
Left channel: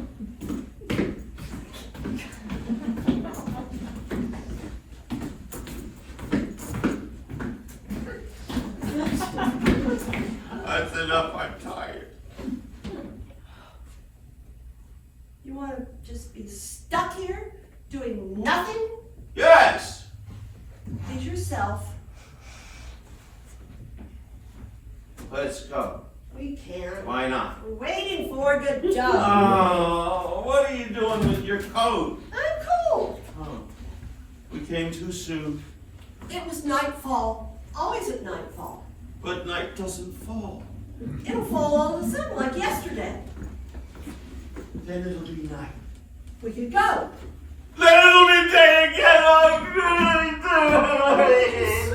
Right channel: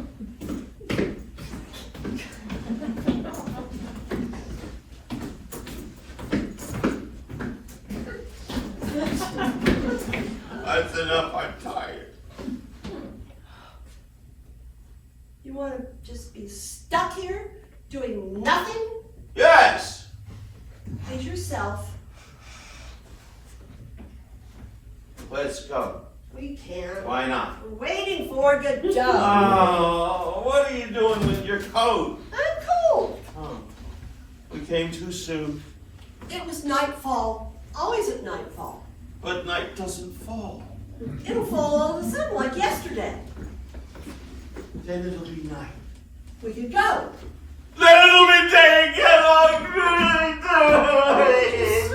That's enough. I'm tired. You want to just be stuck here doing nothing? Yes. Please yourself. Let's go. We can't. Why not? We're waiting for Godot. Oh, what are you doing with your coat? I'm cold. Oh, we came too soon. It was nightfall. Always at nightfall. But night doesn't fall. It'll fall all of a sudden like yesterday. Then it'll be night. We could go. Then it'll be day again.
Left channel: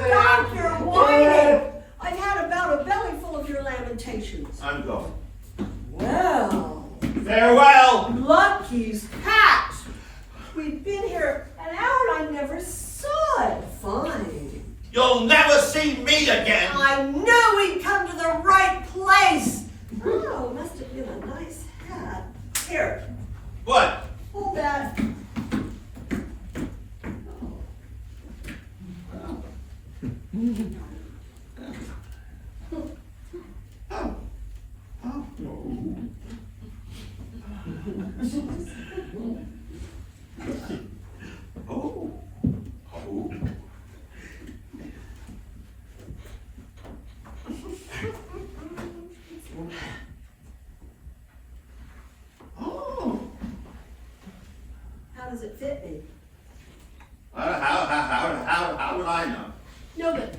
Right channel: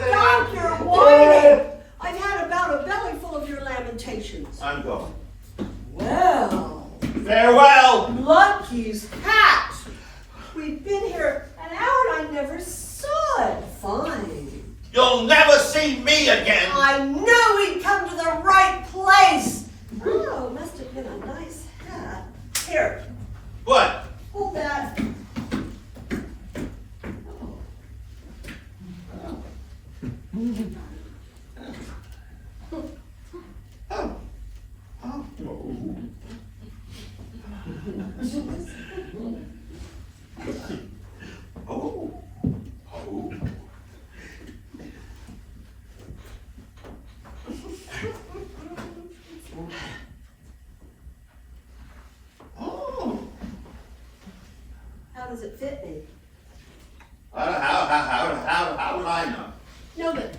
Stop your whining. I've had about a belly full of your lamentations. I'm going. Well, Farewell. Lucky's hat. We've been here an hour and I never saw it. Fine. You'll never see me again. I knew we'd come to the right place. Oh, must have been a nice hat. Here, What? hold that. Oh. Oh. Oh. How does it fit me? How would I know? No good.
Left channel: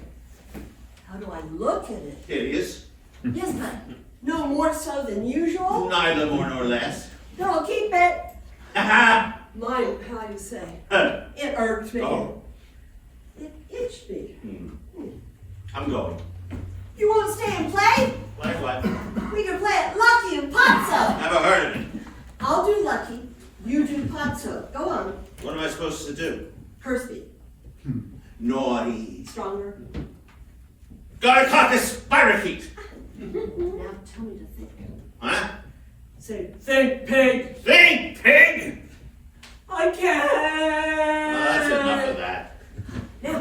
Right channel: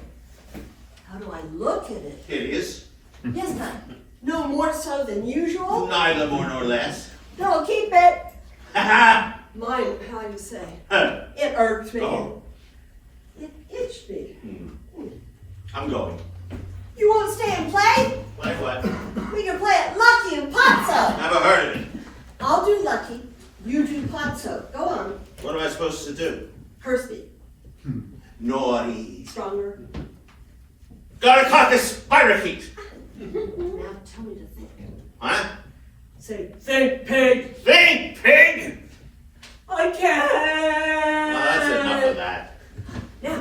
How do I look at it? Hideous. Yes, but no more so than usual. Neither more nor less. No, keep it. Ha ha! Mind how you say. Huh. It irked me. Oh. It itched me. I'm going. You won't stay and play? Like what? We can play at Lucky and Pozzo. Never heard of it. I'll do Lucky. You do Pozzo. Go on. What am I supposed to do? Kirsty. Naughty. Stronger. Gotta cut this parakeet. Now tell me to think. Huh? Say, think, pig. Think, pig! I can't. That's enough of that. Now,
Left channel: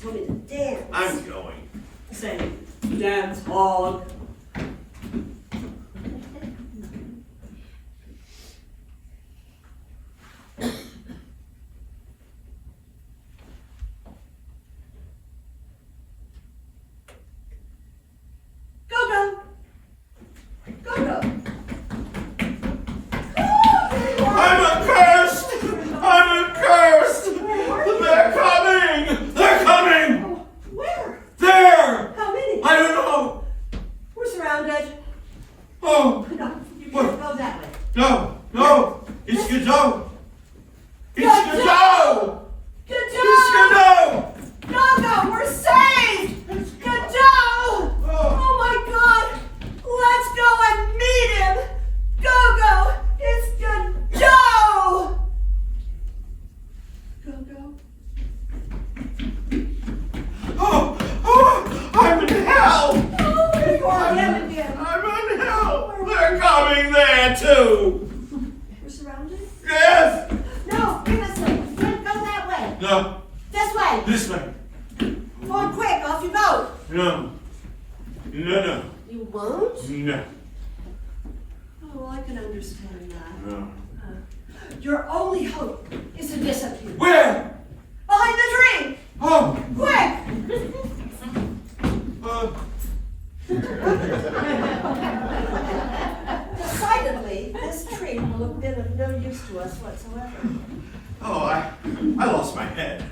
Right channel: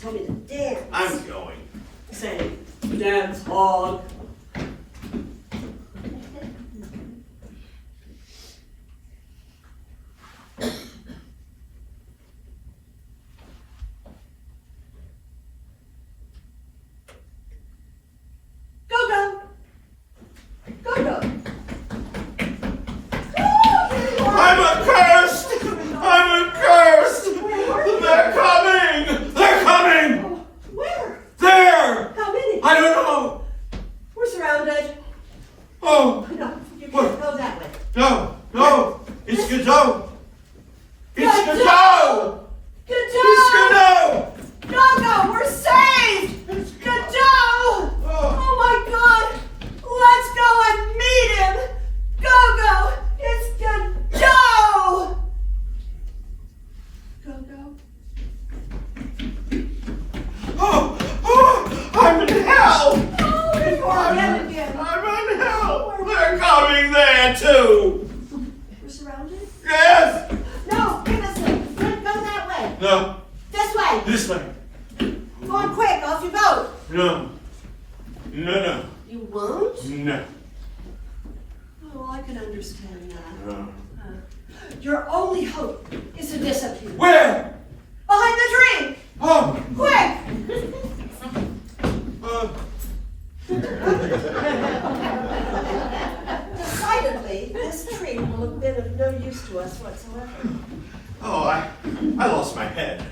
tell me to dance. I'm going. Say, dance hog. Go. I'm accursed! I'm accursed! They're coming! They're coming! Where? There! How many? I don't know! We're surrounded. Oh, No, you What? can't go that way. no! It's Godot! It's Godot! It's Godot! No, we're saved! Godot! Oh my God! Let's go and meet him! Go! It's Godot! Go. Oh, I'm in hell! Oh, you're going down again. I'm in hell! They're coming there too! We're surrounded? Yes! No, this way. Go that way. No, This way. this way. Go on quick, off you go. No. You won't? No. Oh, well, I can understand that. No. Your only hope is to disappear. Where? Behind the tree! Oh, Quick! Decidedly, this tree will have been of no use to us whatsoever. oh, I lost my head.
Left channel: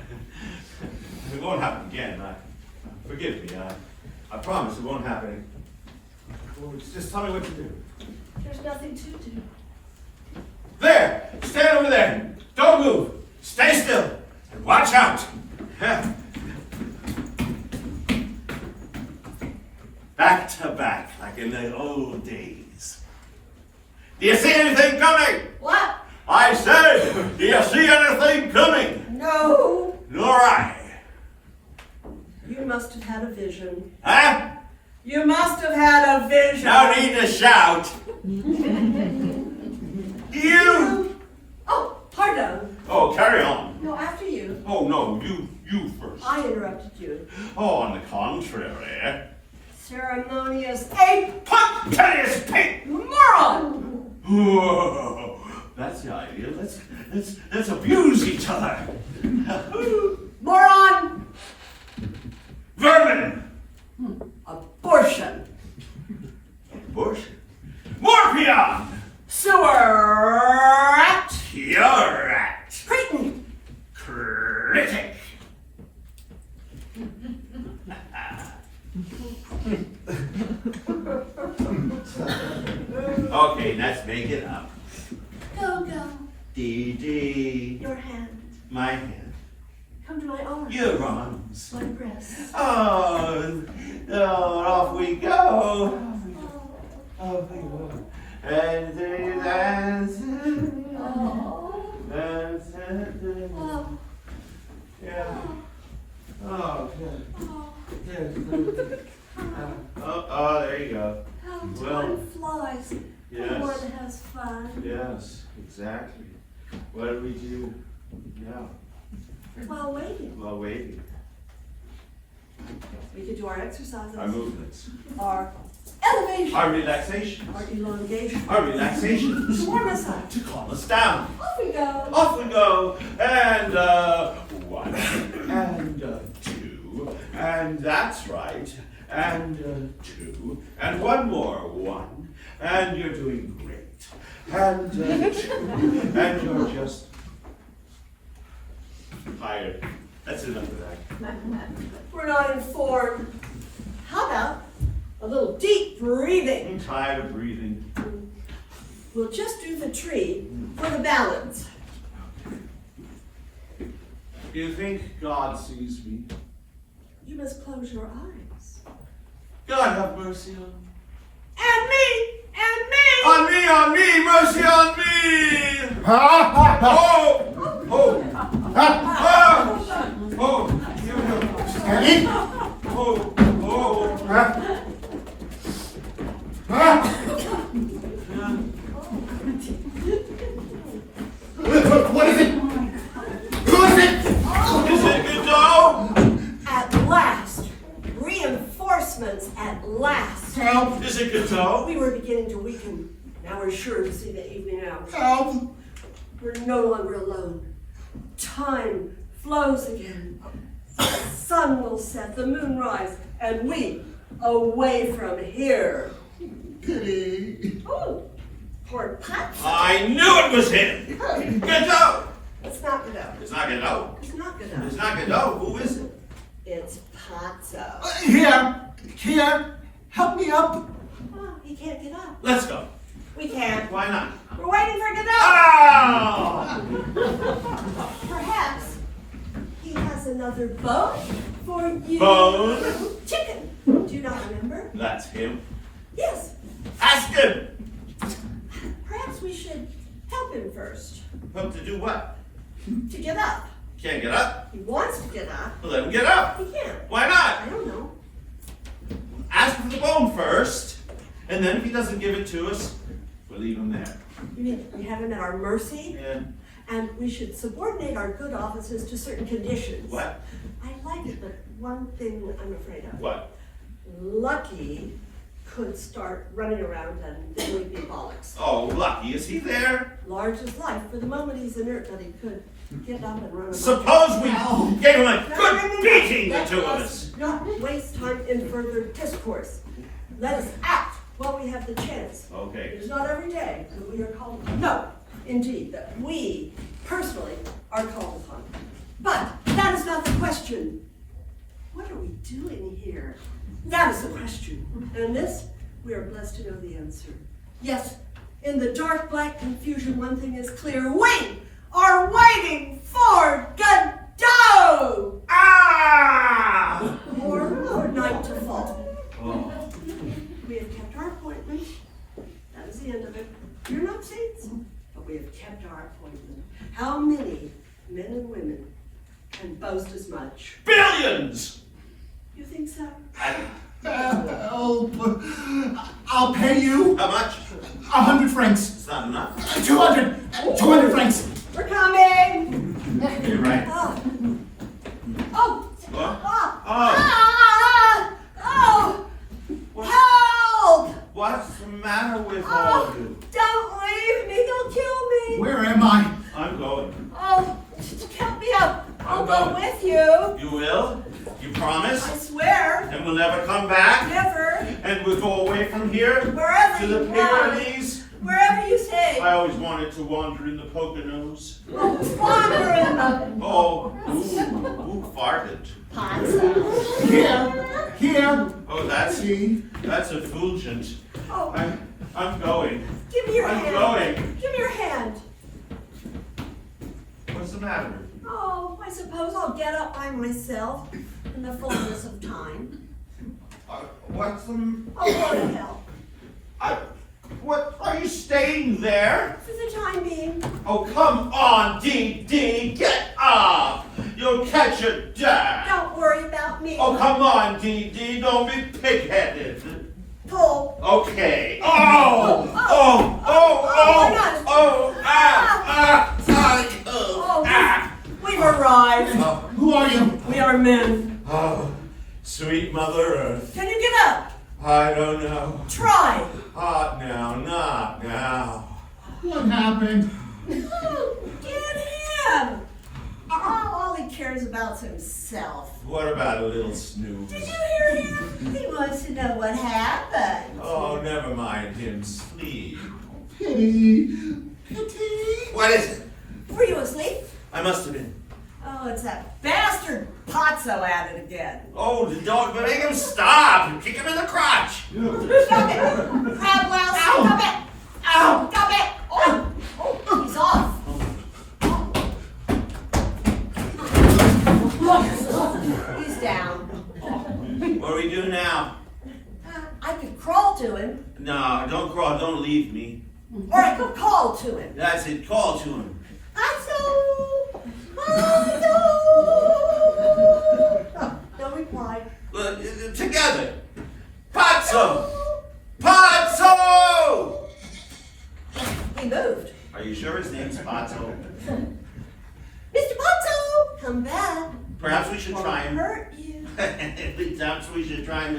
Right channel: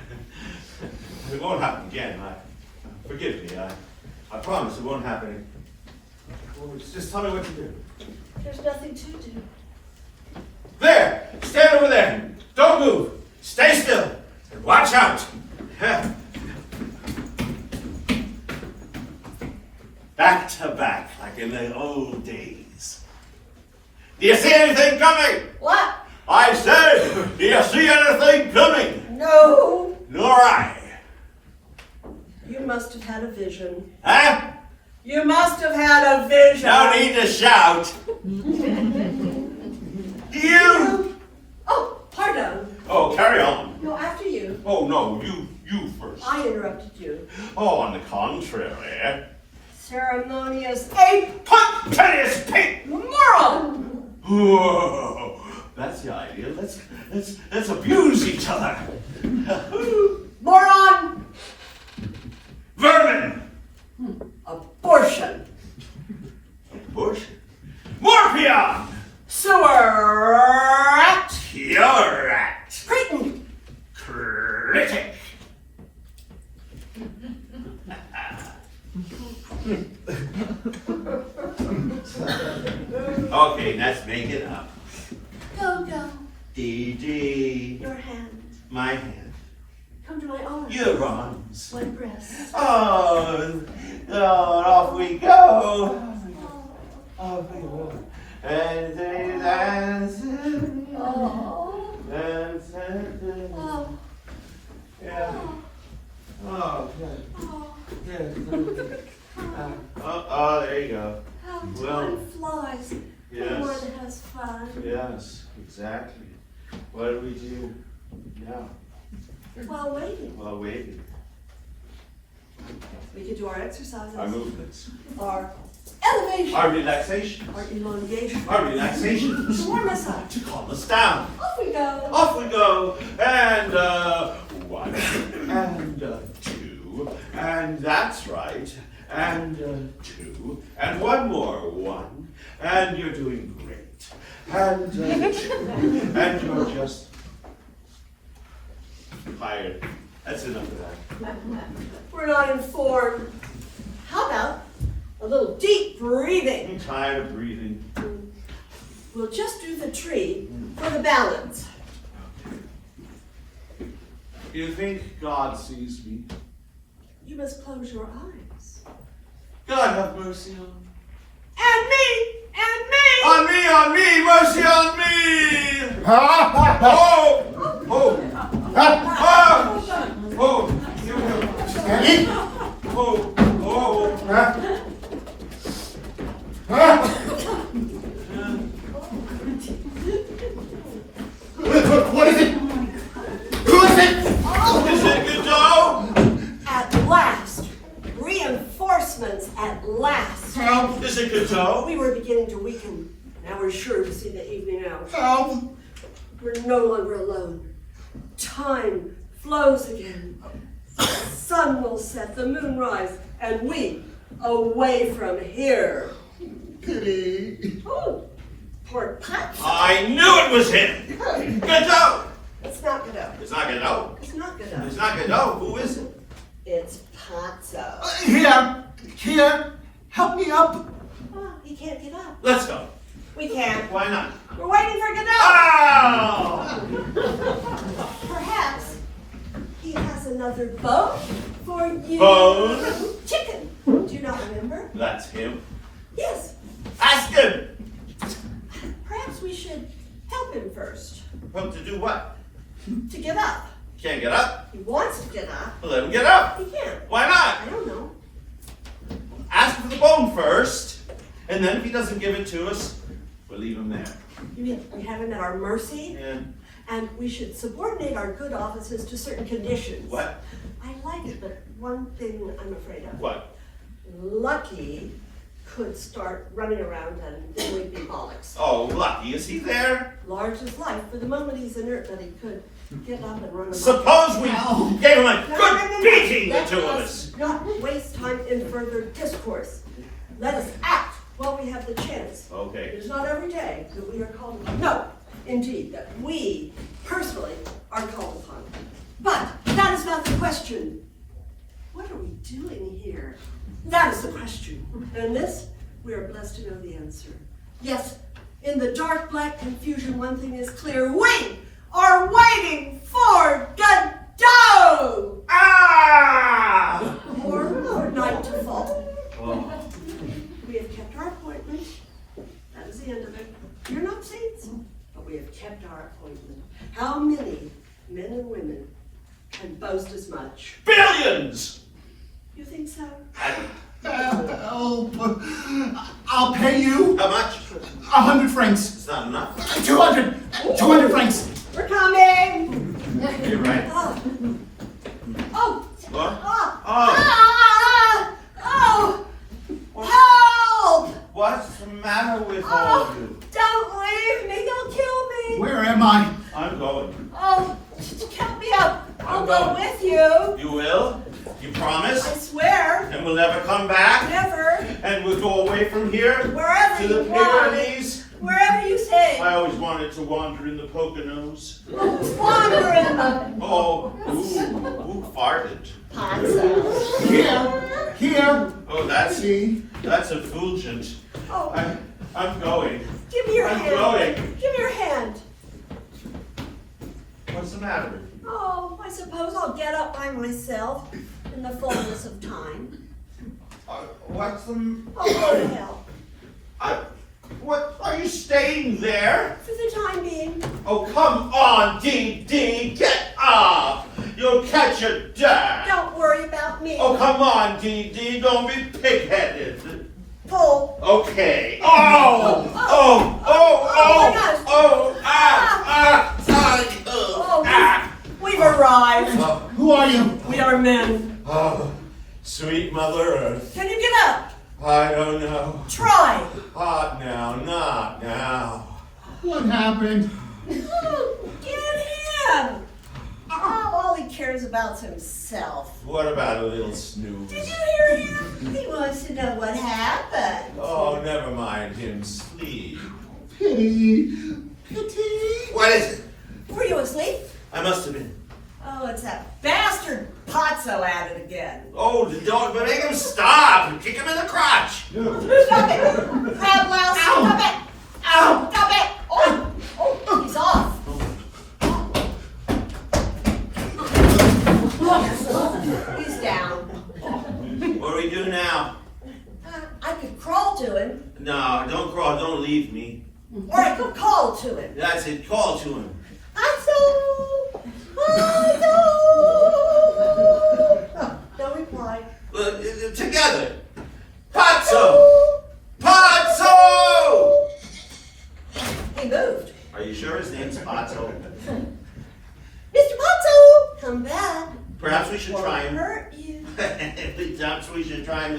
It won't happen again. Forgive me. I promise it won't happen. Oh, just tell me what to do. There's nothing to do. There! Stand over there! Don't move! Stay still! And watch out! Back to back, like in the old days. Do you see anything coming? What? I said, do you see anything coming? No. Nor I. You must have had a vision. Huh? You must have had a vision. No need to shout. You! Oh, pardon. Oh, carry on. No, after you. Oh, no, you first. I interrupted you. Oh, on the contrary. Ceremonious ape! Punctilious pig! Moron! Whoa, that's the idea. Let's abuse each other. Moron! Vermin! Abortion! Abortion. Morpion! Sewer rat! Pure rat! Cretin! Critic! Okay, let's make it up. Go. D. Your hand. My hand. Come to my arms. Your arms. My breast. Oh, off we go. Off we go. And they dance. Oh. Dance. Oh. Yeah. Oh, good. Good. Oh, there you go. How Well, time flies. yes. When one has fun. Yes, exactly. What do we do now While waiting. while waiting? We can do our exercises. Our movements. Our elevation. Our relaxation. Our elongation. Our relaxation. To warm us up. To calm us down. Off we go. Off we go. And one. And two. And that's right. And two. And one more. One. And you're doing great. And two. And you're just tired. That's enough of that. We're not informed. How about a little deep I'm breathing? tired of breathing. We'll just do the tree for the balance. You think God sees me? You must close your eyes. God have mercy on me. And me! And me! On me, mercy on me! Ha ha ha! Oh! Oh! Ah! Oh! Steady. Oh! Oh! Ha. Ha. What is it? Who is it? Is it Godot? At last! Reinforcements at last! Help! Is it Godot? We were beginning to weaken. Now we're sure to see the evening out. Help! We're no longer alone. Time flows again. The sun will set, the moon rise, and we away from here. Pity. Oh, poor Patsy. I knew it was him! Godot! It's not Godot. It's not Godot. It's not Godot. It's not Godot. Who is it? It's Patso. Here, help me up. Oh, he can't get up. Let's go. We can't. Why not? We're waiting for Godot. Oh! Perhaps he has another bone for you. Bone? Chicken. Do you not remember? That's him. Yes. Ask him! Perhaps we should help him first Well, to do what? to get up. Can't get up? He wants to get up. Well, let him get up. He can't. Why not? I don't know. Ask for the bone first, and then if he doesn't give it to us, we'll leave him there. You mean we have him at our mercy? And And we should subordinate our good offices to certain conditions. what? I like it, but one thing I'm afraid of. What? Lucky could start running around and then we'd be bollocks. Oh, Lucky, is he there? Large as life. For the moment he's inert, but he could get up and run amok. Suppose we gave him a No, good no, no, no. beating, the Let two of us us. not waste time in further discourse. Let us act while we have the chance. Okay. It is not every day that we are called upon. No, indeed, that we personally are called upon. But that is not the question. What are we doing here? That is the question. And this, we are blessed to know the answer. Yes, in the dark black confusion, one thing is clear. We are waiting for Godot! Ah! Or for night to fall. Oh. We have kept our appointment. That is the end of it. You're not saints, but we have kept our appointment. How many men and women can boast as much? Billions! You think so? Help. I'll pay you How much? 100 francs. It's not enough. 200 francs. We're coming! You're right. Oh. Oh. What? Oh. Oh. Ah. Oh. Help! What's the matter with all of you? Don't leave me. They'll kill me. Where am I? I'm going. Oh, help me up. I'll I'm go going. with you. You will? You I promise? swear. And we'll never come back? Never. And we'll go away from here? Wherever To the you want. Pyrenees? Wherever you say. I always wanted to wander in the Poconos. Wander in them. Oh, who farted? Here. Oh, that's effulgent. Oh, I'm going. give me your I'm hand. going. Give me your hand. What's the matter with you? Oh, I suppose I'll get up by myself in the fullness of time. What's the... I'll go to hell. What, are you staying there? For the time being. Oh, come on, Dee, get up! You'll catch a death! Don't worry about me. Oh, come on, Dee, don't be pig-headed. Pull. Okay. Oh! Oh, we've arrived. Who are you? We are men. Oh, sweet Mother Earth. Can you get up? I don't know. Try. Not now, not now. What happened? Get him. Oh, all he cares about is himself. What about a little snooze? Did you hear him? He wants to know what happened. Oh, never mind him. Sleep. Pity. What is it? Were you asleep? I must have been. Oh, it's that bastard Pozzo at it again. Oh, don't make him stop. Kick him in the crotch. Stop it! Crab louse, stop it! Ow! Stop it! Oh, he's off. He's down. What do we do now? I could crawl to him, No, don't crawl. Don't leave me. or I could call to him. That's it. Call to him. Pozzo! Pozzo! No reply. Together. Pazzo! Pazzo! He moved. Are you sure his name's Pazzo? Mr. Pozzo! Come back. Perhaps we should try him. Hurt you. Perhaps we should try him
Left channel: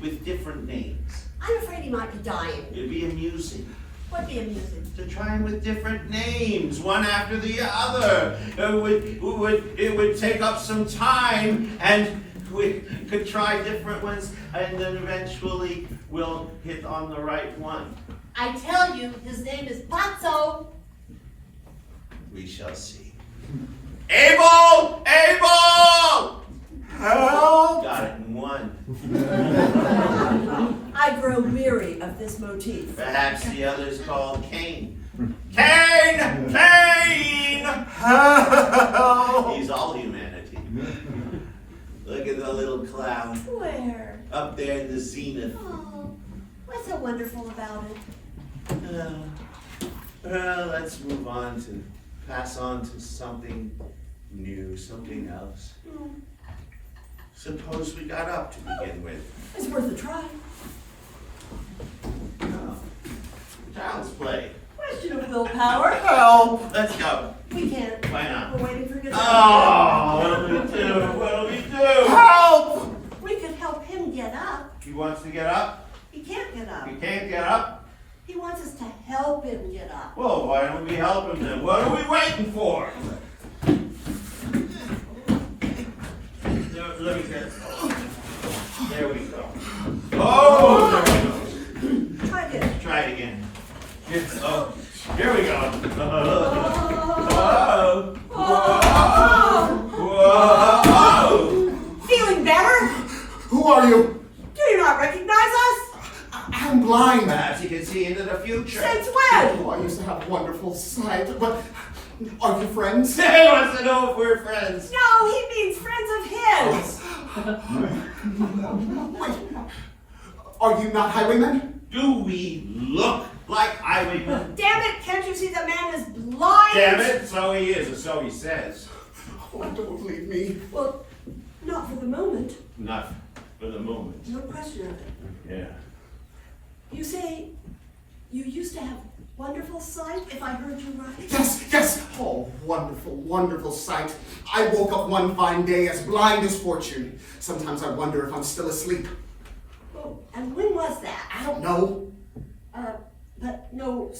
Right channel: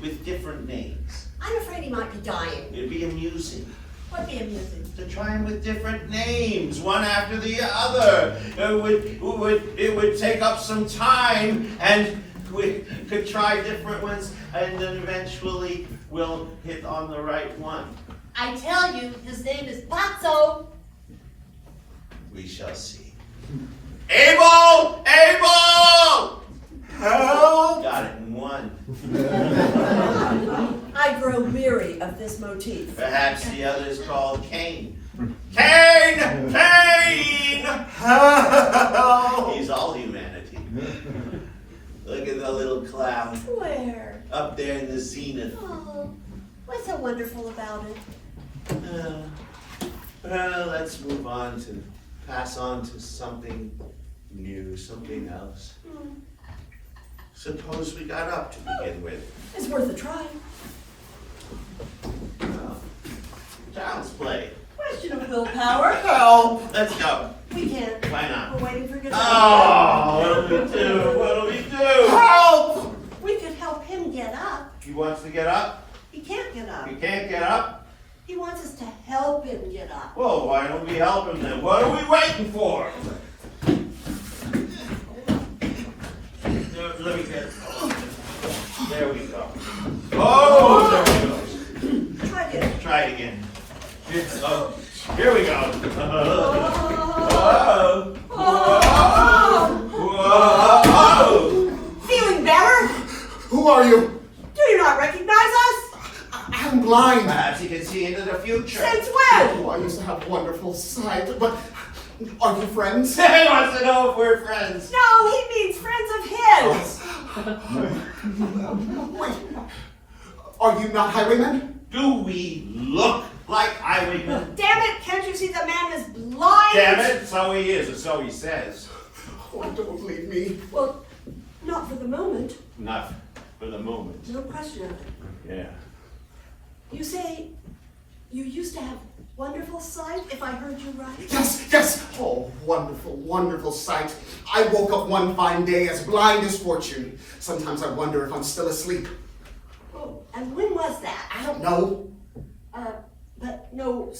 with different names. I'm afraid he might be dying. It'd be amusing What'd be amusing? to try him with different names, one after the other. It would take up some time, and we could try different ones, and then eventually we'll hit on the right one. I tell you, his name is Pozzo. We shall see. Abel! Abel! Help! Got it in one. I grow weary of this motif. Perhaps the other's called Cain. Cain! Cain! Help! He's all humanity. Look at the little cloud Where? up there in the zenith. Oh, what's so wonderful about it? Well, let's move on to pass on to something new, something else. Suppose we got up to begin with. It's worth a try. Well, child's play. Question of willpower. Help! Let's go. We can't. Why not? We're waiting for Godot. Oh, what do we do? What do we do? Help! We could help him get up. He wants to get up. He can't get up. He can't get up. He wants us to help him get up. Well, why don't we help him then? What are we waiting for? Let me get it. There we go. Oh, there we go. Try it. Try it again. Oh, here we go. Feeling better? Who are you? Do you not recognize us? I'm blind. Perhaps you can see into the future. Since when? Oh, I used to have wonderful sight, but are you friends? He wants to know if we're friends. No, he means friends of his. Wait, are you not highwaymen? Do we look like highwaymen? Damn it, can't you see the man is blind? Damn it, so he is, or so he says. Oh, don't leave me. Well, not for the moment. Not for the moment. No question of it. Yeah. You say you used to have wonderful sight, if I heard you right? Yes, yes. Oh, wonderful, wonderful sight. I woke up one fine day as blind as fortune. Sometimes I wonder if I'm still asleep. Oh, and when was that? I don't know. But no,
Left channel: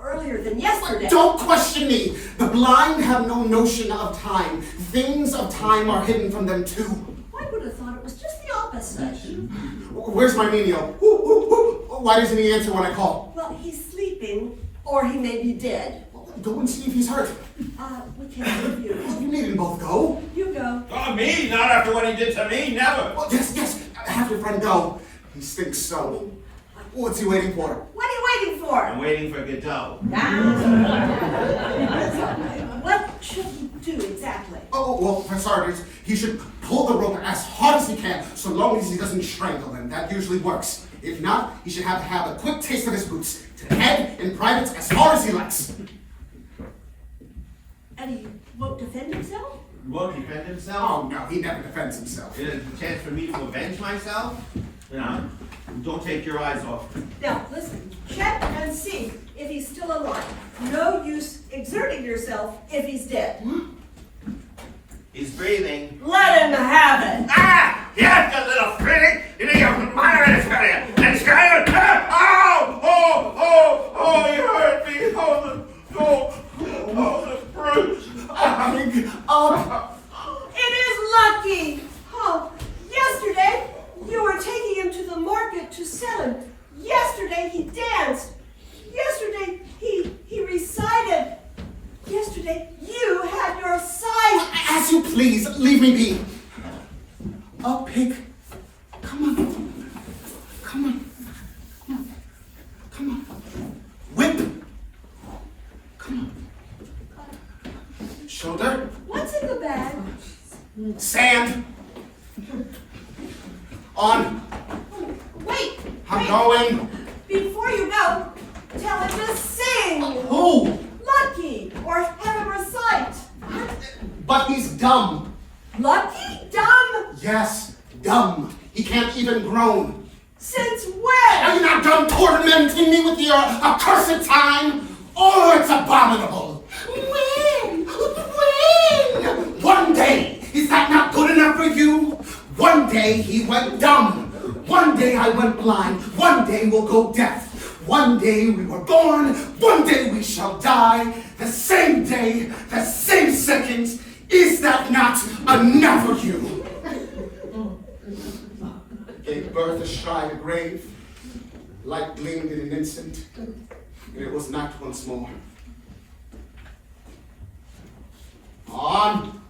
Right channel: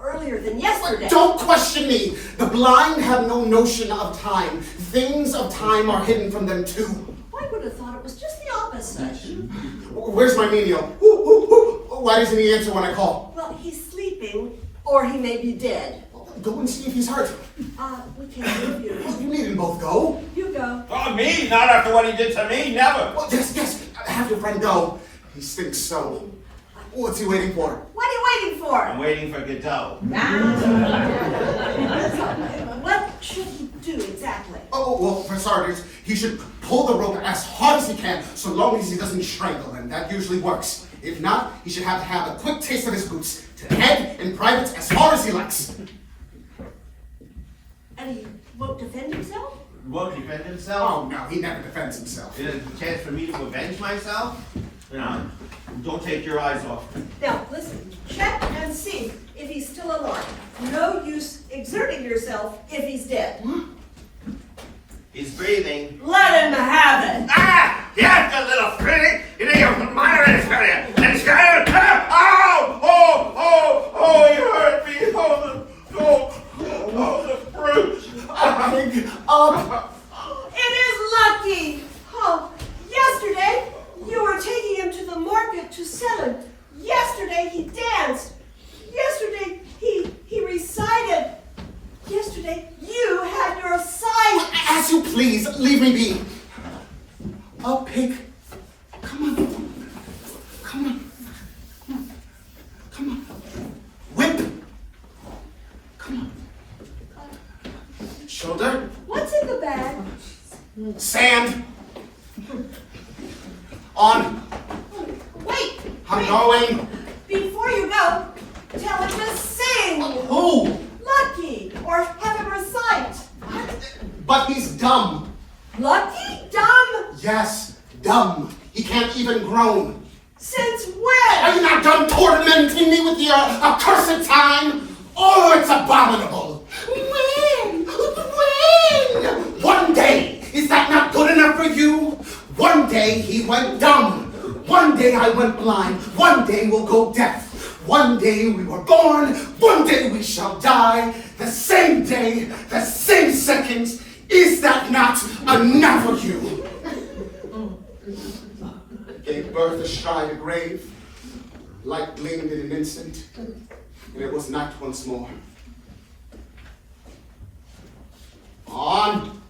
earlier than yesterday. Don't question me. The blind have no notion of time. Things of time are hidden from them too. I would have thought it was just the opposite. Where's my menial? Why doesn't he answer when I call? Well, he's sleeping, or he may be dead. Go and see if he's hurt. We can't leave you. You needn't both go. You go. Oh, me? Not after what he did to me, never. Well, yes, have your friend go. He stinks so. What's he waiting for? What are you waiting for? I'm waiting for Godot. What should he do exactly? Oh, well, for starters, he should pull the rope as hard as he can, so long as he doesn't strangle him. That usually works. If not, he should have to have a quick taste of his boots, to the head and privates as far as he likes. And he won't defend himself? Won't defend himself? Oh, no, he never defends himself. Is it a chance for me to avenge myself? No. Don't take your eyes off me. Now, listen, check and see if he's still alive. No use exerting yourself if he's dead. He's breathing. Let him have it. Ah! Yes, you little pretty! You know you're minor in his career. And he's got it. Oh! Oh! Oh! Oh! You hurt me! Oh! The fruit! Up! It is lucky. Oh, yesterday you were taking him to the market to sell him. Yesterday he danced. Yesterday he recited. Yesterday you had your sight. I'll pick. Come on. Come on. Come on. Whip. Come on. Shoulder. What's in the bag? Sand. On. Wait! I'm going. Before you go, tell him to sing! Who? Lucky! Or have him recite! But he's dumb. Lucky? Dumb? Yes, dumb. He can't even groan. Since Are when? you not done tormenting me with your accursed time? Oh, it's abominable. When? When? One day. Is that not good enough for you? One day he went dumb. One day I went blind. One day we'll go deaf. One day we were born. One day we shall die. The same day, the same second. Is that not enough for you? Gave birth astride a grave. Light gleamed in an instant, and it was night once more. On!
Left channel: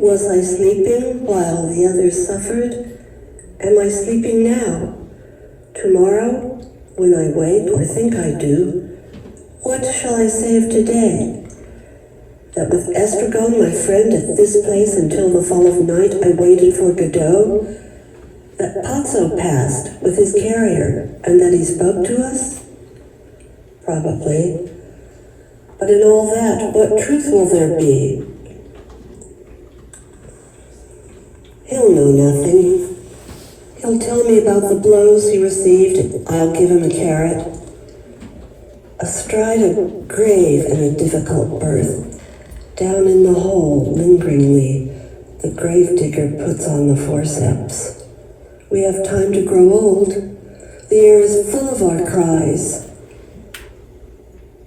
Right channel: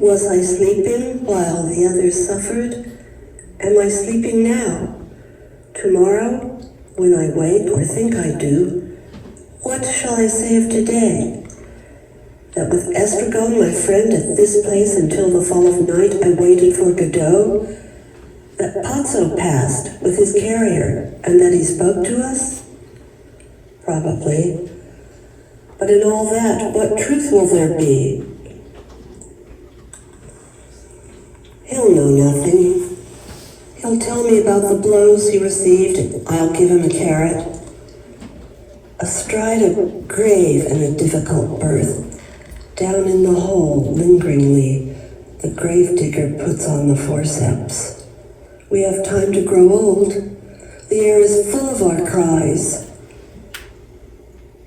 Was I sleeping while the others suffered? Am I sleeping now? Tomorrow, when I wake or think I do, what shall I say of today? That with Estragon, my friend, at this place until the fall of night I waited for Godot? That Pozzo passed with his carrier and that he spoke to us? Probably. But in all that, what truth will there be? He'll know nothing. He'll tell me about the blows he received, and I'll give him a carrot. Astride a grave in a difficult birth, down in the hole, lingeringly, the gravedigger puts on the forceps. We have time to grow old. The air is full of our cries.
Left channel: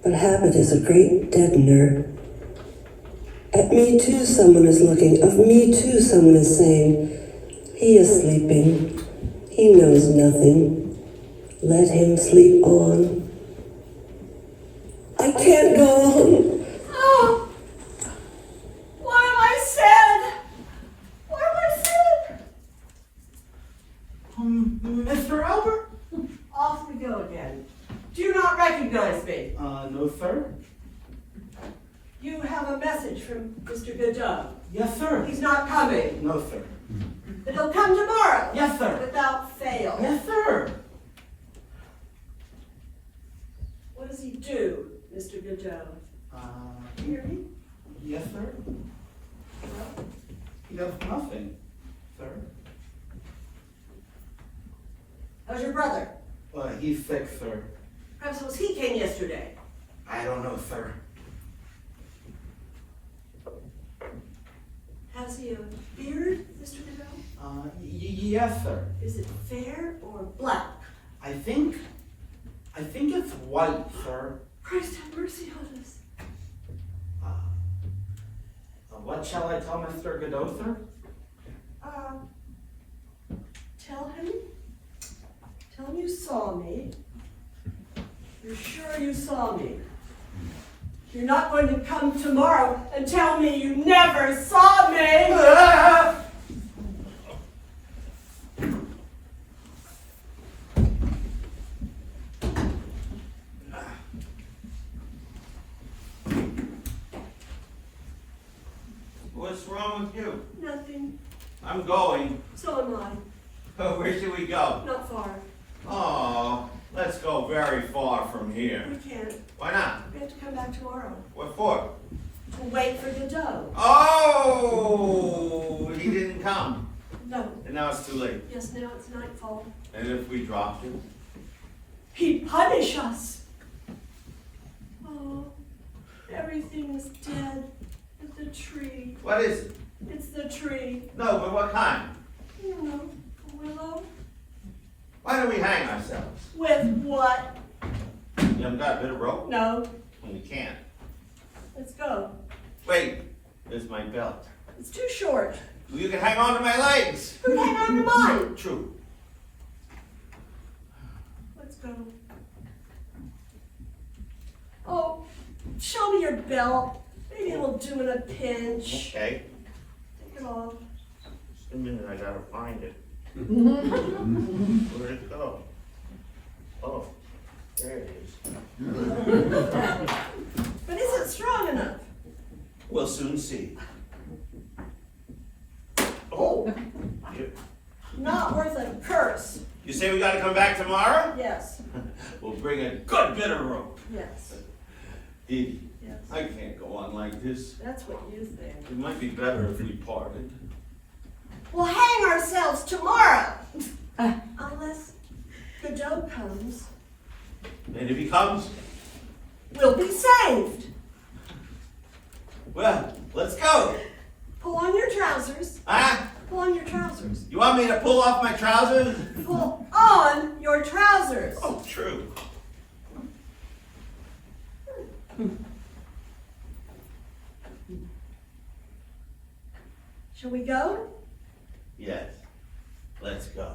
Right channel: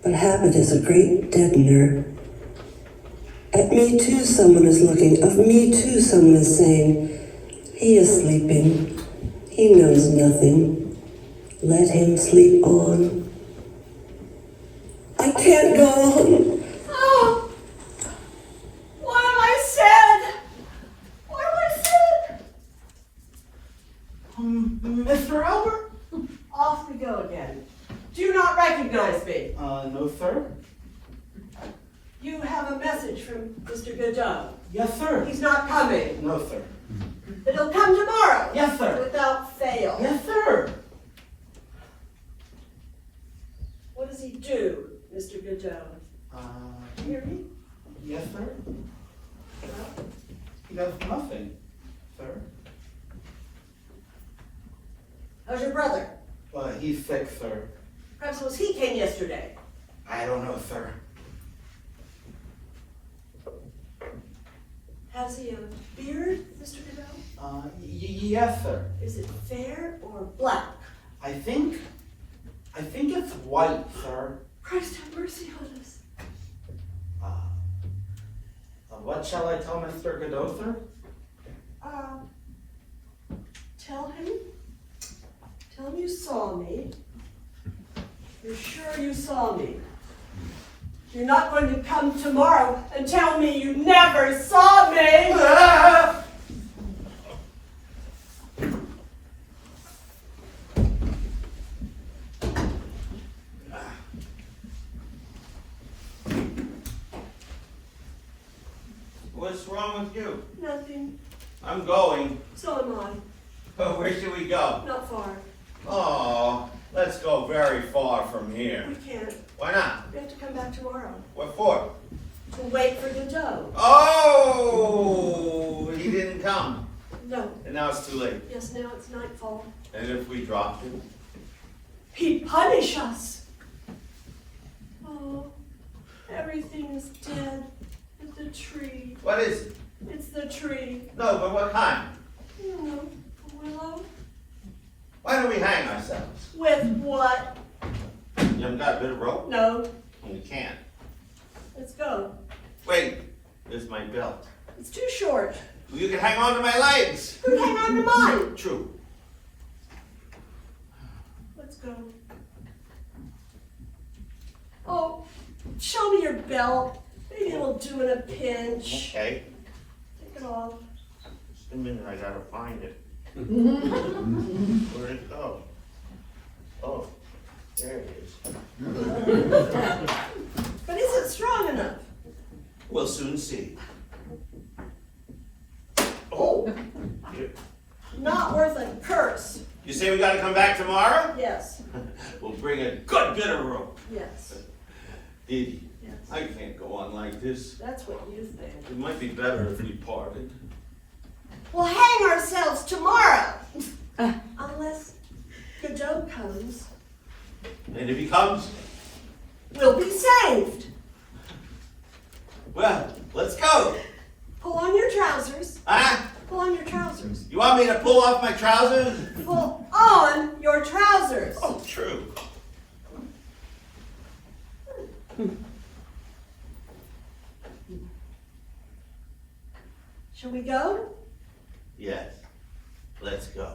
But habit is a great deadener. At me too someone is looking, of me too someone is saying, he is sleeping, he knows nothing, let him sleep on. I can't go on. Oh! What have I said? What have I said? Mr. Albert? Off we go again. Do you not recognize me? No, sir. You have a message from Mr. Godot. Yes, sir. He's not coming. No, sir. But he'll come tomorrow. Yes, sir. Without fail. Yes, sir. What does he do, Mr. Godot? Hear me? Yes, sir. He does nothing, sir. How's your brother? He's sick, sir. Perhaps it was he came yesterday. I don't know, sir. Has he a beard, Mr. Godot? Yes, sir. Is it fair or black? I think it's white, sir. Christ have mercy on us. What shall I tell Mr. Godot, sir? Tell him you saw me. You're sure you saw me. You're not going to come tomorrow and tell me you never saw me. What's wrong with you? Nothing. I'm going. So am I. But where should we go? Not far. Oh, let's go very far from here. We can't. Why not? We have to come back tomorrow. What for? To wait for Godot. Oh, he didn't come. No. And now it's too late. Yes, now it's nightfall. And if we dropped him? He'd punish us. Oh, everything is dead. It's the tree. What is it? It's the tree. No, but what kind? You know, a willow. Why don't we hang ourselves? With what? You haven't got a bit of rope? No. we can. Let's go. Wait, there's my belt. It's too short. You can hang on to my legs. You hang on to mine. True. Let's go. Oh, show me your belt. Maybe it'll do in a pinch. Okay. Take it off. Just a minute, I gotta find it. Where'd it go? Oh, there it is. But is it strong enough? We'll soon see. Oh, You, not worth a curse. you say we gotta come back tomorrow? Yes, We'll bring a good bit of rope. yes, Edie, yes. I can't go on like this. That's what you think. It might be better if we parted. We'll hang ourselves tomorrow. Unless Godot comes, And if he comes, we'll be saved. well, let's go. Pull on your trousers. Huh? Pull on your trousers. You want me to pull off my trousers? Pull on your trousers. Oh, true. Shall we go? Yes, let's go.